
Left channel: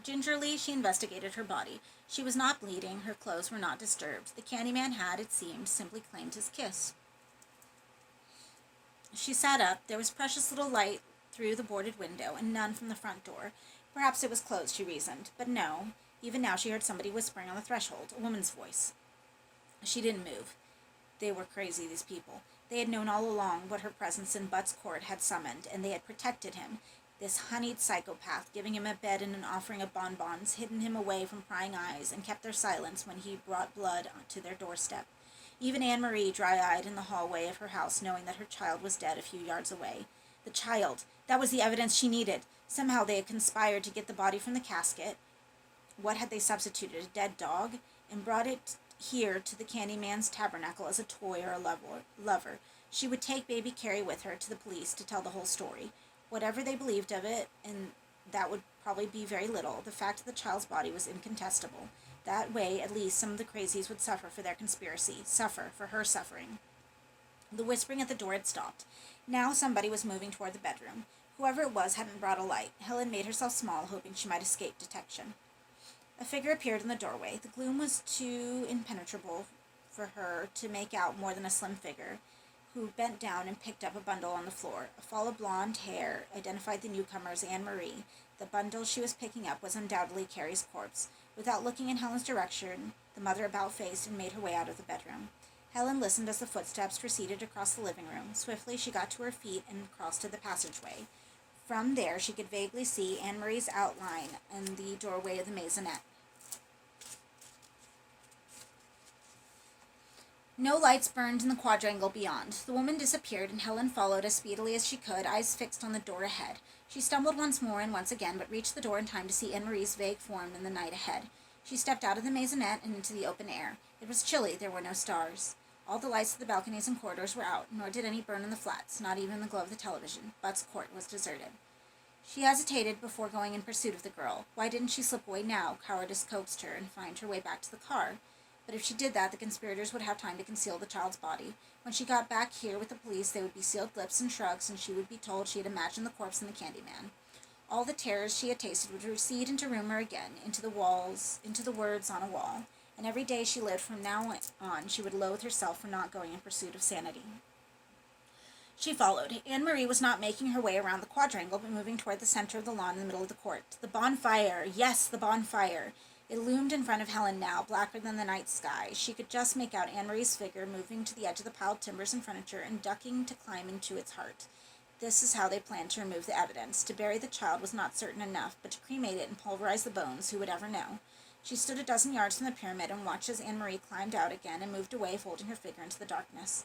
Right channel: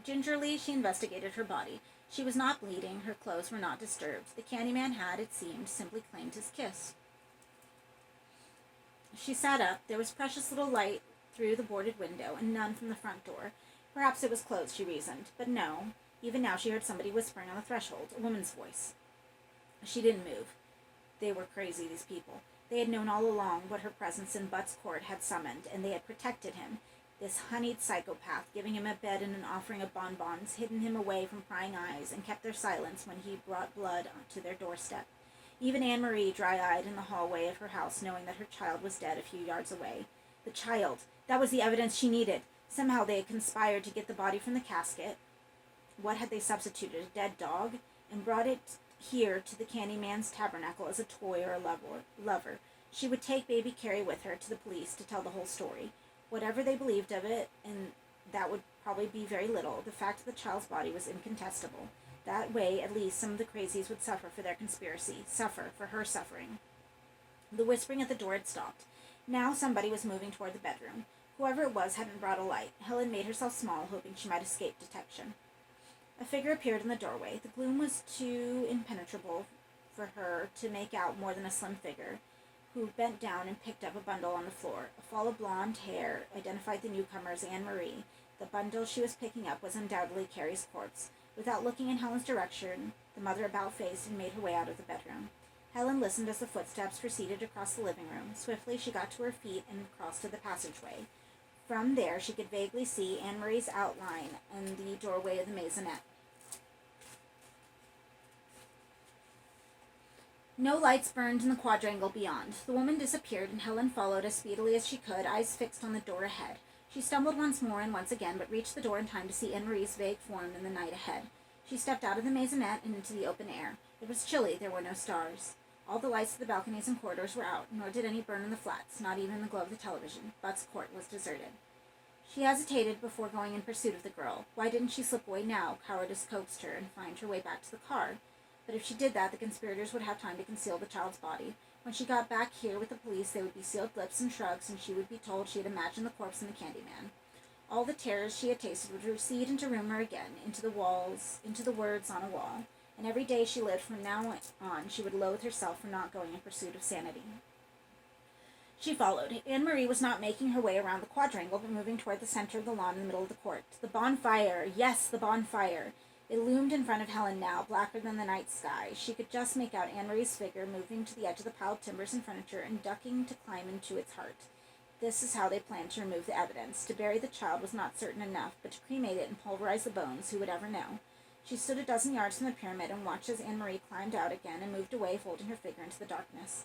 Gingerly, she investigated her body. She was not bleeding. Her clothes were not disturbed. The Candyman had, it seemed, simply claimed his kiss. She sat up. There was precious little light through the boarded window, and none from the front door. Perhaps it was closed, she reasoned. But no. Even now she heard somebody whispering on the threshold, a woman's voice. She didn't move. They were crazy, these people. They had known all along what her presence in Butt's court had summoned, and they had protected him. This honeyed psychopath, giving him a bed and an offering of bonbons, hidden him away from prying eyes, and kept their silence when he brought blood to their doorstep. Even Anne-Marie, dry-eyed in the hallway of her house, knowing that her child was dead a few yards away. The child! That was the evidence she needed. Somehow they had conspired to get the body from the casket. What had they substituted? A dead dog? And brought it here to the Candyman's tabernacle as a toy or a lover. She would take baby Carrie with her to the police to tell the whole story. Whatever they believed of it, and that would probably be very little, the fact of the child's body was incontestable. That way, at least, some of the crazies would suffer for their conspiracy, suffer for her suffering. The whispering at the door had stopped. Now somebody was moving toward the bedroom. Whoever it was hadn't brought a light. Helen made herself small, hoping she might escape detection. A figure appeared in the doorway. The gloom was too impenetrable for her to make out more than a slim figure, who bent down and picked up a bundle on the floor. A fall of blonde hair identified the newcomer as Anne-Marie. The bundle she was picking up was undoubtedly Carrie's corpse. Without looking in Helen's direction, the mother about-faced and made her way out of the bedroom. Helen listened as the footsteps proceeded across the living room. Swiftly she got to her feet and crossed to the passageway. From there she could vaguely see Anne-Marie's outline in the doorway of the maisonette. No lights burned in the quadrangle beyond. The woman disappeared, and Helen followed as speedily as she could, eyes fixed on the door ahead. She stumbled once more and once again, but reached the door in time to see Anne-Marie's vague form in the night ahead. She stepped out of the maisonette and into the open air. It was chilly, there were no stars. All the lights of the balconies and corridors were out, nor did any burn in the flats, not even the glow of the television. Butt's court was deserted. She hesitated before going in pursuit of the girl. Why didn't she slip away now? Cowardice coaxed her, and find her way back to the car. But if she did that, the conspirators would have time to conceal the child's body. When she got back here with the police, they would be sealed lips and shrugs, and she would be told she had imagined the corpse and the Candyman. All the terrors she had tasted would recede into rumor again, into the walls, into the words on a wall. And every day she lived from now on, she would loathe herself for not going in pursuit of sanity. She followed. Anne-Marie was not making her way around the quadrangle, but moving toward the center of the lawn in the middle of the court. The bonfire! Yes, the bonfire! It loomed in front of Helen now, blacker than the night sky. She could just make out Anne-Marie's figure moving to the edge of the piled timbers and furniture and ducking to climb into its heart. This is how they planned to remove the evidence. To bury the child was not certain enough, but to cremate it and pulverize the bones, who would ever know? She stood a dozen yards from the pyramid and watched as Anne-Marie climbed out again and moved away, folding her figure into the darkness.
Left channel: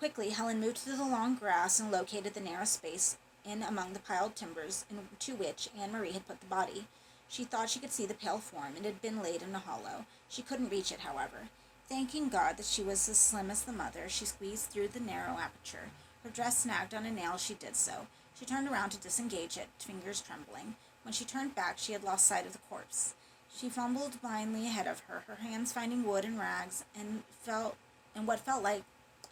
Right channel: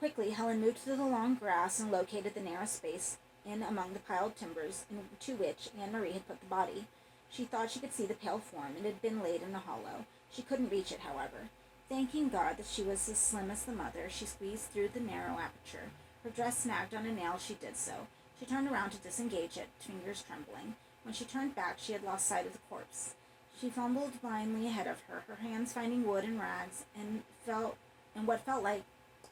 Quickly, Helen moved through the long grass and located the narrow space in among the piled timbers into which Anne-Marie had put the body. She thought she could see the pale form. It had been laid in a hollow. She couldn't reach it, however. Thanking God that she was as slim as the mother, she squeezed through the narrow aperture. Her dress snagged on a nail as she did so. She turned around to disengage it, fingers trembling. When she turned back, she had lost sight of the corpse. She fumbled blindly ahead of her, her hands finding wood and rags, and what felt like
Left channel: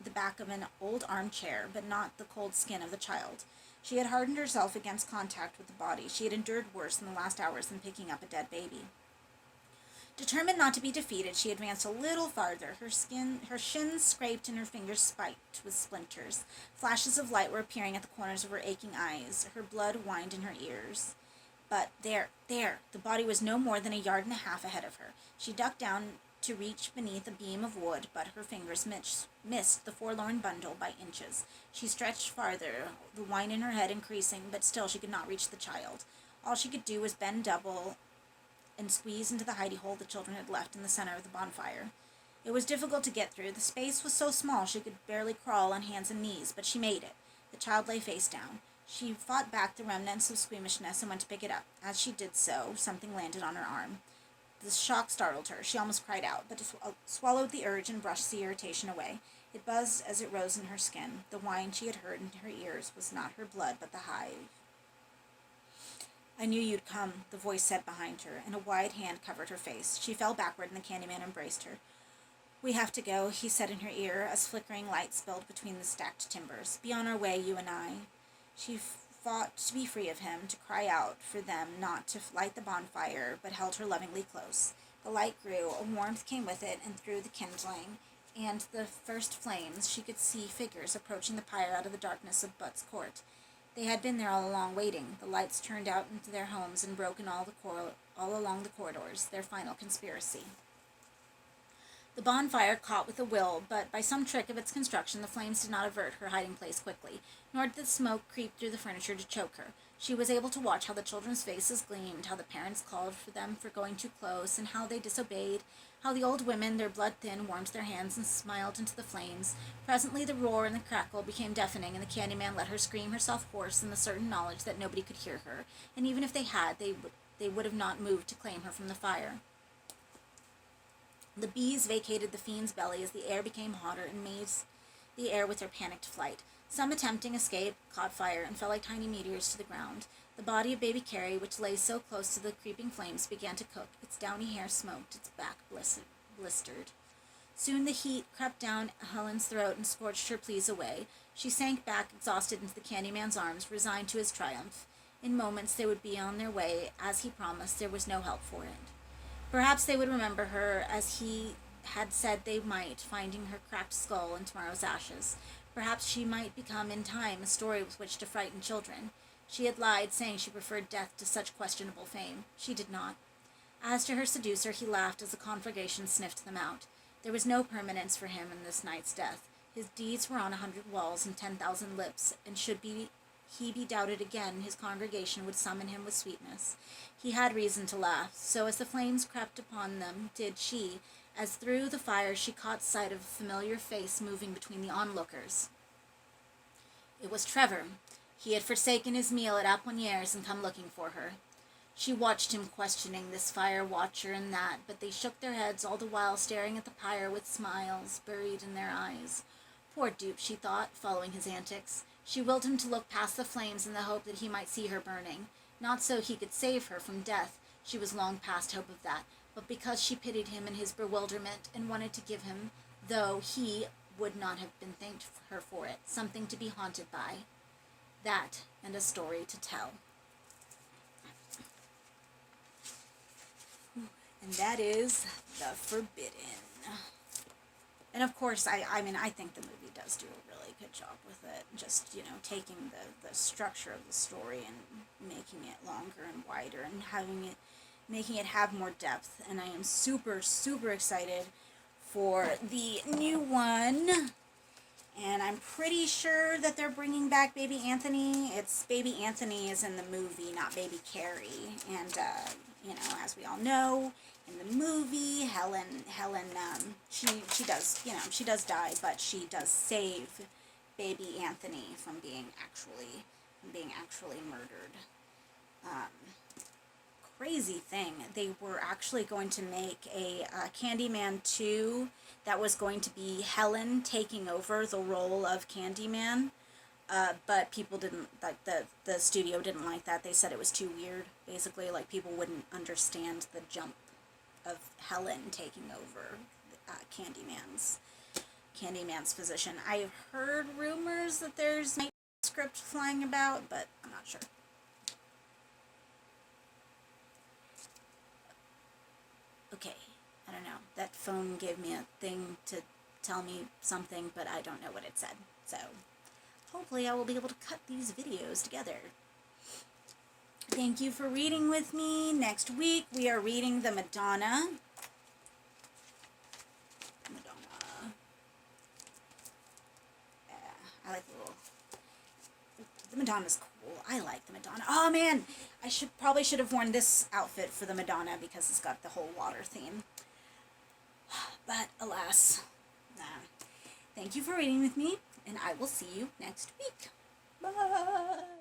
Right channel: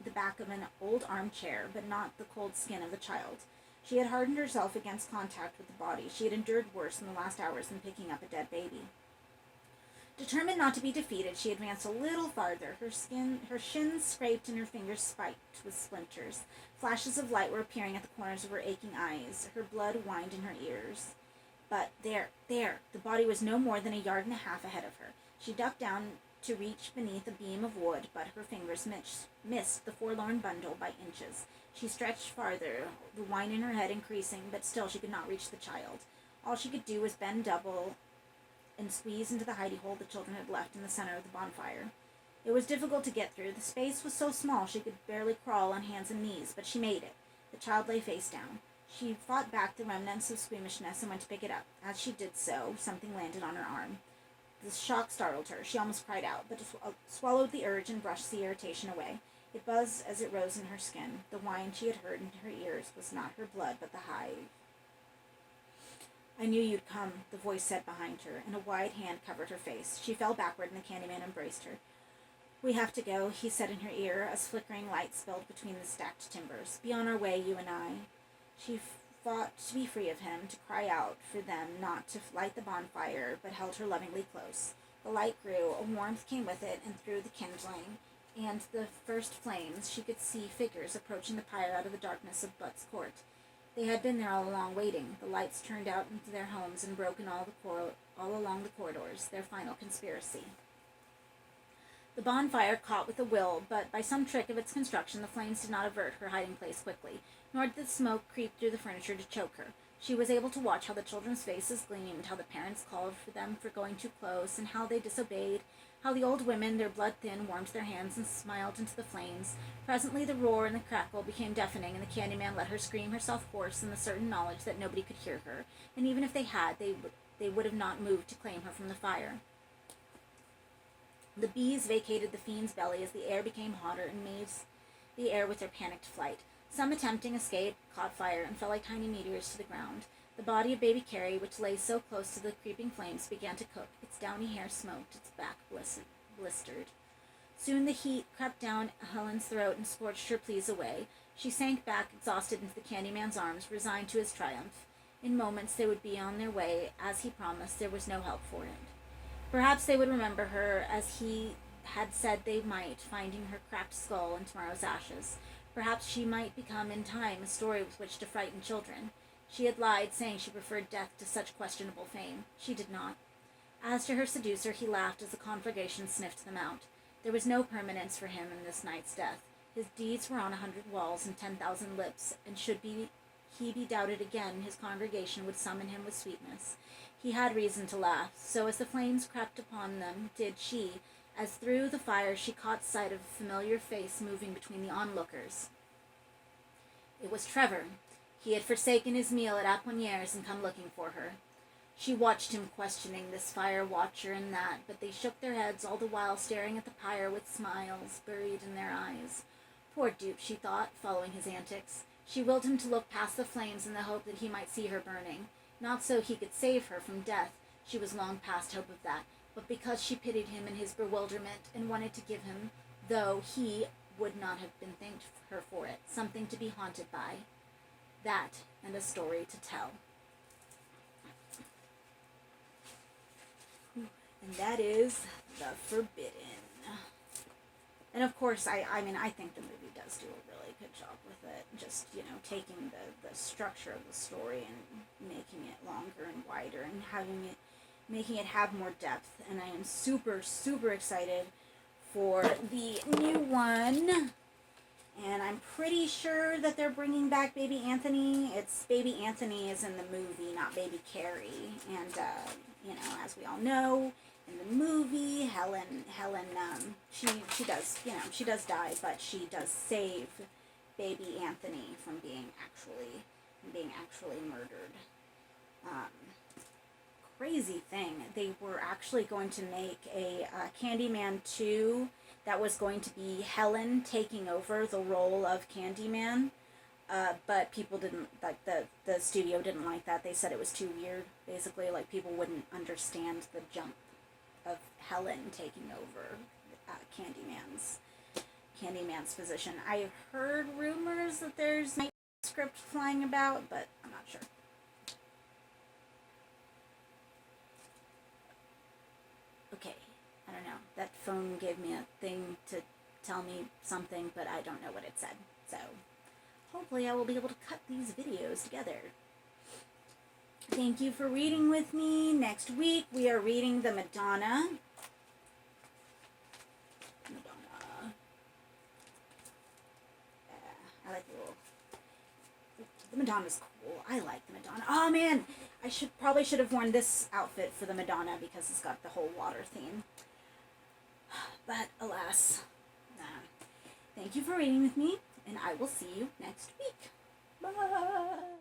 the back of an old armchair, but not the cold skin of the child. She had hardened herself against contact with the body. She had endured worse in the last hours than picking up a dead baby. Determined not to be defeated, she advanced a little farther. Her shins scraped and her fingers spiked with splinters. Flashes of light were appearing at the corners of her aching eyes. Her blood whined in her ears. But there, the body was no more than a yard and a half ahead of her. She ducked down to reach beneath a beam of wood, but her fingers missed the forlorn bundle by inches. She stretched farther, the whine in her head increasing, but still she could not reach the child. All she could do was bend double and squeeze into the hidey hole the children had left in the center of the bonfire. It was difficult to get through. The space was so small she could barely crawl on hands and knees, but she made it. The child lay face down. She fought back the remnants of squeamishness and went to pick it up. As she did so, something landed on her arm. The shock startled her. She almost cried out, but swallowed the urge and brushed the irritation away. It buzzed as it rose in her skin. The whine she had heard in her ears was not her blood, but the hive. "I knew you'd come," the voice said behind her, and a wide hand covered her face. She fell backward, and the Candyman embraced her. "We have to go," he said in her ear, as flickering light spilled between the stacked timbers. "Be on our way, you and I." She fought to be free of him, to cry out for them not to light the bonfire, but held her lovingly close. The light grew, a warmth came with it, and through the kindling and the first flames she could see figures approaching the pyre out of the darkness of Butt's court. They had been there all along, waiting. The lights turned out into their homes and broke in all along the corridors, their final conspiracy. The bonfire caught with a will, but by some trick of its construction the flames did not avert her hiding place quickly, nor did the smoke creep through the furniture to choke her. She was able to watch how the children's faces gleamed, how the parents called for them for going too close, and how they disobeyed, how the old women, their blood thin, warmed their hands and smiled into the flames. Presently the roar and the crackle became deafening, and the Candyman let her scream herself hoarse in the certain knowledge that nobody could hear her, and even if they had, they would have not moved to claim her from the fire. The bees vacated the fiend's belly as the air became hotter and mazed the air with their panicked flight. Some attempting escape caught fire and fell like tiny meteors to the ground. The body of baby Carrie, which lay so close to the creeping flames, began to cook. Its downy hair smoked, its back blistered. Soon the heat crept down Helen's throat and scorched her pleas away. She sank back, exhausted, into the Candyman's arms, resigned to his triumph. In moments they would be on their way, as he promised. There was no help for it. Perhaps they would remember her as he had said they might, finding her cracked skull in tomorrow's ashes. Perhaps she might become, in time, a story with which to frighten children. She had lied, saying she preferred death to such questionable fame. She did not. As to her seducer, he laughed as the conflagration sniffed them out. There was no permanence for him in this night's death. His deeds were on 100 walls and 10,000 lips, and should he be doubted again, his congregation would summon him with sweetness. He had reason to laugh, so as the flames crept upon them, did she, as through the fire she caught sight of a familiar face moving between the onlookers. It was Trevor. He had forsaken his meal at Apponier's and come looking for her. She watched him questioning this fire watcher and that, but they shook their heads all the while staring at the pyre with smiles buried in their eyes. Poor dupe, she thought, following his antics. She willed him to look past the flames in the hope that he might see her burning. Not so he could save her from death. She was long past hope of that, but because she pitied him in his bewilderment and wanted to give him, though he would not have been thanked her for it, something to be haunted by. That, and a story to tell. And that is The Forbidden. And of course, I think the movie does do a really good job with it. Just, taking the structure of the story and making it longer and wider and making it have more depth. And I am super, super excited for the new one. And I'm pretty sure that they're bringing back Baby Anthony. It's Baby Anthony is in the movie, not Baby Carrie. And, as we all know, in the movie, Helen, she does die, but she does save Baby Anthony from being actually murdered. Crazy thing, they were actually going to make a Candyman 2 that was going to be Helen taking over the role of Candyman, but people didn't, like, the studio didn't like that. They said it was too weird, basically, like, people wouldn't understand the jump of Helen taking over Candyman's position. I've heard rumors that there's a script flying about, but I'm not sure. Okay, I don't know. That phone gave me a thing to tell me something, but I don't know what it said. So, hopefully I will be able to cut these videos together. Thank you for reading with me. Next week we are reading The Madonna. I like the Madonna's cool. I like the Madonna. Oh man, I probably should have worn this outfit for the Madonna because it's got the whole water theme. But alas, nah. Thank you for reading with me, and I will see you next week. Bye.